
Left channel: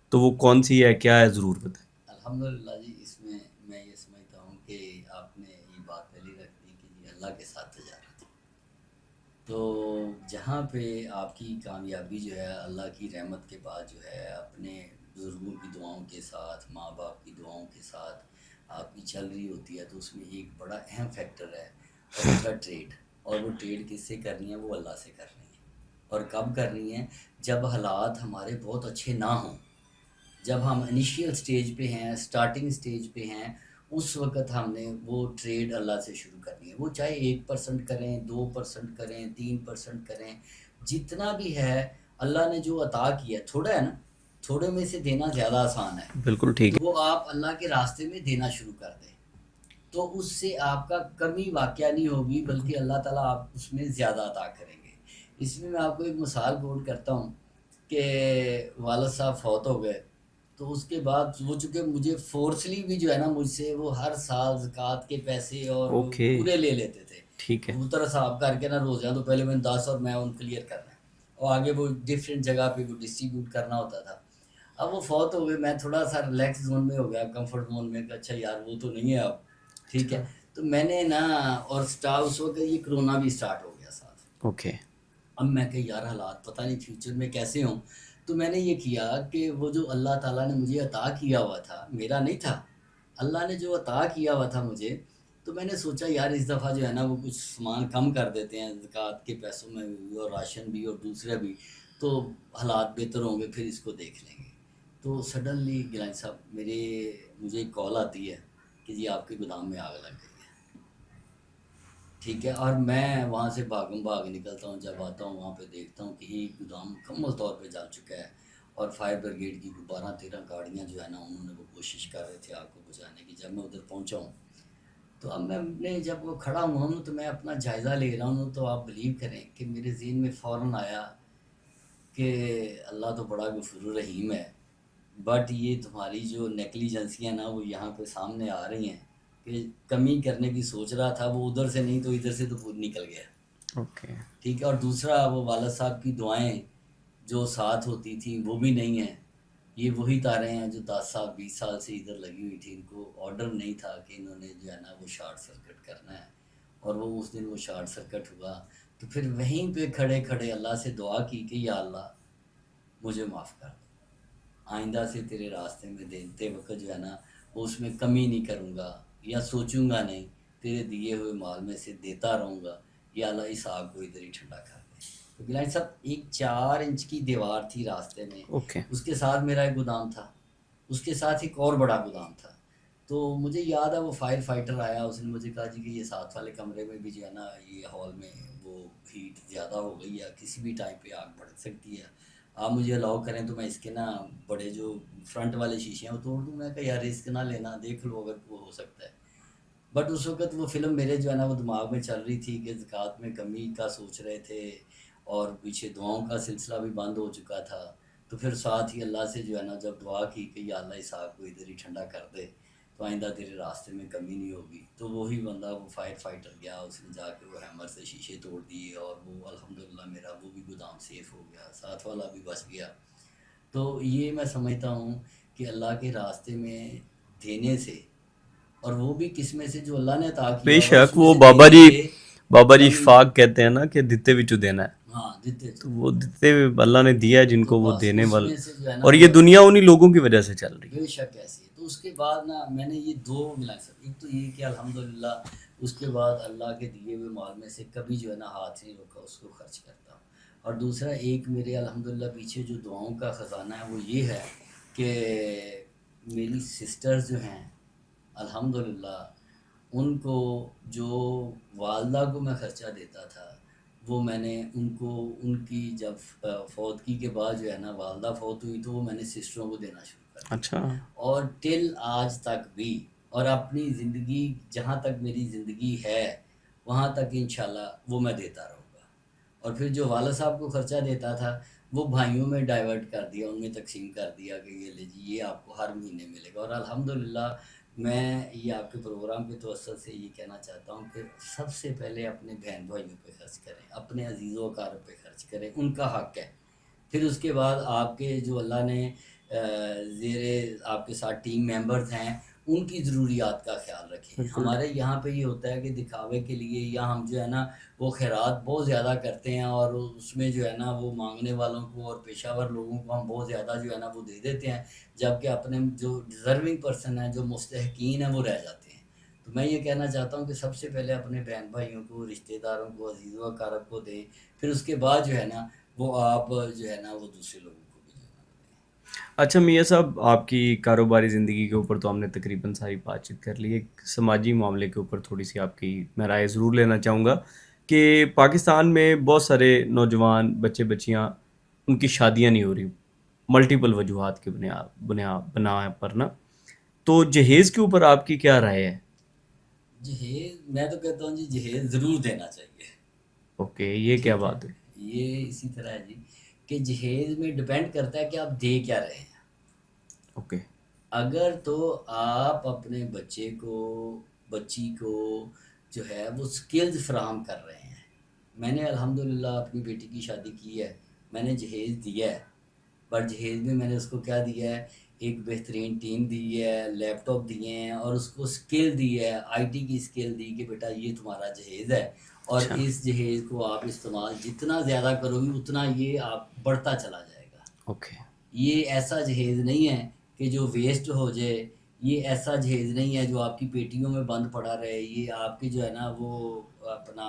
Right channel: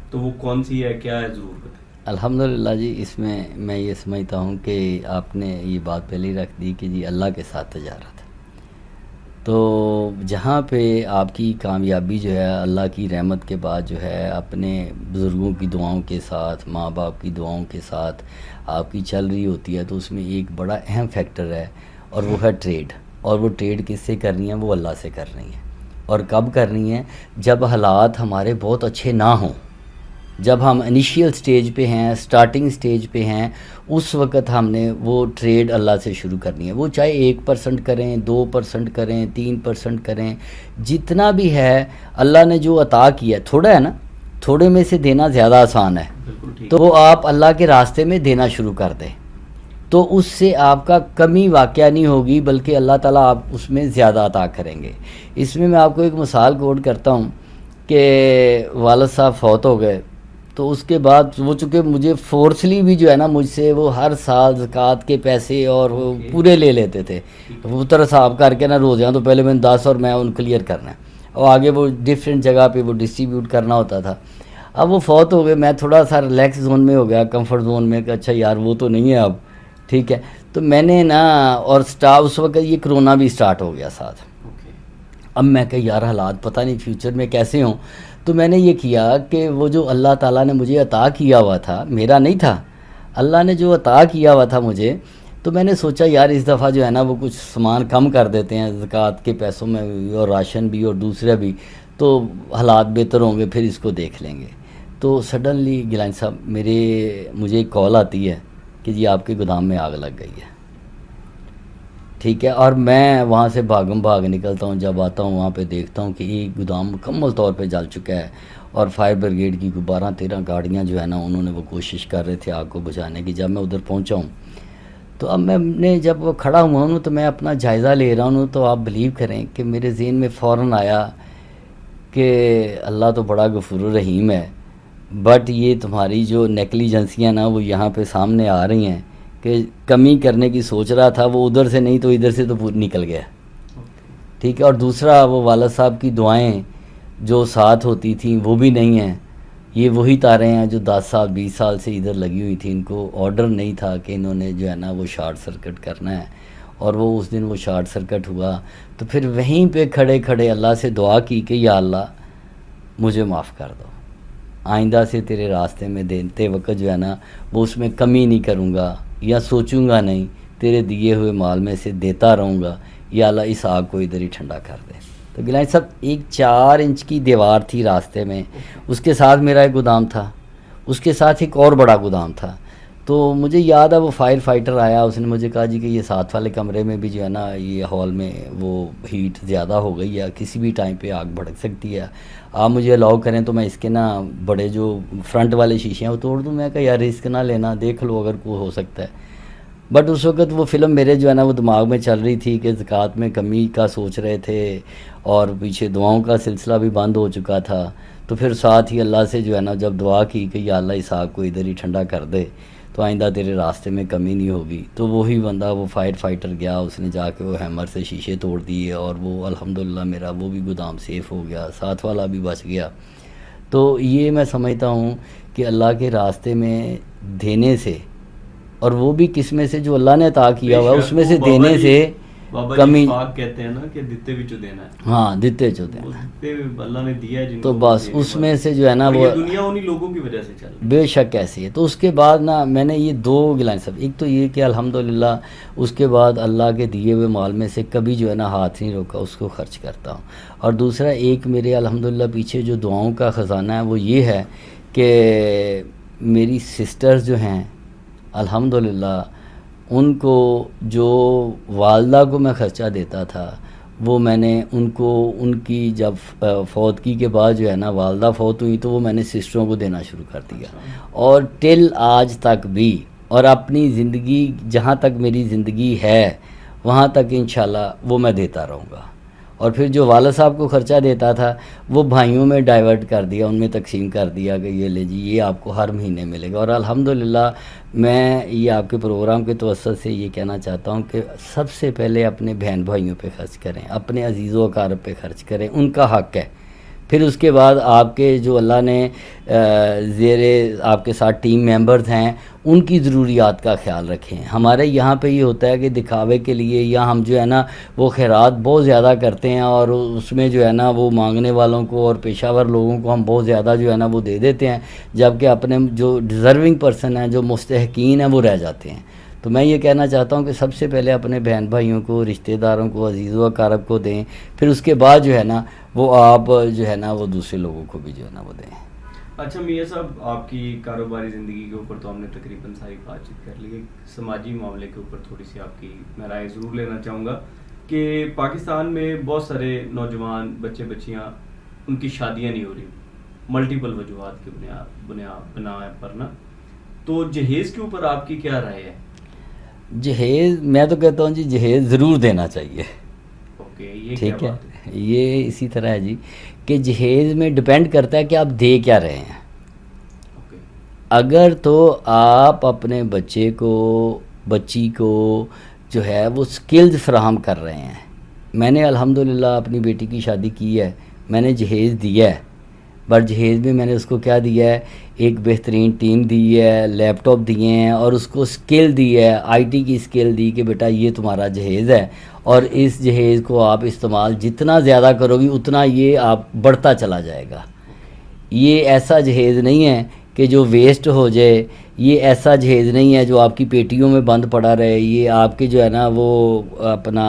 تو وہ کون سی ہے، کیا ہے، ضرور بتائیں. الحمدللہ جی، اس میں یہ سمجھتا ہوں کہ آپ نے یہ بات پہلے ہی رکھ دی کہ جی اللہ کے ساتھ تجارت. تو جہاں پہ آپ کی کامیابی جو ہے اللہ کی رحمت کے بعد جو ہے اپنے بزرگوں کی دعاؤں کے ساتھ، ماں باپ کی دعاؤں کے ساتھ آپ کی چل رہی ہوتی ہے، تو اس میں ایک بڑا اہم فیکٹر ہے، اور وہ ہے ٹریڈ. اور وہ ٹریڈ کس سے کرنی ہے؟ وہ اللہ سے کرنی ہے. اور کب کرنی ہے؟ جب حالات ہمارے بہت اچھے نہ ہوں، جب ہم انیشیل سٹیج پہ ہیں، سٹارٹنگ سٹیج پہ ہیں، اس وقت ہم نے وہ ٹریڈ اللہ سے شروع کرنی ہے. وہ چاہے 1% کریں، 2% کریں، 3% کریں، جتنا بھی ہے اللہ نے جو عطا کیا ہے، تھوڑا ہے نا، تھوڑے میں سے دینا زیادہ آسان ہے. بالکل ٹھیک. تو وہ آپ اللہ کے راستے میں دینا شروع کر دیں، تو اس سے آپ کا کمی واقعہ نہیں ہوگی، بلکہ اللہ تعالیٰ آپ اس میں زیادہ عطا کریں گے. اس میں آپ کو ایک مثال کوٹ کرتا ہوں کہ والد صاحب فوت ہو گئے، تو اس کے بعد وہ چونکہ مجھے فورسلی بھی جو ہے نا مجھ سے وہ ہر سال زکوٰۃ کے پیسے اور وہ پورے لے لیتے تھے. کبوتر حساب کر کے نا روزیاں تو پہلے میں 10 اور میں ان کلیئر کرنا ہے اور آگے وہ ڈفرینٹ جگہ پہ وہ ڈسٹریبیوٹ کرنا ہوتا تھا. اب وہ فوت ہو گئے, میں تھوڑا سا ریلیکس زون میں ہو گیا, کمفرٹ زون میں کہ اچھا یار وہ تو نہیں ہے اب, ٹھیک ہے. تو میں نے نا اور اس وقت یہ کرونا بھی سٹارٹ ہو گیا ساتھ. اوکے. اب میں کہ یار حالات پتہ نہیں فیوچر میں کیسے ہوں. تو میں نے یہ کیا کہ وہ جو اللہ تعالیٰ نے مجھے عطا کیا ہوا تھا, میرا نہیں تھا, اللہ نے جو عطا کیا ہوا تھا مجھے, تو میں نے سوچا یار اس دفعہ جو ہے نا وہ کچھ سامان کم کر دیتے ہیں زکوٰۃ کے پیسوں میں بھی اور راشن بھی اور دوسرے بھی, تو حالات بہتر ہوں گے, پھر اس کو دیکھ لیں گے. تو سڈنلی گیلانی صاحب مجھے ایک کال آتی ہے کہ جی آپ کے گودام میں آگ لگ گئی ہے, ٹھیک ہے. اور میں وہاں سے بھاگ نکلتا ہوں, جب آتا ہوں وہاں پہ دیکھتا ہوں کہ ایک گودام مکمل طور پہ جل چکا ہے اور فائر بریگیڈ کی 12-13 گاڑیاں جو ہے نا انہوں نے وہ کوشش کر رہے تھے آگ کو بجھانے کی. جب میں ادھر پہنچا ہوں تو اب میں نے جب وہ کھڑا ہوا ہوں تو میں اپنا جائزہ لے رہا ہوں, تو آپ بلیو کریں کہ میرے ذہن میں فوراً آیا کہ اللہ تو بڑا غفور الرحیم ہے, بٹ یہ تمہاری جو نیگلیجنسیاں نا وہ یہاں پہ سامنے آ رہی ہیں کہ کمی کرنے کی سوچ رہا تھا وہ ادھر سے نہیں تو ادھر سے تو نکل گیا, ٹھیک ہے. اور دوسرا وہ والد صاحب کی دعائیں جو ساتھ ہوتی تھیں وہ بھی نہیں ہیں. یہ وہی تاریں ہیں جو 10 سال 20 سال سے ادھر لگی ہوئی تھیں, ان کو آرڈر نہیں تھا کہ انہوں نے جو ہے نا وہ شارٹ سرکٹ کرنا ہے, اور وہ اس دن وہ شارٹ سرکٹ ہوا. تو پھر وہیں پہ کھڑے کھڑے اللہ سے دعا کی کہ یا اللہ مجھے معاف کر دو, آئندہ سے تیرے راستے میں دیتے وقت جو ہے نا وہ اس میں کمی نہیں کروں گا یا سوچوں گا نہیں, تیرے دیے ہوئے مال میں سے دیتا رہوں گا, یا اللہ اس آگ کو ادھر ہی ٹھنڈا کر دے. تو گیلانی صاحب ایک 4 انچ کی دیوار تھی راستے میں, اس کے ساتھ میرا ایک گودام تھا, اس کے ساتھ ایک اور بڑا گودام تھا. تو مجھے یاد ہے وہ فائر فائٹر آیا, اس نے مجھے کہا جی کہ یہ ساتھ والے کمرے میں بھی جو ہے نا یہ ہال میں وہ ہیٹ زیادہ ہو گئی ہے, کسی بھی ٹائم پہ آگ بھڑک سکتی ہے, آپ مجھے الاؤ کریں تو میں اس کے نا بڑے جو فرنٹ والے شیشے ہیں وہ توڑ دوں. میں کہا یار رسک نہ لینا, دیکھ لو اگر کوئی ہو سکتا ہے. بٹ اس وقت وہ فلم میرے جو ہے نا وہ دماغ میں چل رہی تھی کہ زکوٰۃ میں کمی کا سوچ رہے تھے اور پیچھے دعاؤں کا سلسلہ بھی بند ہو چکا تھا. تو پھر ساتھ ہی اللہ سے جو ہے نا جب دعا کی کہ یا اللہ اس آگ کو ادھر ہی ٹھنڈا کر دے تو آئندہ تیرے راستے میں کمی نہیں ہوگی. تو وہی بندہ وہ فائر فائٹر گیا, اس نے جا کے وہ ہیمر سے شیشے توڑ دیے اور وہ الحمدللہ میرا وہ بھی گودام سیف ہو گیا, ساتھ والا بھی بچ گیا. تو یہ میں سمجھتا ہوں کہ اللہ کے راستے میں دینے سے, اور وہ بھی کس میں سے جو اللہ نے عطا کیا ہوا اس میں سے دینے سے, بابا جی فاق کہتے ہیں نا کہ دتے وچوں دینا ہے. ہاں دتے جو دینا, وہ دتے اللہ نے دیا ہے جن کو وہ دینے اس میں سے جو ہے نا, اور یہ دنیا انہی لوگوں کی وجہ سے چل رہی ہے. بے شک ایسی ہے. تو اس کے بعد نا میں نے یہ 2 گیلانی صاحب, ایک تو یہ کہ الحمدللہ اس کے بعد اللہ کے دیے ہوئے مال میں سے کبھی جو ہے نا ہاتھ نہیں روکا, اس کو خرچ کرتا ہوں. اور دوسرا ایک میرے الحمدللہ پیچھے جو دعاؤں کا خزانہ ہے وہ یہ ہے کہ میری سسٹرز جو ہیں الحمدللہ ان کو جو والدہ کو میں خرچہ دیتا تھا وہ میں نے ان کو ان کی جب فوتگی کے بعد جو ہے نا والدہ فوت ہوئی تو وہ میں نے سسٹروں کو دینا شروع کر دیا. اور ٹل آج تک بھی, اور اپنی زندگی جہاں تک میری زندگی ہے وہاں تک انشاءاللہ وہ میں دیتا رہوں گا. اور پھر جو والد صاحب کو خرچہ دیتا تھا وہ بھائیوں میں ڈائیورٹ کر دیا, ان میں تقسیم کر دیا کہ یہ لے جی یہ آپ کو ہر مہینے ملے گا. اور الحمدللہ میں یہ آپ کے پروگرام کے توسط سے یہ کہنا چاہتا ہوں کہ سب سے پہلے اپنے بہن بھائیوں پہ خرچ کریں, اپنے عزیز و اقارب پہ خرچ کریں, ان کا حق ہے. پھر اس کے بعد آپ کے جو اللہ نے زیر آپ کے ساتھ ٹیم ممبرز ہیں ان کی ضروریات کا خیال رکھیں. ہمارے یہاں پہ یہ ہوتا ہے کہ دکھاوے کے لیے یا ہم جو ہے نا وہ خیرات بہت زیادہ کرتے ہیں اور اس میں جو ہے نا وہ مانگنے والوں کو اور پیشہ ور لوگوں کو ہم بہت زیادہ جو ہے نا وہ دے دیتے ہیں, جبکہ اپنے جو ڈیزرونگ پرسن ہیں جو مستحقین ہیں وہ رہ جاتے ہیں. تو میں یہ کہنا چاہتا ہوں کہ سب سے پہلے اپنے بہن بھائیوں کو, رشتہ داروں کو, عزیز و اقارب کو دیں, پھر اس کے بعد جو ہے نا وہ آپ جو ہے نا وہ دوسرے لوگوں کو بھی جو ہے نا وہ دیں. اچھا میاں صاحب, آپ کی کاروباری زندگی کے اوپر تو ہم نے تقریباً ساری بات چیت کر لی. ایک سماجی معاملے کے اوپر تھوڑی سی آپ کی میں رائے ضرور لینا چاہوں گا کہ پاکستان میں بہت سارے نوجوان بچے بچیاں ان کی شادیاں نہیں ہو رہی ملٹیپل وجوہات کے بنا پر نا, تو جہیز کے اوپر آپ کی کیا رائے ہے؟ جہیز میں تو کہتا ہوں جی جہیز ضرور دینا چاہیے. اوکے, یہ کیا بات ہے؟ یہ اسی طرح ہے جی کہ جہیز میں ڈپینڈ کرتا ہے کہ آپ دے کیا رہے ہیں. اگر تو آپ اپنے بچے کو بچی کو جو ہے وہ سکلز فراہم کر رہے ہیں. میں نے الحمدللہ اپنی بیٹی کی شادی کی ہے, میں نے جہیز دیا ہے, بٹ جہیز میں نے اس کو کیا دیا ہے, ایک بہترین ٹیم دی ہے, لیپ ٹاپ دیے ہیں, اور اس کو سکل دی ہے, آئی ٹی کی سکل دی کہ بیٹا یہ تمہارا جہیز ہے, اور اس جہیز کو آپ استعمال جتنا زیادہ کرو گی اتنا یہ آپ بڑھتا چلا جائے گا. یہ ایسا جہیز نہیں ہے کہ جو ویسٹ ہو جائے, یہ ایسا جہیز نہیں ہے جو آپ کی پیٹیوں میں بند پڑا رہے, یہ آپ کے جو ہے نا وہ اپنا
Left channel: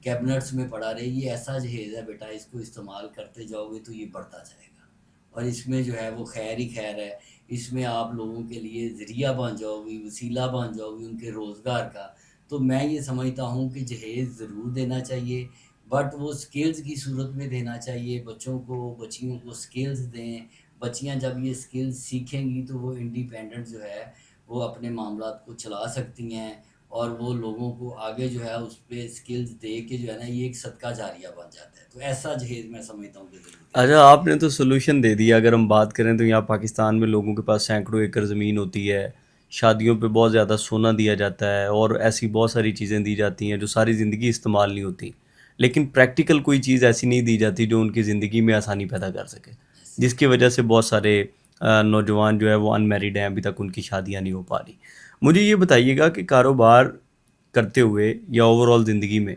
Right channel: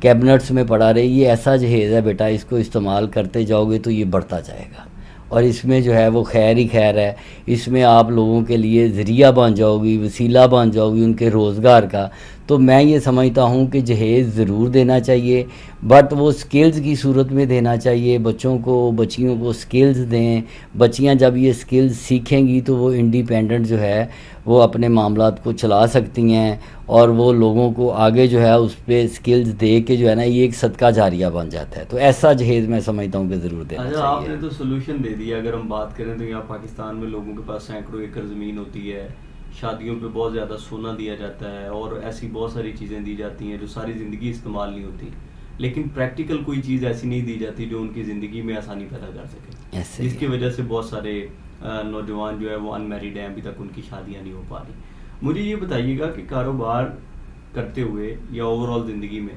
کیبنٹس میں پڑا رہے. یہ ایسا جہیز ہے بیٹا, اس کو استعمال کرتے جاؤ گے تو یہ بڑھتا جائے گا, اور اس میں جو ہے وہ خیر ہی خیر ہے. اس میں آپ لوگوں کے لیے ذریعہ بن جاؤ گی, وسیلہ بن جاؤ گی ان کے روزگار کا. تو میں یہ سمجھتا ہوں کہ جہیز ضرور دینا چاہیے, بٹ وہ سکلز کی صورت میں دینا چاہیے. بچوں کو بچیوں کو سکلز دیں. بچیاں جب یہ سکلز سیکھیں گی تو وہ انڈیپینڈنٹ جو ہے وہ اپنے معاملات کو چلا سکتی ہیں, اور وہ لوگوں کو آگے جو ہے اس پہ سکلز دے کے جو ہے نا یہ ایک صدقہ جاریہ بن جاتا ہے. تو ایسا جہیز میں سمجھتا ہوں کہ ضرور دینا اچھا, آپ نے تو سولوشن دے دیا. اگر ہم بات کریں تو یہاں پاکستان میں لوگوں کے پاس سینکڑوں ایکڑ زمین ہوتی ہے, شادیوں پہ بہت زیادہ سونا دیا جاتا ہے, اور ایسی بہت ساری چیزیں دی جاتی ہیں جو ساری زندگی استعمال نہیں ہوتی, لیکن پریکٹیکل کوئی چیز ایسی نہیں دی جاتی جو ان کی زندگی میں آسانی پیدا کر سکے, جس کی وجہ سے بہت سارے نوجوان جو ہے وہ ان میریڈ ہیں, ابھی تک ان کی شادیاں نہیں ہو پا رہی. مجھے یہ بتائیے گا کہ کاروبار کرتے ہوئے یا اوور آل زندگی میں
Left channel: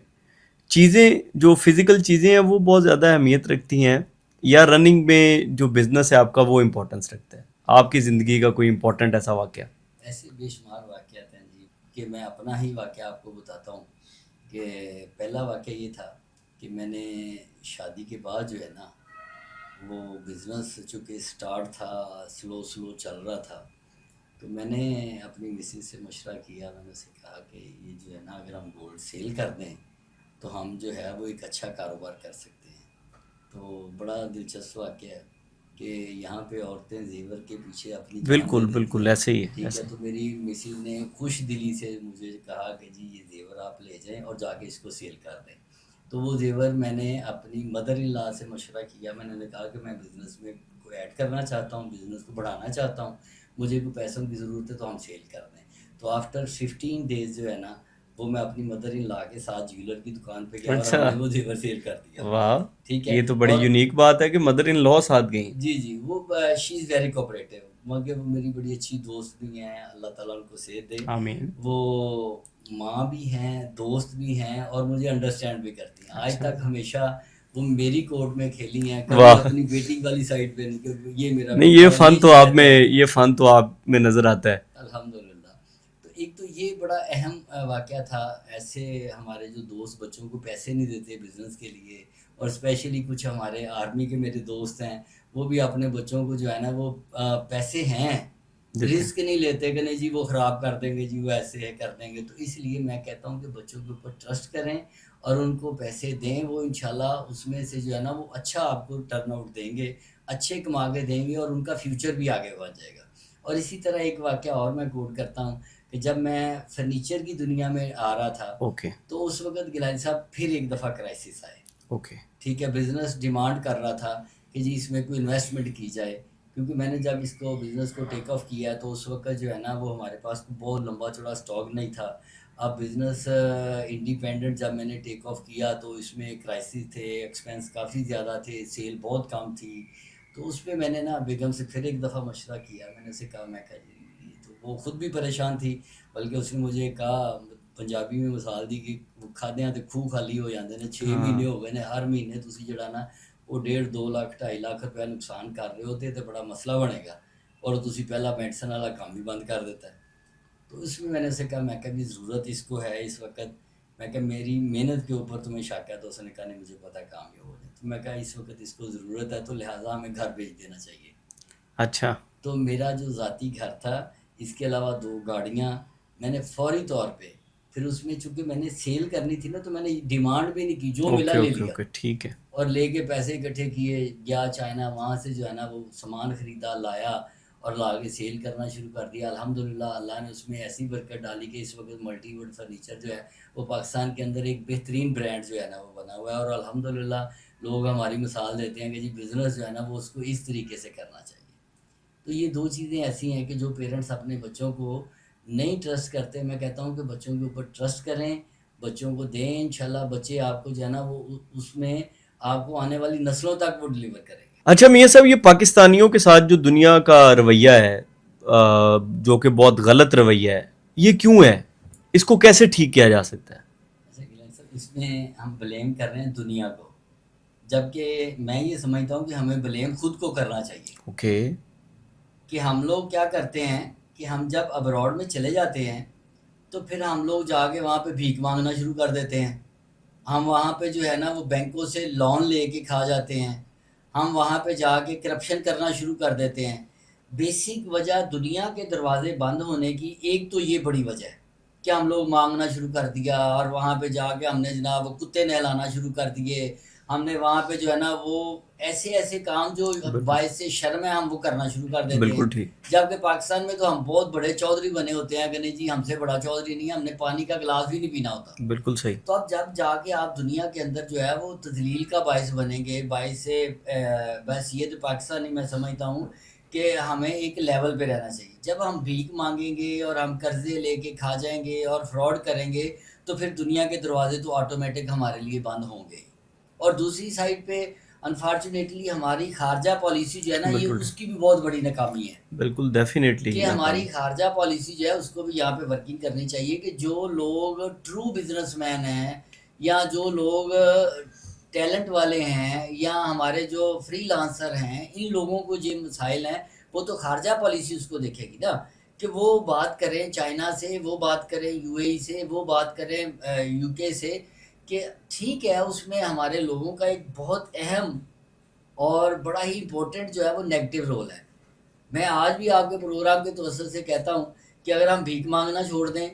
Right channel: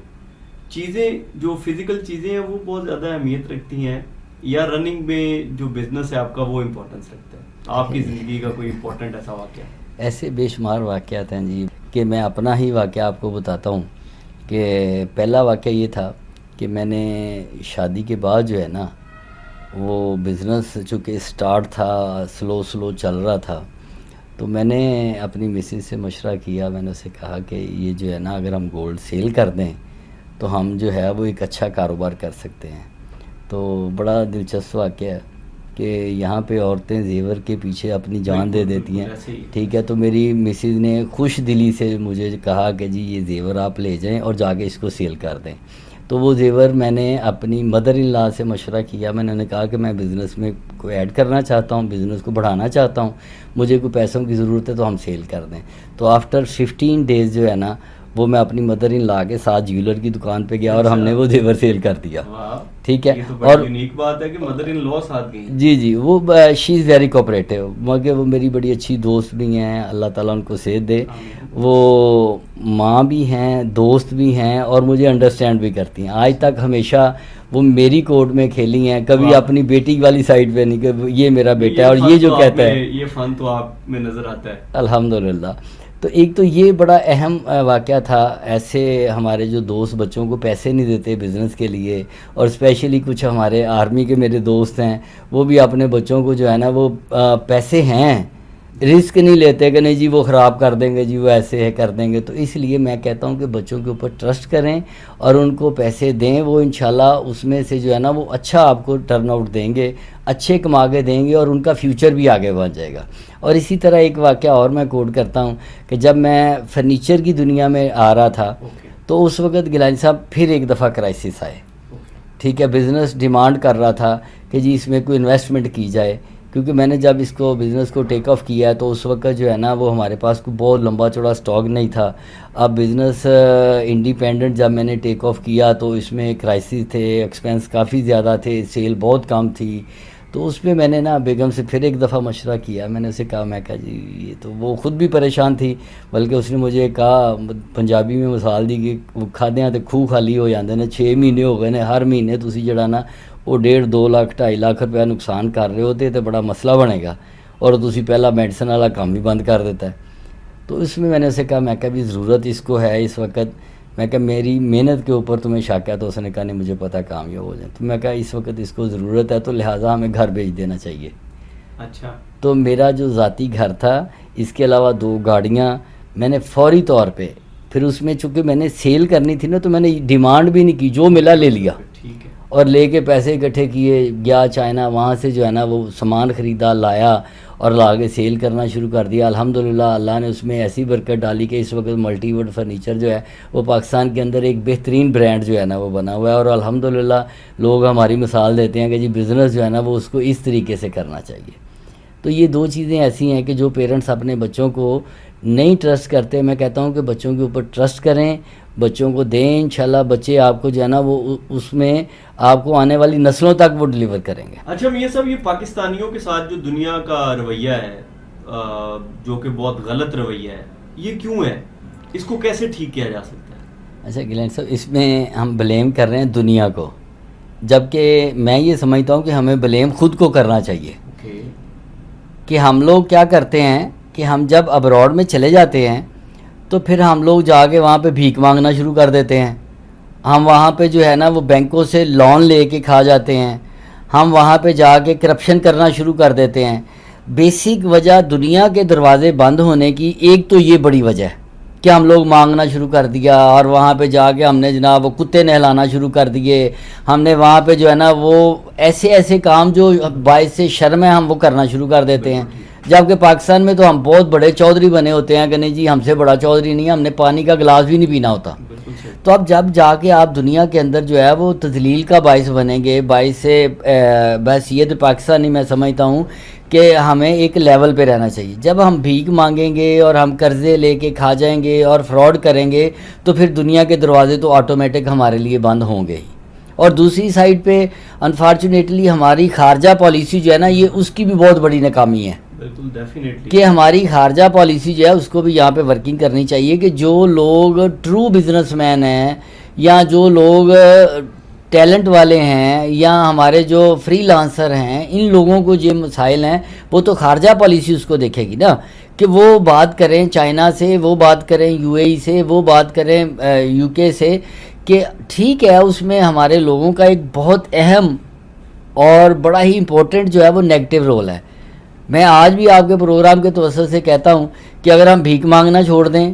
چیزیں جو فزیکل چیزیں ہیں وہ بہت زیادہ اہمیت رکھتی ہیں, یا رننگ میں جو بزنس ہے آپ کا وہ امپورٹنس رکھتا ہے؟ آپ کی زندگی کا کوئی امپورٹنٹ ایسا واقعہ؟ ایسے بے شمار واقعات ہیں جی, کہ میں اپنا ہی واقعہ آپ کو بتاتا ہوں. کہ پہلا واقعہ یہ تھا کہ میں نے شادی کے بعد جو ہے نا وہ بزنس چونکہ سٹارٹ تھا, سلو چل رہا تھا, تو میں نے اپنی مسز سے مشورہ کیا. میں نے اسے کہا کہ یہ جو ہے نا اگر ہم گولڈ سیل کر دیں تو ہم جو ہے وہ ایک اچھا کاروبار کر سکتے ہیں. تو بڑا دلچسپ واقعہ ہے کہ یہاں پہ عورتیں زیور کے پیچھے اپنی جان دے دیتی ہیں, ٹھیک ہے. تو میری مسز نے خوش دلی سے مجھے کہا کہ جی یہ زیور آپ لے جائیں اور جا کے اس کو سیل کر دیں. تو وہ زیور میں نے اپنی مدر ان لا سے مشورہ کیا. میں نے کہا کہ میں بزنس میں کو ایڈ کرنا چاہتا ہوں, بزنس کو بڑھانا چاہتا ہوں, مجھے کوئی پیسوں کی ضرورت ہے تو ہم سیل کر دیں. تو آفٹر 15 ڈیز جو ہے نا وہ میں اپنی مدر ان لا کے ساتھ جیولر کی دکان پہ گیا اور ہم نے وہ زیور سیل کر دیا. ٹھیک ہے, یہ تو بڑی یونیک بات ہے کہ مدر ان لا ساتھ گئی. جی وہ شی از ویری کوآپریٹیو, مگر وہ میری بڑی اچھی دوست بھی ہیں, اللہ تعالیٰ ان کو صحت دے. وہ ماں بھی ہیں, دوست بھی ہیں, اور مجھے انڈرسٹینڈ بھی کرتی ہیں. آج تک ہمیشہ وہ میری کورٹ میں کھیلی ہیں, کبھی اپنی بیٹی والی سائڈ پہ نہیں کہ یہ میرا بیٹا. یہ فن تو آپ میں نظر آتا ہے الحمدللہ. تو ایک تو یہ بڑا اہم واقعہ تھا. ایسے ہمارے جو دوست بچوں کو پیسے نہیں دیتے بزنس کے لیے, اور اسپیشلی کچھ ہمارے آرمی کے میرے دوست ہیں, وہ بھی اپنے بچوں کو جو ہے نا وہ پیسے ہیں رسک نہیں لیتے کہ نہیں جی وہ خراب کر دیں گے, جی وہ ایسے ہے کر دیں گے. تو اس لیے میں کہتا ہوں کہ بچوں کے اوپر ٹرسٹ کریں اور ان کو پیسے دیں. وہ انشاءاللہ اس میں سے جو ہے نا وہ اچھا آپ کو ٹرن آؤٹ دیں گے, اچھے کما کے دیں گے, اور ان کا فیوچر بھی آگے بڑھ جائے گا. اور اسی طرح ایک واقعہ اور میں کوٹ کرتا ہوں کہ جب میں فرنیچر کی دنیا میں آ رہا تھا تو اس وقت گیلانی صاحب پھر ایک دفعہ کرائسس آئے. ٹھیک ہے, بزنس ڈیمانڈ کر رہا تھا کہ جی اس میں کوئی انویسٹمنٹ کی جائے, کیونکہ میں نے جب اس کو بزنس کو ٹیک آف کیا تو اس وقت جو ہے نا وہ ہمارے پاس کوئی بہت لمبا چوڑا سٹاک نہیں تھا. اب بزنس انڈیپینڈنٹ جب میں نے ٹیک آف کیا تو اس میں کرائسس تھے, ایکسپینس کافی زیادہ تھے, سیل بہت کم تھی. تو اس پہ میں نے نا بیگم سے پھر ایک دفعہ مشورہ کیا. میں نے اسے کہا, میں کہا جی یہ تو وہ خود بھی پریشان تھی, بلکہ اس نے مجھے کہا, پنجابی میں مثال دی کہ وہ کھادیاں تے خوہ خالی ہو جاندے نے, 6 مہینے ہو گئے نے, ہر مہینے تسی جڑا نا وہ 1.5 2 لاکھ 2.5 لاکھ روپیہ نقصان کر رہے ہو, تو بڑا مسئلہ بنے گا, اور تسی پہلا میڈیسن والا کام بھی بند کر دیتا ہے. تو اس میں نے اسے کہا, میں کہا بھی ضرورت اس کو ہے اس وقت, میں کہا میری محنت کے اوپر تمہیں شک ہے؟ تو اس نے کہا نہیں مجھے پتہ کامیاب ہو جائے. تو میں کہا اس وقت اس کو ضرورت ہے تو لہٰذا ہمیں گھر بھیج دینا چاہیے. اچھا, تو میرا جو ذاتی گھر تھا, اس کے علاوہ 2 گاڑیاں میں نے فوری طور پہ, پھر اس میں چونکہ میں نے سیل کرنی تھی نا تو میں نے ڈیمانڈ بھی نہیں کی, جو ملا لے لیا. ٹھیک ہے, اور لے کے پیسے اکٹھے کیے, گیا چائنا, وہاں سے جو ہے نا وہ سامان خریدا, لایا اور لا کے سیل کرنا شروع کر دیا. الحمدللہ اللہ نے اس میں ایسی برکت ڈالی کہ اس وقت ملٹی ووڈ فرنیچر جو ہے وہ پاکستان کے اندر ایک بہترین برانڈ جو ہے نا وہ بنا ہوا ہے. اور الحمدللہ لوگ ہماری مثال دیتے ہیں کہ جی بزنس جو ہے نا وہ اس کو اس طریقے سے کرنا چاہیے. تو یہ دو چیزیں ایسی ہیں کہ جو پیرنٹس اپنے بچوں کو نہیں ٹرسٹ کرتے، میں کہتا ہوں کہ بچوں کے اوپر ٹرسٹ کریں، بچوں کو دیں، انشاءاللہ بچے آپ کو جو ہے نا وہ اس میں آپ کو آنے والی نسلوں تک وہ ڈلیور کریں گے۔ اچھا میاں صاحب، یہ پاکستانیوں کے ساتھ جو دنیا کا رویہ ہے جو کہ بہت غلط رویہ ہے، یہ کیوں ہے؟ اس کو کیسے ٹھیک کیا جا سکتا ہے؟ اچھا گلین صاحب، اس میں ہم بلیم کر رہے ہیں دنیا کو، جبکہ میں یہ سمجھتا ہوں کہ ہمیں بلیم خود کو کرنا چاہیے۔ اوکے، کہ ہم لوگ کیا کرتے ہیں کہ ہم جب ابراڈ میں چلے جاتے ہیں تو پھر ہم لوگ جا کے وہاں پہ بھیک مانگنا شروع کر دیتے ہیں، ہم وہاں پہ جو ہے نا وہ بینکوں سے لون لے کے کھا جاتے ہیں، ہم وہاں پہ جا کے کرپشن کرنا شروع کر دیتے ہیں۔ بیسک وجہ دنیا کے دروازے بند ہونے کی ایک تو یہ بڑی وجہ ہے کہ ہم لوگ مانگنا شروع کر دیا، اور وہاں پہ جا کے ہم نے جناب وہ کتے نہلانا شروع کر دیے، ہم نے وہاں پہ جو ہے نا وہ ایسے کام جو باعث سے شرم ہے ہم وہ کرنا شروع کر دیتے ہیں۔ بالکل ٹھیک، جبکہ پاکستان میں تو ہم بہت بڑے چودھری بنے ہوتے ہیں کہ نہیں جی ہم سے بڑا چودھری نہیں ہے، ہم نے پانی کا گلاس بھی نہیں پینا ہوتا۔ بالکل صحیح۔ تو اب جب جا کے آپ دنیا کے اندر جو ہے وہ تذلیل کا باعث بنیں گے، باعث سے بحیثیت پاکستانی میں سمجھتا ہوں کہ ہمیں ایک لیول پہ رہنا چاہیے۔ جب ہم بھیک مانگیں گے اور ہم قرضے لے کے کھا جائیں گے اور فراڈ کریں گے تو پھر دنیا کے دروازے تو آٹومیٹک ہمارے لیے بند ہوں گے ہی۔ اور دوسری سائڈ پہ انفارچونیٹلی ہماری خارجہ پالیسی جو ہے نا یہ اس کی بھی بہت بڑی ناکامی ہے بالکل ڈیفینیٹلی کہ ہماری خارجہ پالیسی جو ہے اس کو بھی یہاں پہ ورکنگ کرنی چاہیے کہ جو لوگ ٹرو بزنس مین ہیں یا جو لوگ ٹیلنٹ والے ہیں یا ہمارے جو فری لانسر ہیں، ان لوگوں کو جو مسائل ہیں وہ تو خارجہ پالیسی اس کو دیکھے گی نا، کہ وہ بات کریں چائنا سے، وہ بات کریں یو اے ای سے، وہ بات کریں یو کے سے، کہ ٹھیک ہے اس میں ہمارے لوگوں کا ایک بہت اہم اور بڑا ہی امپورٹنٹ جو ہے وہ نیگیٹو رول ہے۔ میں آج بھی آپ کے پروگرام کے توسط سے کہتا ہوں کہ اگر ہم بھیک مانگنا چھوڑ دیں،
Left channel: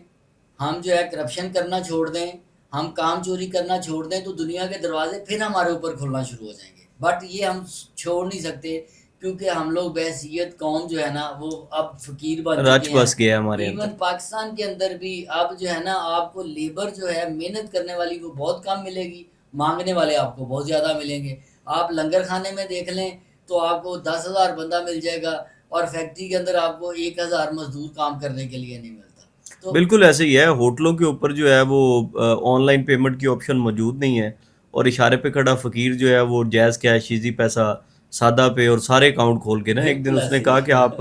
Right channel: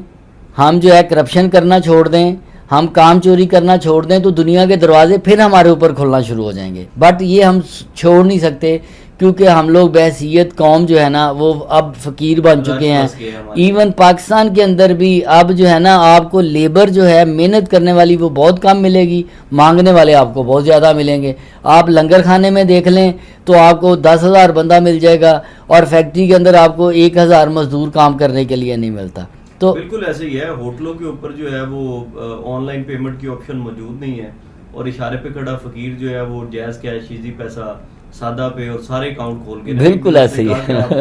ہم جو ہے کرپشن کرنا چھوڑ دیں، ہم کام چوری کرنا چھوڑ دیں تو دنیا کے دروازے پھر ہمارے اوپر کھلنا شروع ہو جائیں گے۔ بٹ یہ ہم چھوڑ نہیں سکتے کیونکہ ہم لوگ بحیثیت قوم جو ہے نا وہ اب فقیر بن چکے ہیں۔ ایون پاکستان کے اندر بھی اب جو ہے نا آپ کو لیبر جو ہے محنت کرنے والی وہ بہت کم ملے گی، مانگنے والے آپ کو بہت زیادہ ملیں گے۔ آپ لنگر کھانے میں دیکھ لیں تو آپ کو 10,000 بندہ مل جائے گا اور فیکٹری کے اندر آپ کو 1,000 مزدور کام کرنے کے لیے نہیں ملتا۔ تو بالکل ایسے ہی ہے، ہوٹلوں کے اوپر جو ہے وہ آن لائن پیمنٹ کی آپشن موجود نہیں ہے، اور اشارے پہ کھڑا فقیر جو ہے وہ جائز کیش ایزی پیسہ سادہ پہ اور سارے اکاؤنٹ کھول کے بالکل ایسے ہی کہا کہ آپ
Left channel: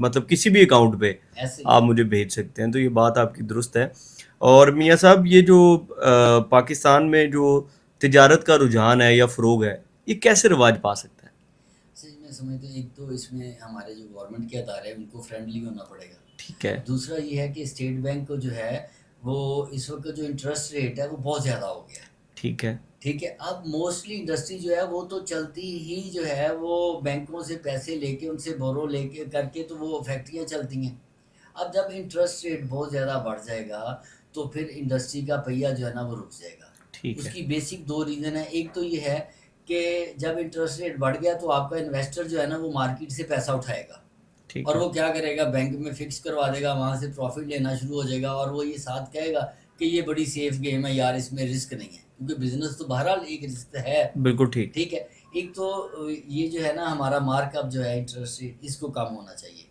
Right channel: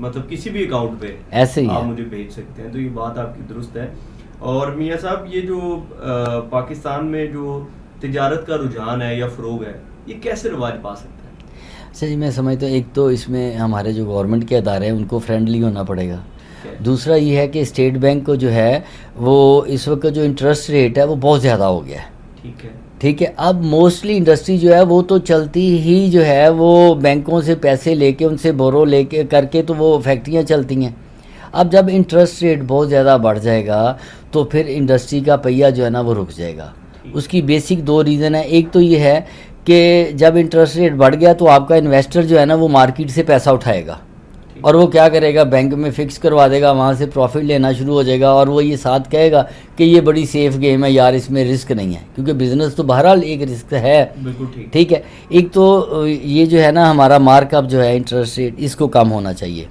مطلب کسی بھی اکاؤنٹ پہ ایسے ہی آپ مجھے بھیج سکتے ہیں، تو یہ بات آپ کی درست ہے۔ اور میاں صاحب یہ جو پاکستان میں جو تجارت کا رجحان ہے یا فروغ ہے، یہ کیسے رواج پا سکتا ہے؟ اچھا جی، میں سمجھتا ہوں ایک تو اس میں ہمارے جو گورنمنٹ کے ادارے ہیں ان کو فرینڈلی ہونا پڑے گا۔ ٹھیک ہے، دوسرا یہ ہے کہ اسٹیٹ بینک کو جو ہے وہ اس وقت جو انٹرسٹ ریٹ ہے وہ بہت زیادہ ہو گیا ہے۔ ٹھیک ہے، ٹھیک ہے، اب موسٹلی انڈسٹری جو ہے وہ تو چلتی ہی جو ہے وہ بینکوں سے پیسے لے کے ان سے بورو لے کے کر کے تو وہ فیکٹریاں چلتی ہیں۔ اب جب انٹرسٹ ریٹ بہت زیادہ بڑھ جائے گا تو پھر انڈسٹری کا پہیہ جو ہے نا وہ رک جائے گا۔ اس کی بیسک دو ریزن ہے، ایک تو یہ ہے کہ جب انٹرسٹ ریٹ بڑھ گیا تو آپ کا انویسٹر جو ہے نا وہ مارکیٹ سے پیسہ اٹھائے گا اور وہ کیا کرے گا، بینک میں فکس کروا دے گا، وہاں سے پروفٹ لینا شروع ہو جائے گا، اور وہ یہ ساتھ کہے گا کہ یہ بڑی سیف گیم ہے یار، اس میں رسک نہیں ہے، کیونکہ بزنس تو بہرحال ایک رسک ہے۔ بالکل ٹھیک، ٹھیک ہے، ایک تو یہ جو ہے نا ہمارا مارک اپ جو ہے انٹرسٹ ریٹ اس کو کم ہونا چاہیے،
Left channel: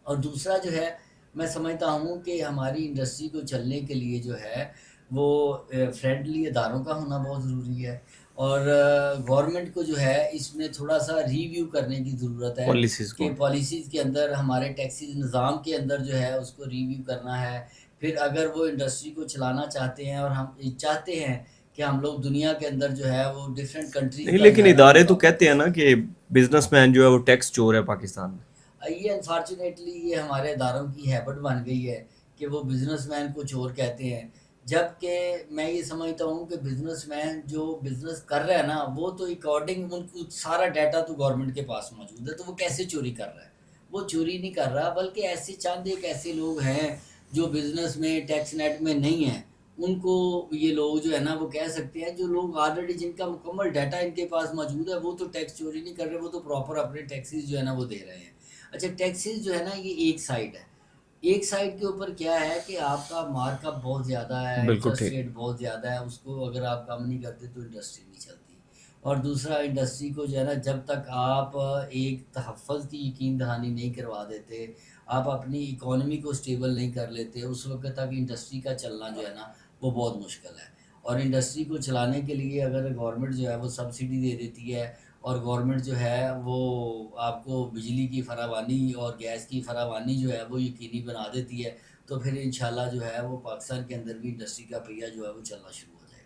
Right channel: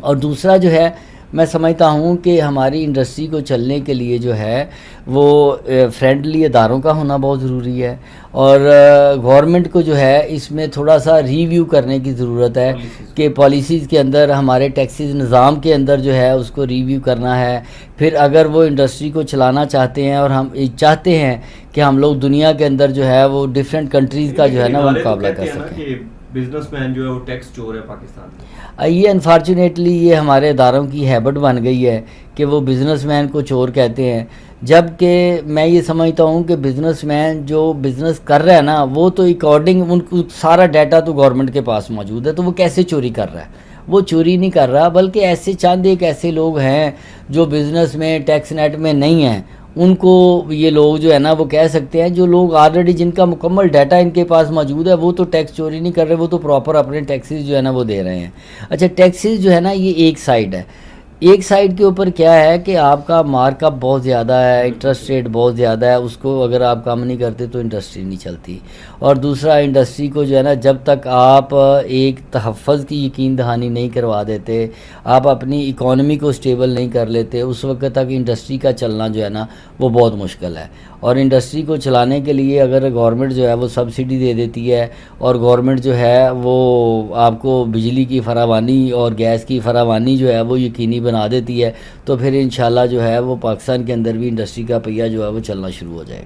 اور دوسرا جو ہے میں سمجھتا ہوں کہ ہماری انڈسٹری کو چلنے کے لیے جو ہے وہ فرینڈلی اداروں کا ہونا بہت ضروری ہے، اور گورنمنٹ کو جو ہے اس میں تھوڑا سا ریویو کرنے کی ضرورت ہے کہ پالیسیز کے اندر ہمارے ٹیکسیز نظام کے اندر جو ہے اس کو ریویو کرنا ہے۔ پھر اگر وہ انڈسٹری کو چلانا چاہتے ہیں اور ہم چاہتے ہیں کہ ہم لوگ دنیا کے اندر جو ہے وہ ڈفرینٹ کنٹریز کا جو ہے لیکن ادارے تو کہتے ہیں نا کہ بزنس مین جو ہے وہ ٹیکس چور ہے پاکستان میں۔ یہ انفارچونیٹلی یہ ہمارے اداروں کی ہیبٹ بن گئی ہے کہ وہ بزنس مین کو چور کہتے ہیں، جب کہ میں یہ سمجھتا ہوں کہ بزنس مین جو بزنس کر رہا ہے نا وہ تو اکارڈنگ ان کو سارا ڈیٹا تو گورنمنٹ کے پاس موجود ہے، تو وہ کیسے چوری کر رہا ہے؟ وہ چوری نہیں کر رہا، بلکہ ایسے چند ایک ایسے لوگ ہیں جو بزنس میں ٹیکس نیٹ میں نہیں ہیں، ان کو یہ لوگ جو ہے نا وہ کہہ سکتے ہیں، جو لوگ آلریڈی جن کا مکمل ڈیٹا ان کے پاس موجود ہے وہ تو ٹیکس چوری نہیں کر رہے، وہ تو پراپر اپنے ٹیکسز جو ہے نا وہ دے رہے ہیں۔ اچھا ٹیکسز جو ہے نا یہ ایک سائڈ ہے، ایک سائڈ کے اوپر کیا ہے کہ آپ کا مارک اپ بہت زیادہ ہے، بالکل انٹرسٹ ٹھیک. ریٹ بہت زیادہ ہے، اس کو اگر آپ کم نہیں کرتے تو انڈسٹری نہیں چلتی. اور دوسرا انڈسٹری کو جو ہے نا جب تک آپ ایک تحفظ کی یقین دہانی نہیں کروا دیتے، آپ اپنی اکانومی کو اسٹیبل نہیں کر لیتے، اس وقت تک انڈسٹری کا چلنا جو ہے نا وہ بہت مشکل ہے. اور انڈسٹری کو چلانے کے لیے اگر گورنمنٹ جو ہے وہ سبسڈی دے دیتی ہے اور گورنمنٹ جو ہے وہ آپ کو بجلی کی فراوانی اور گیس کی فراوانی جو ہے وہ یقینی بنا دیتی ہے، تو پھر انشاءاللہ جو ہے وہ پاکستان کے اندر بھی انڈسٹری کا پہیہ جو ہے وہ چلنا شروع ہو جائے گا.